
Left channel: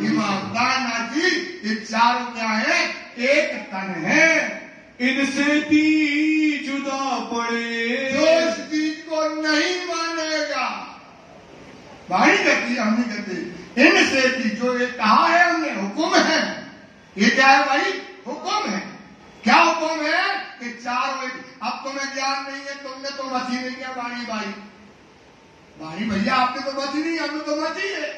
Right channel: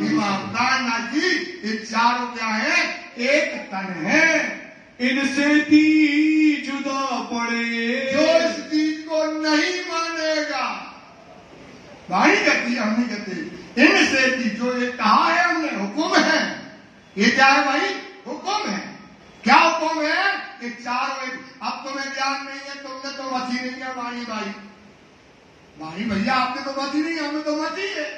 इमाम नाथ जी, ये चारों क्या है, एक तन है। इनसे दी जुदा पड़े, जो इस चीज को नहीं मानेगा, भाई कहती है, हम नहीं कहते, इनसे दी, जो ये कहा है हमने, हुक्म है, ये क्या है भाई, हुक्म है। क्या हुक्म है कि 4 अब तुम्हें ज्ञान नहीं है, तुमने तो मची नहीं क्या वाणी भाई, भाई भैया आपने तो मची नहीं, हमें तो मची है,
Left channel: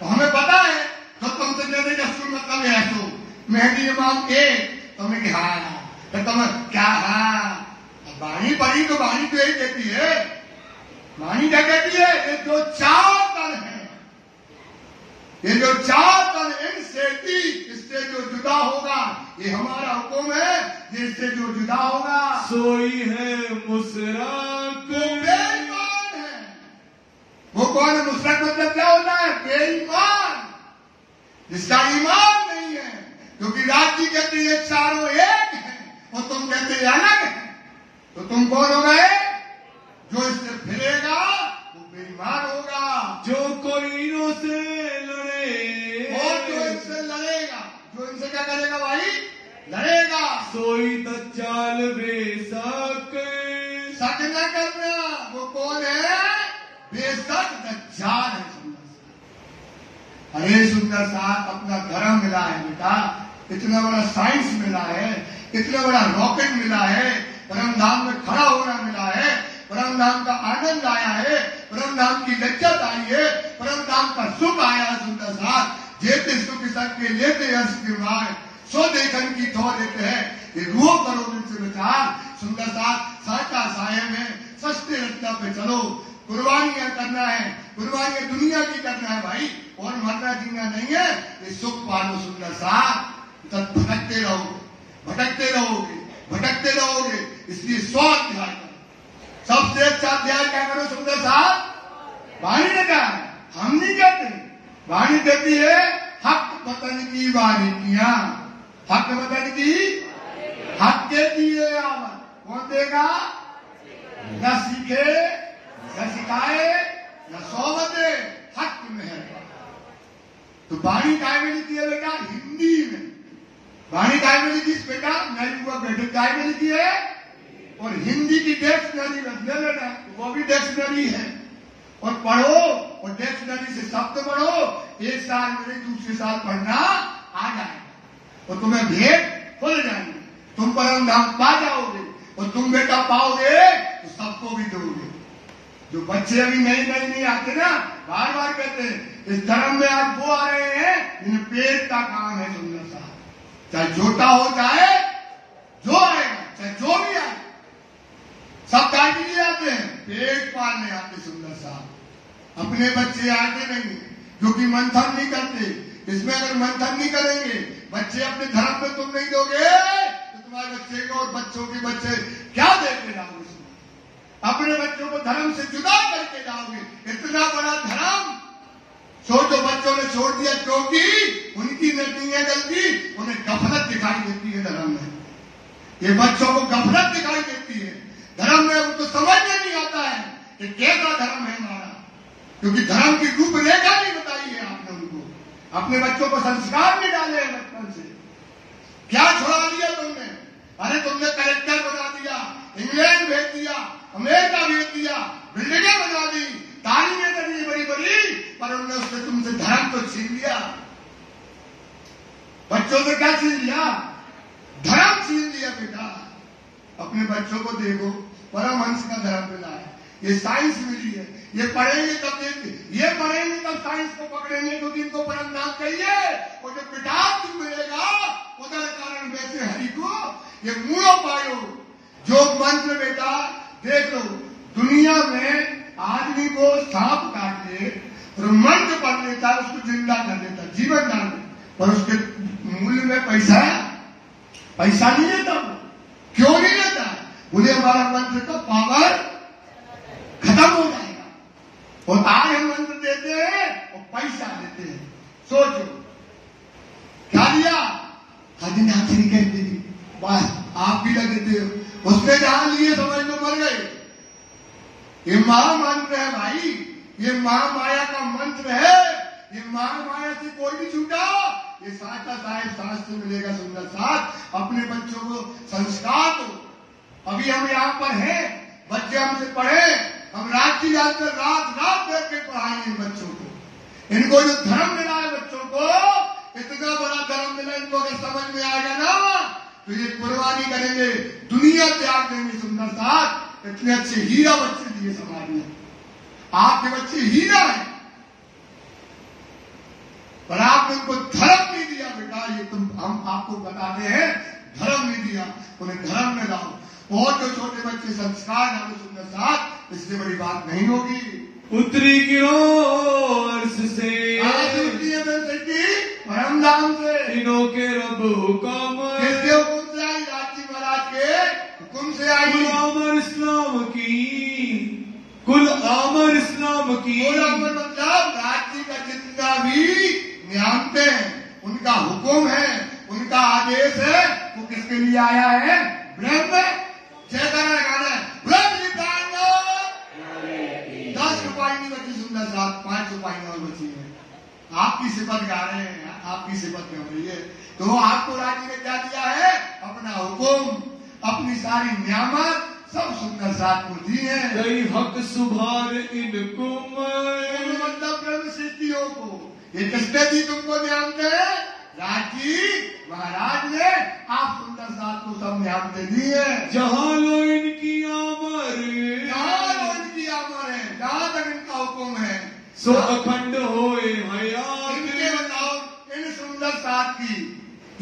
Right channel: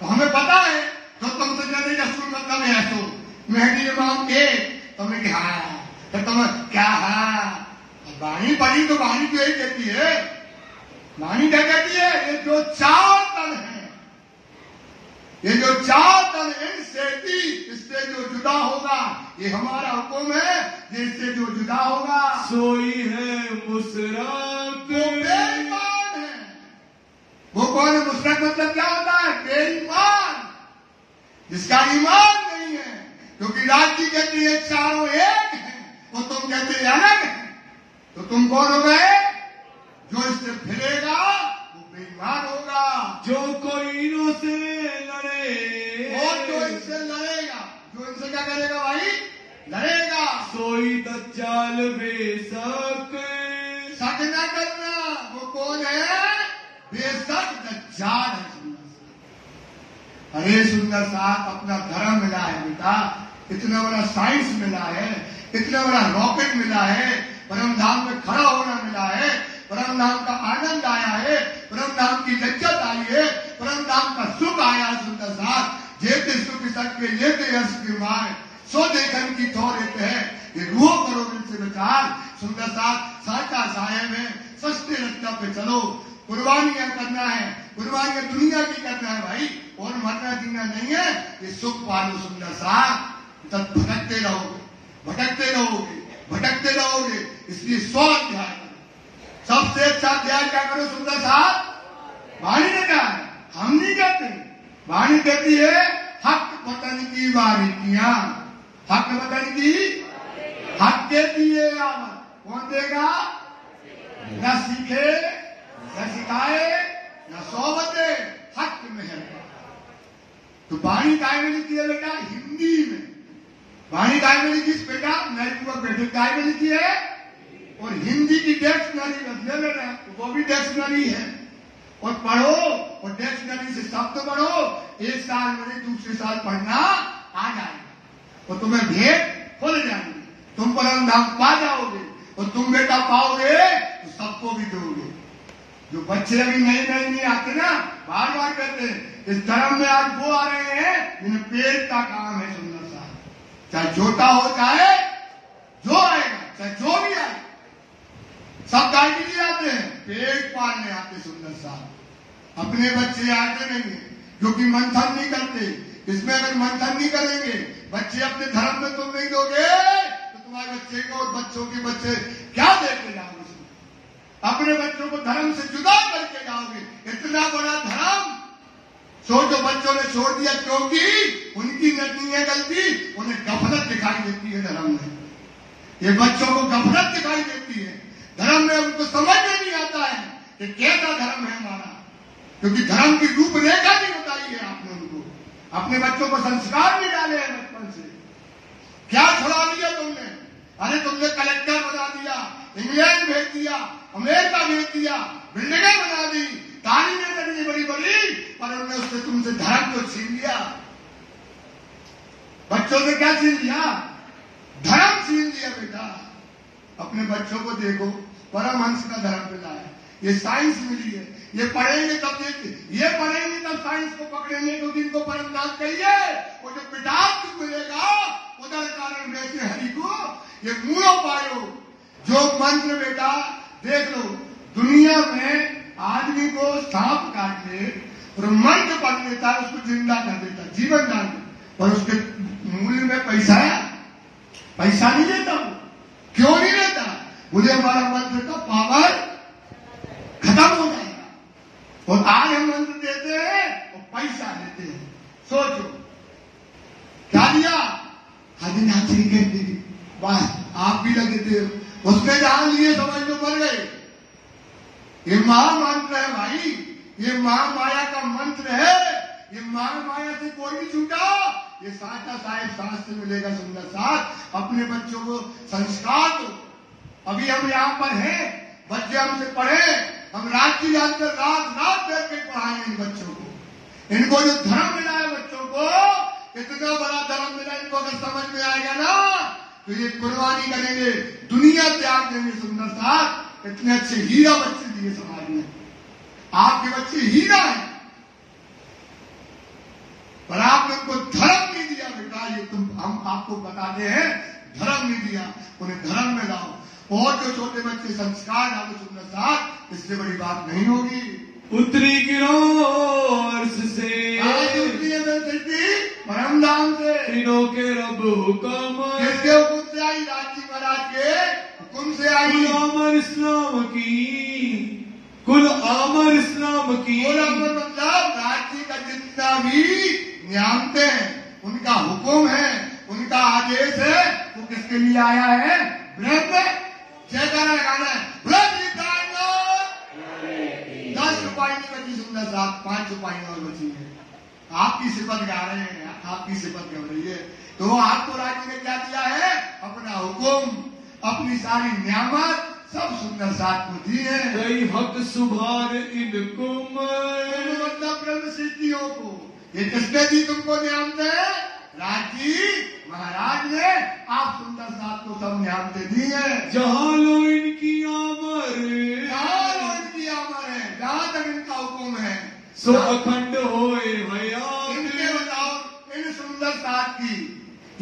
तो हमें पता है। तो तुमसे कहते रसूल मतलब है, तो मेहदी इमाम के तुमने क्या, तो तुम क्या, वाणी पढ़ी तो वाणी तो यही कहती है, वाणी क्या कहती है, ये जो 4 तन है, ये जो 4 तन इनसे थी, इससे जो जुदा होगा, ये हमारा हुक्म है, जिससे जो जुदा होगा सोई है मुसरत, वो बेईमान है। वो कौन, मुसरत मतलब क्या होता है, बेईमान, जिसका ईमान नहीं है। क्योंकि राज्य कहती है चारों एक है और तुम कहते अलग है, तो तुम कौन हो गए, जो इससे फिरेगा वो बेईमान होगा। जो कोई इनसे लड़े, और जो इनसे लड़ेगा, जो इनसे क्या करेगा भाई, लड़ेगा, सोई सुंदर साथ अपना धर्म मिला है बेटा, इतना बड़ा साइंस मिला है, इतना बड़ा रॉकेट मिला है, परम धाम में खड़ा होना मिला है, परम धाम का आनंद आया है, परम धाम की लज्जत आई है, परम धाम का सुख आया है। सुंदर साथ जेते सुख सबके लेते यश गिरवाए, सो देखन की थो देते हैं, ये रूह करो दिल से विचार। सुंदर साथ साचा साहे में सस्ते रस्ता पे चलो, कुर्बानियां करना है, कुर्बानियां दुनिया की करना है भाई, और मरना जीना नहीं है। ये सुख पालो सुंदर साथ, तब भटकते रहोगे, भटकते रहोगे, भटकते रहोगे। इसलिए 100 अध्याय करो, सबसे अच्छा अध्याय क्या करो सुंदर साथ। वाणी ने कहा है, हम नहीं कहते, वाणी कहती है हक पतन की बारीकियां, हक पतन की, हक के दिए कौन देगा? न सीखे न सिखाए न सोबते, हक में है। तो वाणी काय में लिखी है बेटा? हिंदी में। वाणी काय में लिखी बेटा? मेरी पूरा बेटे काय में लिखी है, और हिंदी की डिक्शनरी ले लेना, वो भी डिक्शनरी है, और पढ़ो, और डिक्शनरी से शब्द पढ़ो, एक साल में दूसरे साल पढ़ना आ जाएगा, और तुम्हें भेद खुल जाएंगे, तुम परम धाम पा जाओगे, और तुम बेटा पाओगे तो सबको भी दोगे। जो बच्चे अभी नए आते ना, बार बार कहते हैं इस धर्म में आज वो आ रहे हैं जिन्हें पेट का काम है सुंदर सा, चाहे छोटा हो चाहे जो आएगा, चाहे जो भी आए, सब काय के लिए आते हैं? पेट पालने आते सुंदर सा। अपने बच्चे आते नहीं, जो कि मंथन नहीं करते। इसमें अगर मंथन नहीं करेंगे, बच्चे अपने धर्म में तुम नहीं दोगे, तो तुम्हारे बच्चे को और बच्चों के बच्चे क्या देते जाओगे? अपने बच्चों को धर्म से जुदा करके जाओगे। इतना बड़ा धर्म सोचो, बच्चों ने छोड़ दिया क्योंकि उनकी नहीं है गलती, उन्हें गफलत दिखाई देती है धर्म में। ये बच्चों को गफलत दिखाई देती है धर्म में, उनको समझ में नहीं आता है कि कैसा धर्म है हमारा, क्योंकि धर्म की रूपरेखा नहीं बताई है आपने उनको। अपने बच्चों को संस्कार नहीं डाले हैं बचपन से। क्या छुड़ा दिया तुमने? अरे तुमने कलेक्टर बना दिया, इंग्लैंड भेज दिया, अमेरिका भेज दिया, बिल्डिंगें बना दी, तालीमें कर दी बड़ी बड़ी, पर उन्होंने उससे तुमसे धर्म को छीन लिया। बच्चों से क्या छीन लिया? धर्म छीन लिया बेटा। अपने बच्चों को देखो, परमहंस का धर्म मिला है, ये साइंस मिली है, ये पढ़ेंगे तब ये पढ़ेंगे तब साइंस को पकड़ेंगे, तो दिन को परम नाम कहिए, और जो पिटाक मिलेगा उधर कारण वैसे हरि को ये मूलो पायो। जो मंत्र बेटा देख लो, दुनिया में आदमी को सांप काट ले और मंत्र पढ़ लेता, उसको जिंदा कर देता, जीवन दान, पर उसके मूल्य में पैसा नहीं लेता। क्यों नहीं लेता? बोले हमारा मंत्र का पावर खत्म हो जाएगा, और आज हम मंत्र देते हैं और पैसा देते हैं। सोचो क्या दिया? आदमी हाथी कर दी, बस आप भी लगे थे उसमें डाल लिए, समझ में मर गए। ये महामंत्र है भाई, ये महामाया का मंत्र है, ये महामाया से कोई नहीं छूटा। ये साचा साहेब शास्त्र मिलेगा सुंदर साथ। अपने बच्चों को संस्कार दो। अभी हम यहाँ पर हैं, बच्चे हमसे पढ़े, हम रात की रात में रात बैठ के पढ़ाएंगे इन बच्चों को। इनको जो धर्म मिला है बच्चों को, इतना बड़ा धर्म मिला, इनको अगर समझ में आएगा ना तो ये कुर्बानी करेंगे, दुनिया त्याग देंगे सुंदर साथ। इतने अच्छे हीरा बच्चे दिए समाज में, आपके बच्चे हीरा हैं, पर आपने उनको धर्म नहीं दिया बेटा। ये हम आपको बताते हैं, धर्म नहीं दिया, उन्हें धर्म में लाओ, और जो छोटे बच्चे संस्कार डालो सुंदर साथ, इससे बड़ी बात नहीं होगी। उत्तरी की ओर से परम धाम से तीनों के रब हुक्म, किसके हुक्म से आई? लाठी महाराज के हुक्म से आई। आमर इस्लाम की, कुल आमर इस्लाम की, मतलब राज्य का जितना भी नियमते हैं, उनका हुक्म है, उनका आदेश है, वो किसके लिए आया है? ब्रह्म। जयकारा गाना है, ब्रह्म निकालो। 10 रुपये की बची सुंदर साथ, 5 रुपये और बची है। आपकी सिफत गा रहे हैं, आपकी सिफत कर रही है, तो आपको राज्य ने क्या दिया है? अपना हुक्म, अपनी सारी नियामत सब सुंदर साथ को दी है। कई हक सुभान इनकुम, मतलब ब्रह्म सिद्धियों को, ये किसने दी तुमको नियामतें? राजी महाराज ने। आप सुंदर साहब को सब नियामतें दी है। जहाँ लो इनकी आमर, जहाँ इनकी आमर है, जहाँ तक इनका हुक्म है, सो अखंड होए हयात। इनके बताओ इन सुंदर साहब की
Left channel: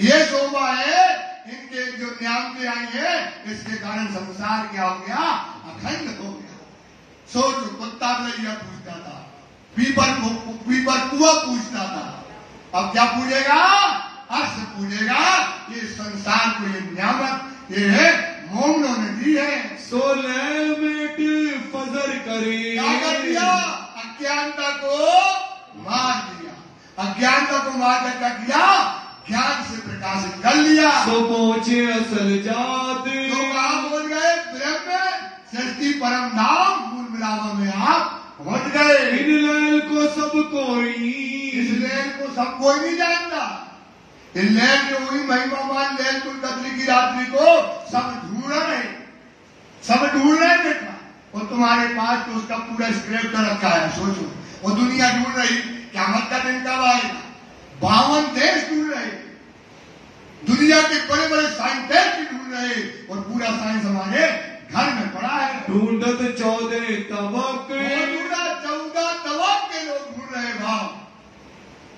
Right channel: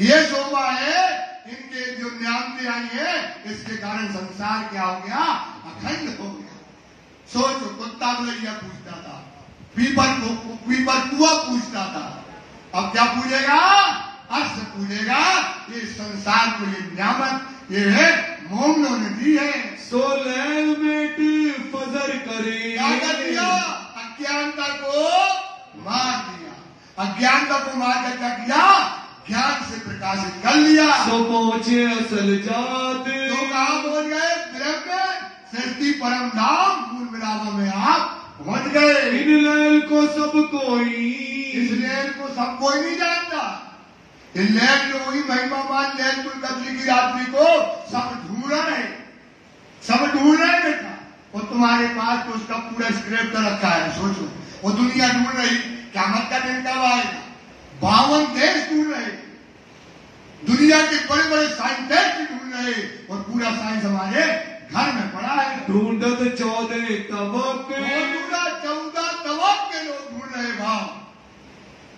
ये शोभा है, इनके जो नियामतें आई है, इसके कारण संसार क्या हो गया? अखंड हो गया। सोचो, कुत्ता बलैया पूछता था, पीपर कुआ पूछता था, अब क्या पूछेगा? अर्श पूछेगा। ये संसार को ये नियामत ये है मोमनों ने दी है। सो लैल मेट फजर करे, क्या कर दिया? अज्ञानता को मार दिया। अज्ञानता को मार कर क्या किया? ज्ञान से प्रकाशित कर लिया। सो पहुंचे असल जात, तो कहाँ पहुंच गए? ब्रह्म सृष्टि परम धाम मूल मिलावा में आप पहुंच गए। इन लैल को सब कोई, इस लैल को सब कोई नहीं जानता। इस लैल को वही महिमामान लैल कुल कद्री की रात्रि को सब ढूंढ रहे, सब ढूंढ रहे बेटा। और तुम्हारे पास तो उसका पूरा स्क्रिप्ट रखा है। सोचो, और दुनिया ढूंढ रही, क्या मत का दिन कब आएगा? 52 देश ढूंढ रहे, दुनिया के बड़े बड़े साइंटिस्ट ढूंढ रहे, और पूरा साइंस हमारे घर में पड़ा है। ढूंढत 14 तबक, पूरा 14 तबक के लोग ढूंढ रहे भाव।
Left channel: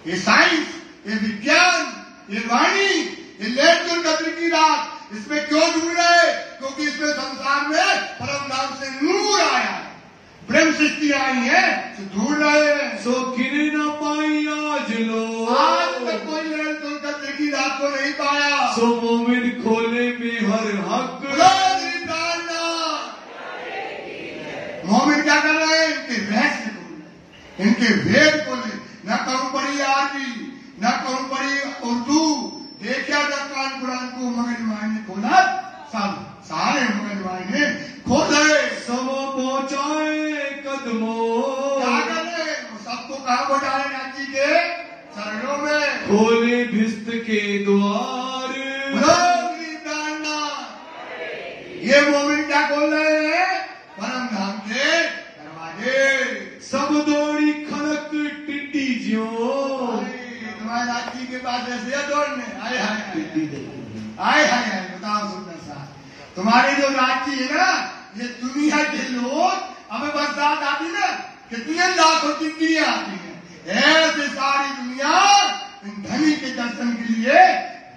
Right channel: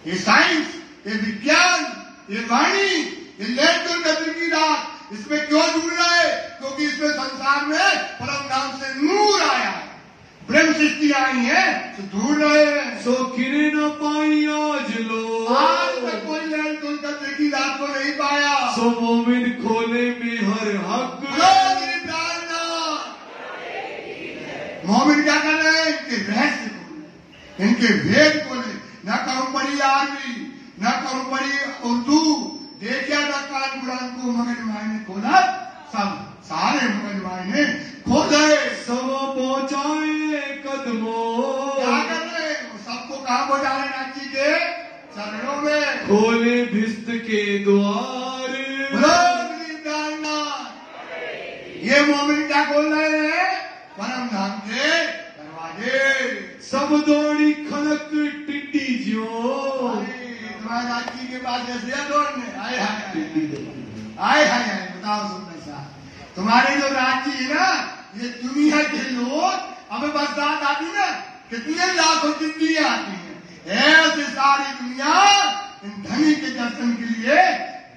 ये साइंस, ये विज्ञान, ये वाणी, ये लैल कद्र की रात, इसमें क्यों ढूंढ रहा है? क्योंकि इसमें संसार में परम नाम से नूर आया है, ब्रह्म सृष्टि आई है, तो ढूंढ रहे हैं। सो गिरे न पाई आज लो, आज तक कोई लैल कद्र की रात को नहीं पाया। सो मोमिन खोले में हर हक, मोमिन क्या कर रहे हैं? इनके रहस्य खोले, इनके वेद खोले। न कहूं पढ़ी आरबी, न कहूं पढ़ी उर्दू, देखिया था कान कुरान को मगजमारी खोला, सब सारे मगजमारी खोले, सब पहुंचाए कदमों। क्या कर रहे हैं? सबको कहाँ पहुंचा रहे? रांची के चरणों में। खोले भिस्त के द्वार, ये मोमिन क्या खोल रहे हैं? परम धाम के दरवाजे। सब दौड़ी खड़क टिड्डी जो, तुम्हारे राज्य के पास ऐसे दौड़ने आए आए आए बताओ सुंदर साहब, तुम्हारे जो राज्य है ना, ये दुनिया के लोग, हमें बरसात आती ना, कितनी लाखों टिड्डियां आती है, ऐसे सारी दुनिया इन धनी के दर्शन के लिए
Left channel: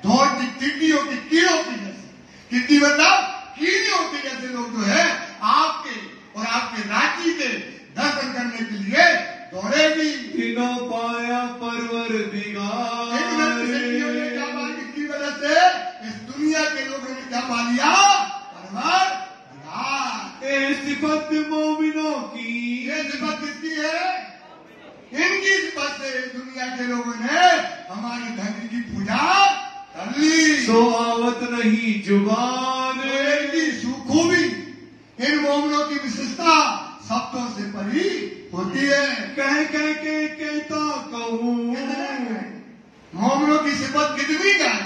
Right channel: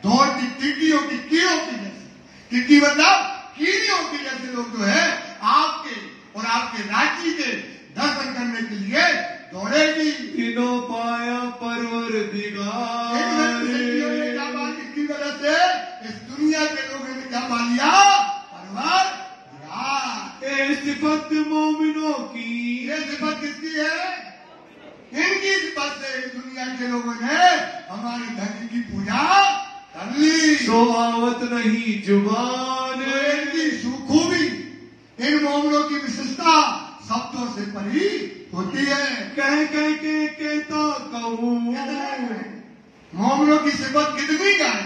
दौड़ती टिड्डियों की कीड़ों की जैसे, टिड्डी मतलब कीड़ियों के जैसे लोग जो है आपके और आपके राज्य के दर्शन करने के लिए दौड़ेगी। तीनों पाया परवर दिगार, इसकी वजह से इस दुनिया के लोगों ने क्या पा लिया? परवर दिगार। सिफत मोमिनों की, ये सिफत किसकी है? इनकी सिफत से दुनिया के लोगों ने हमारे धरती की पूजा कर ली। सो आवत नहीं जुबान, खूबी, इन मोमियों की विशेषता शब्दों से परी होती है। कह कह के कहता कहूँ, मोमियों की सिफत कितनी गाय,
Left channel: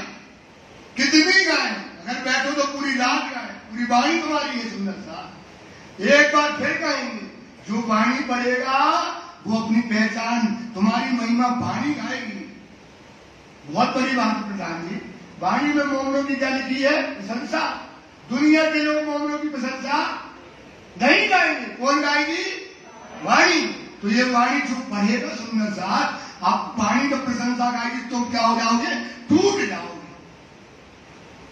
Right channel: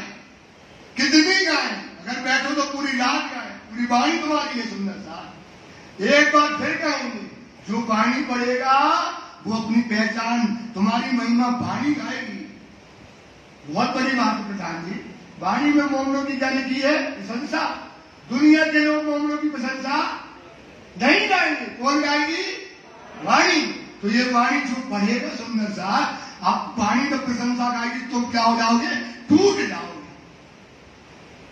कितनी गाय, अगर बैठो तो पूरी रात गाय, पूरी वाणी तुम्हारी है सुंदर साहब। एक बार फिर कहेंगे, जो वाणी पढ़ेगा वो अपनी पहचान, तुम्हारी महिमा वाणी गाएगी। बहुत बड़ी बात है प्रधान जी, वाणी में मोमियों की क्या लिखी है? प्रशंसा। दुनिया के लोग मोमियों की प्रशंसा नहीं गाएंगे, कौन गाएगी? वाणी। तो ये वाणी जो पढ़ेगा सुंदर साहब, आप वाणी में प्रशंसा गाएगी तो क्या हो जाओगे? टूट जाओगे।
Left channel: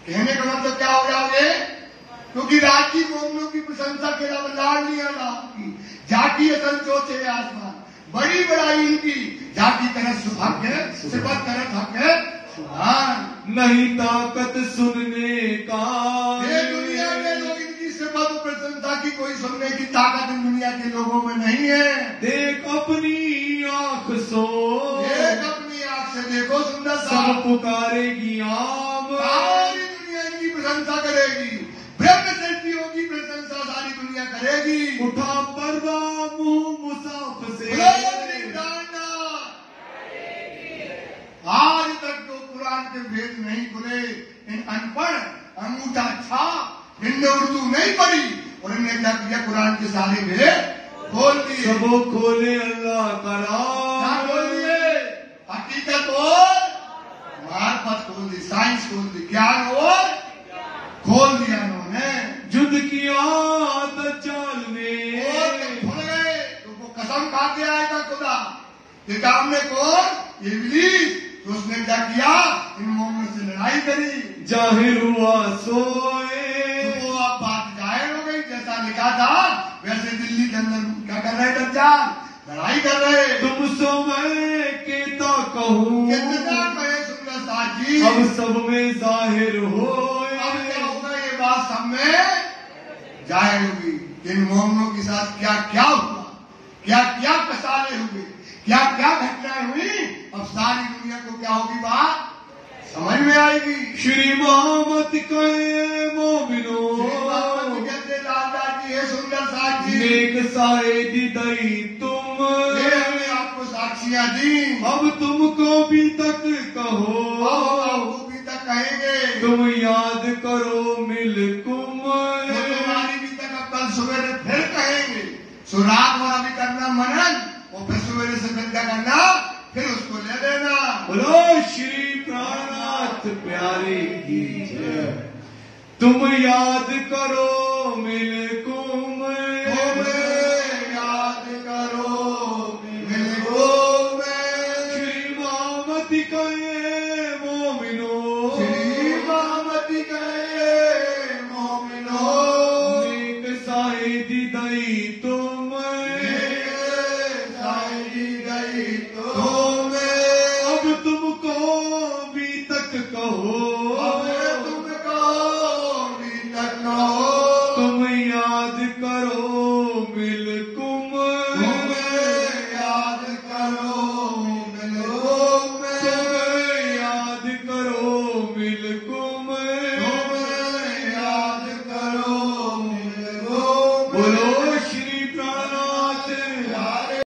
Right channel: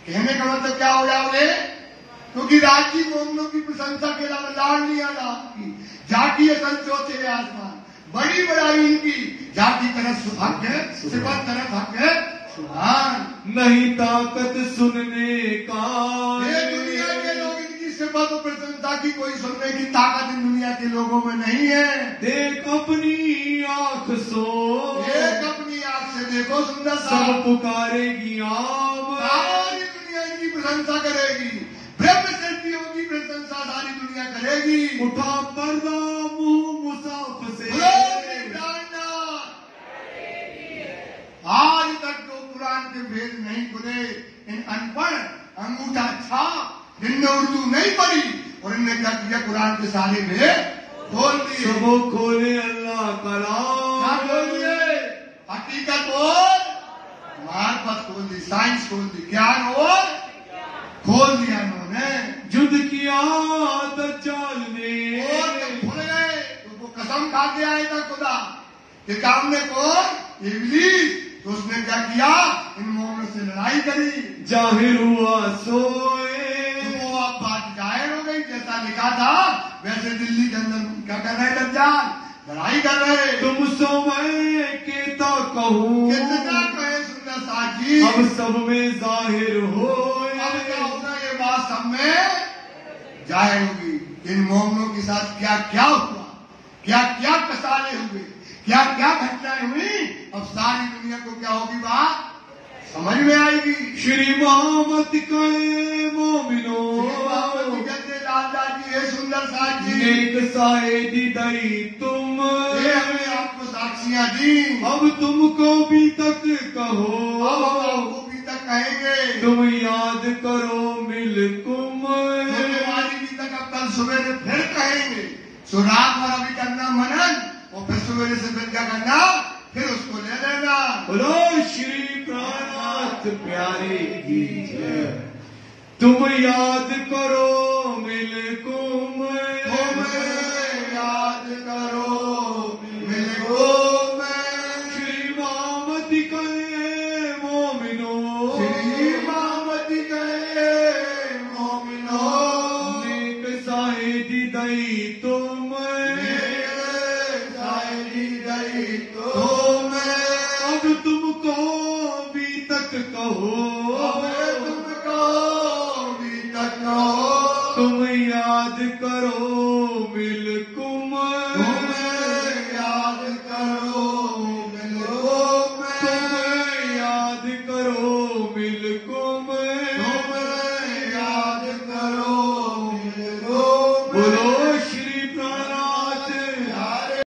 कहने का मतलब क्या हो जाओगे? क्योंकि राजी मोमियों की प्रशंसा के अलावा लाड़ नहीं आता आपकी, जाती है संतोष है आसमान, बड़ी बड़ाई इनकी, जाति तरफ सुभग है, सिफत तरफ हक है सुभान। नहीं ताकत सुनने का, ये दुनिया के लोग इनकी सिफत और प्रशंसा की कोई सुनने की ताकत इन दुनिया के लोगों में नहीं है। देख अपनी आंख सो, एक अपनी आंख से देखो सुंदर सब साहब, पुकारेगी आम, सारी दुनिया इनकी प्रशंसा करेगी, ब्रह्म सृष्टियों की प्रशंसा सारी दुनिया करेगी। उठा पर्दा मुंह मुसाफ से, आज तक तो कुरान के भेद नहीं खुले, इन अनपढ़ अंगूठा छाप, इनने उर्दू नहीं पढ़ी और इनने क्या किया? कुरान के सारे भेद खोल दिए। सबो खोले अल्लाह कलाम, क्या खोल दिए? हकीकत और मार्फत खोल दी, साइंस खोल दी, ज्ञान और खोल दिया उन्होंने। जुद किया दज्जाल ने, तो वो कसम खा के आया था खुदा किताब में कौन इब्लीस, तो उसने क्या किया, इन मोमिनों से लड़ाई करी, जाहिर हुआ सोए। तो वो अब बात जाहिर हो गई, जैसा लिखा था वैसे दिल्ली के अंदर क्या कर रहे दज्जाल, लड़ाई कर रहे। तुम समय केता कहूँ, कितना कहे सुंदर साजी, अब सब में जाहिर हो। अब क्या होगा, ये बात सब में जाहिर होगी। इन मोमिनों के साथ क्या क्या हुआ, क्या क्या कसाले हुए, क्या क्या घटनाएं हुई, अब सारी दुनिया को क्या होगी बात समझ में आएगी। श्री मोहम्मद के मोमिनो, कहते दादाजी है सुंदर साजी, नेक साइदी दई तुम, ये हमने आपको साक्षियां दी, अब तुमको भी तक कहो, आपको भी तक कहेंगे, तुम याद करो मिलकुम। तुम्हारी भी तक अब कल सवेरे फिर कहेंगे। सो रात भर अभी करना मनन, और फिर सवेरे से फिर क्या करना, फिर उसको ले लेना। बोलो श्री कायनात प्यारी की जय। तुम याद करो मिलकुम, याद करो मिलकुम। श्री मोहम्मद के मोमिनो, श्री मोहम्मद के मोमिनो, नेक साइदी दई तुम, साइदी गई तुम, अब तुमको भी तक कहो, तुमको भी तक कहो, तुम याद करो मिलकुम, याद करो मिलकुम, याद करो मिलकुम। याद करो मिलकुम। बोलो श्री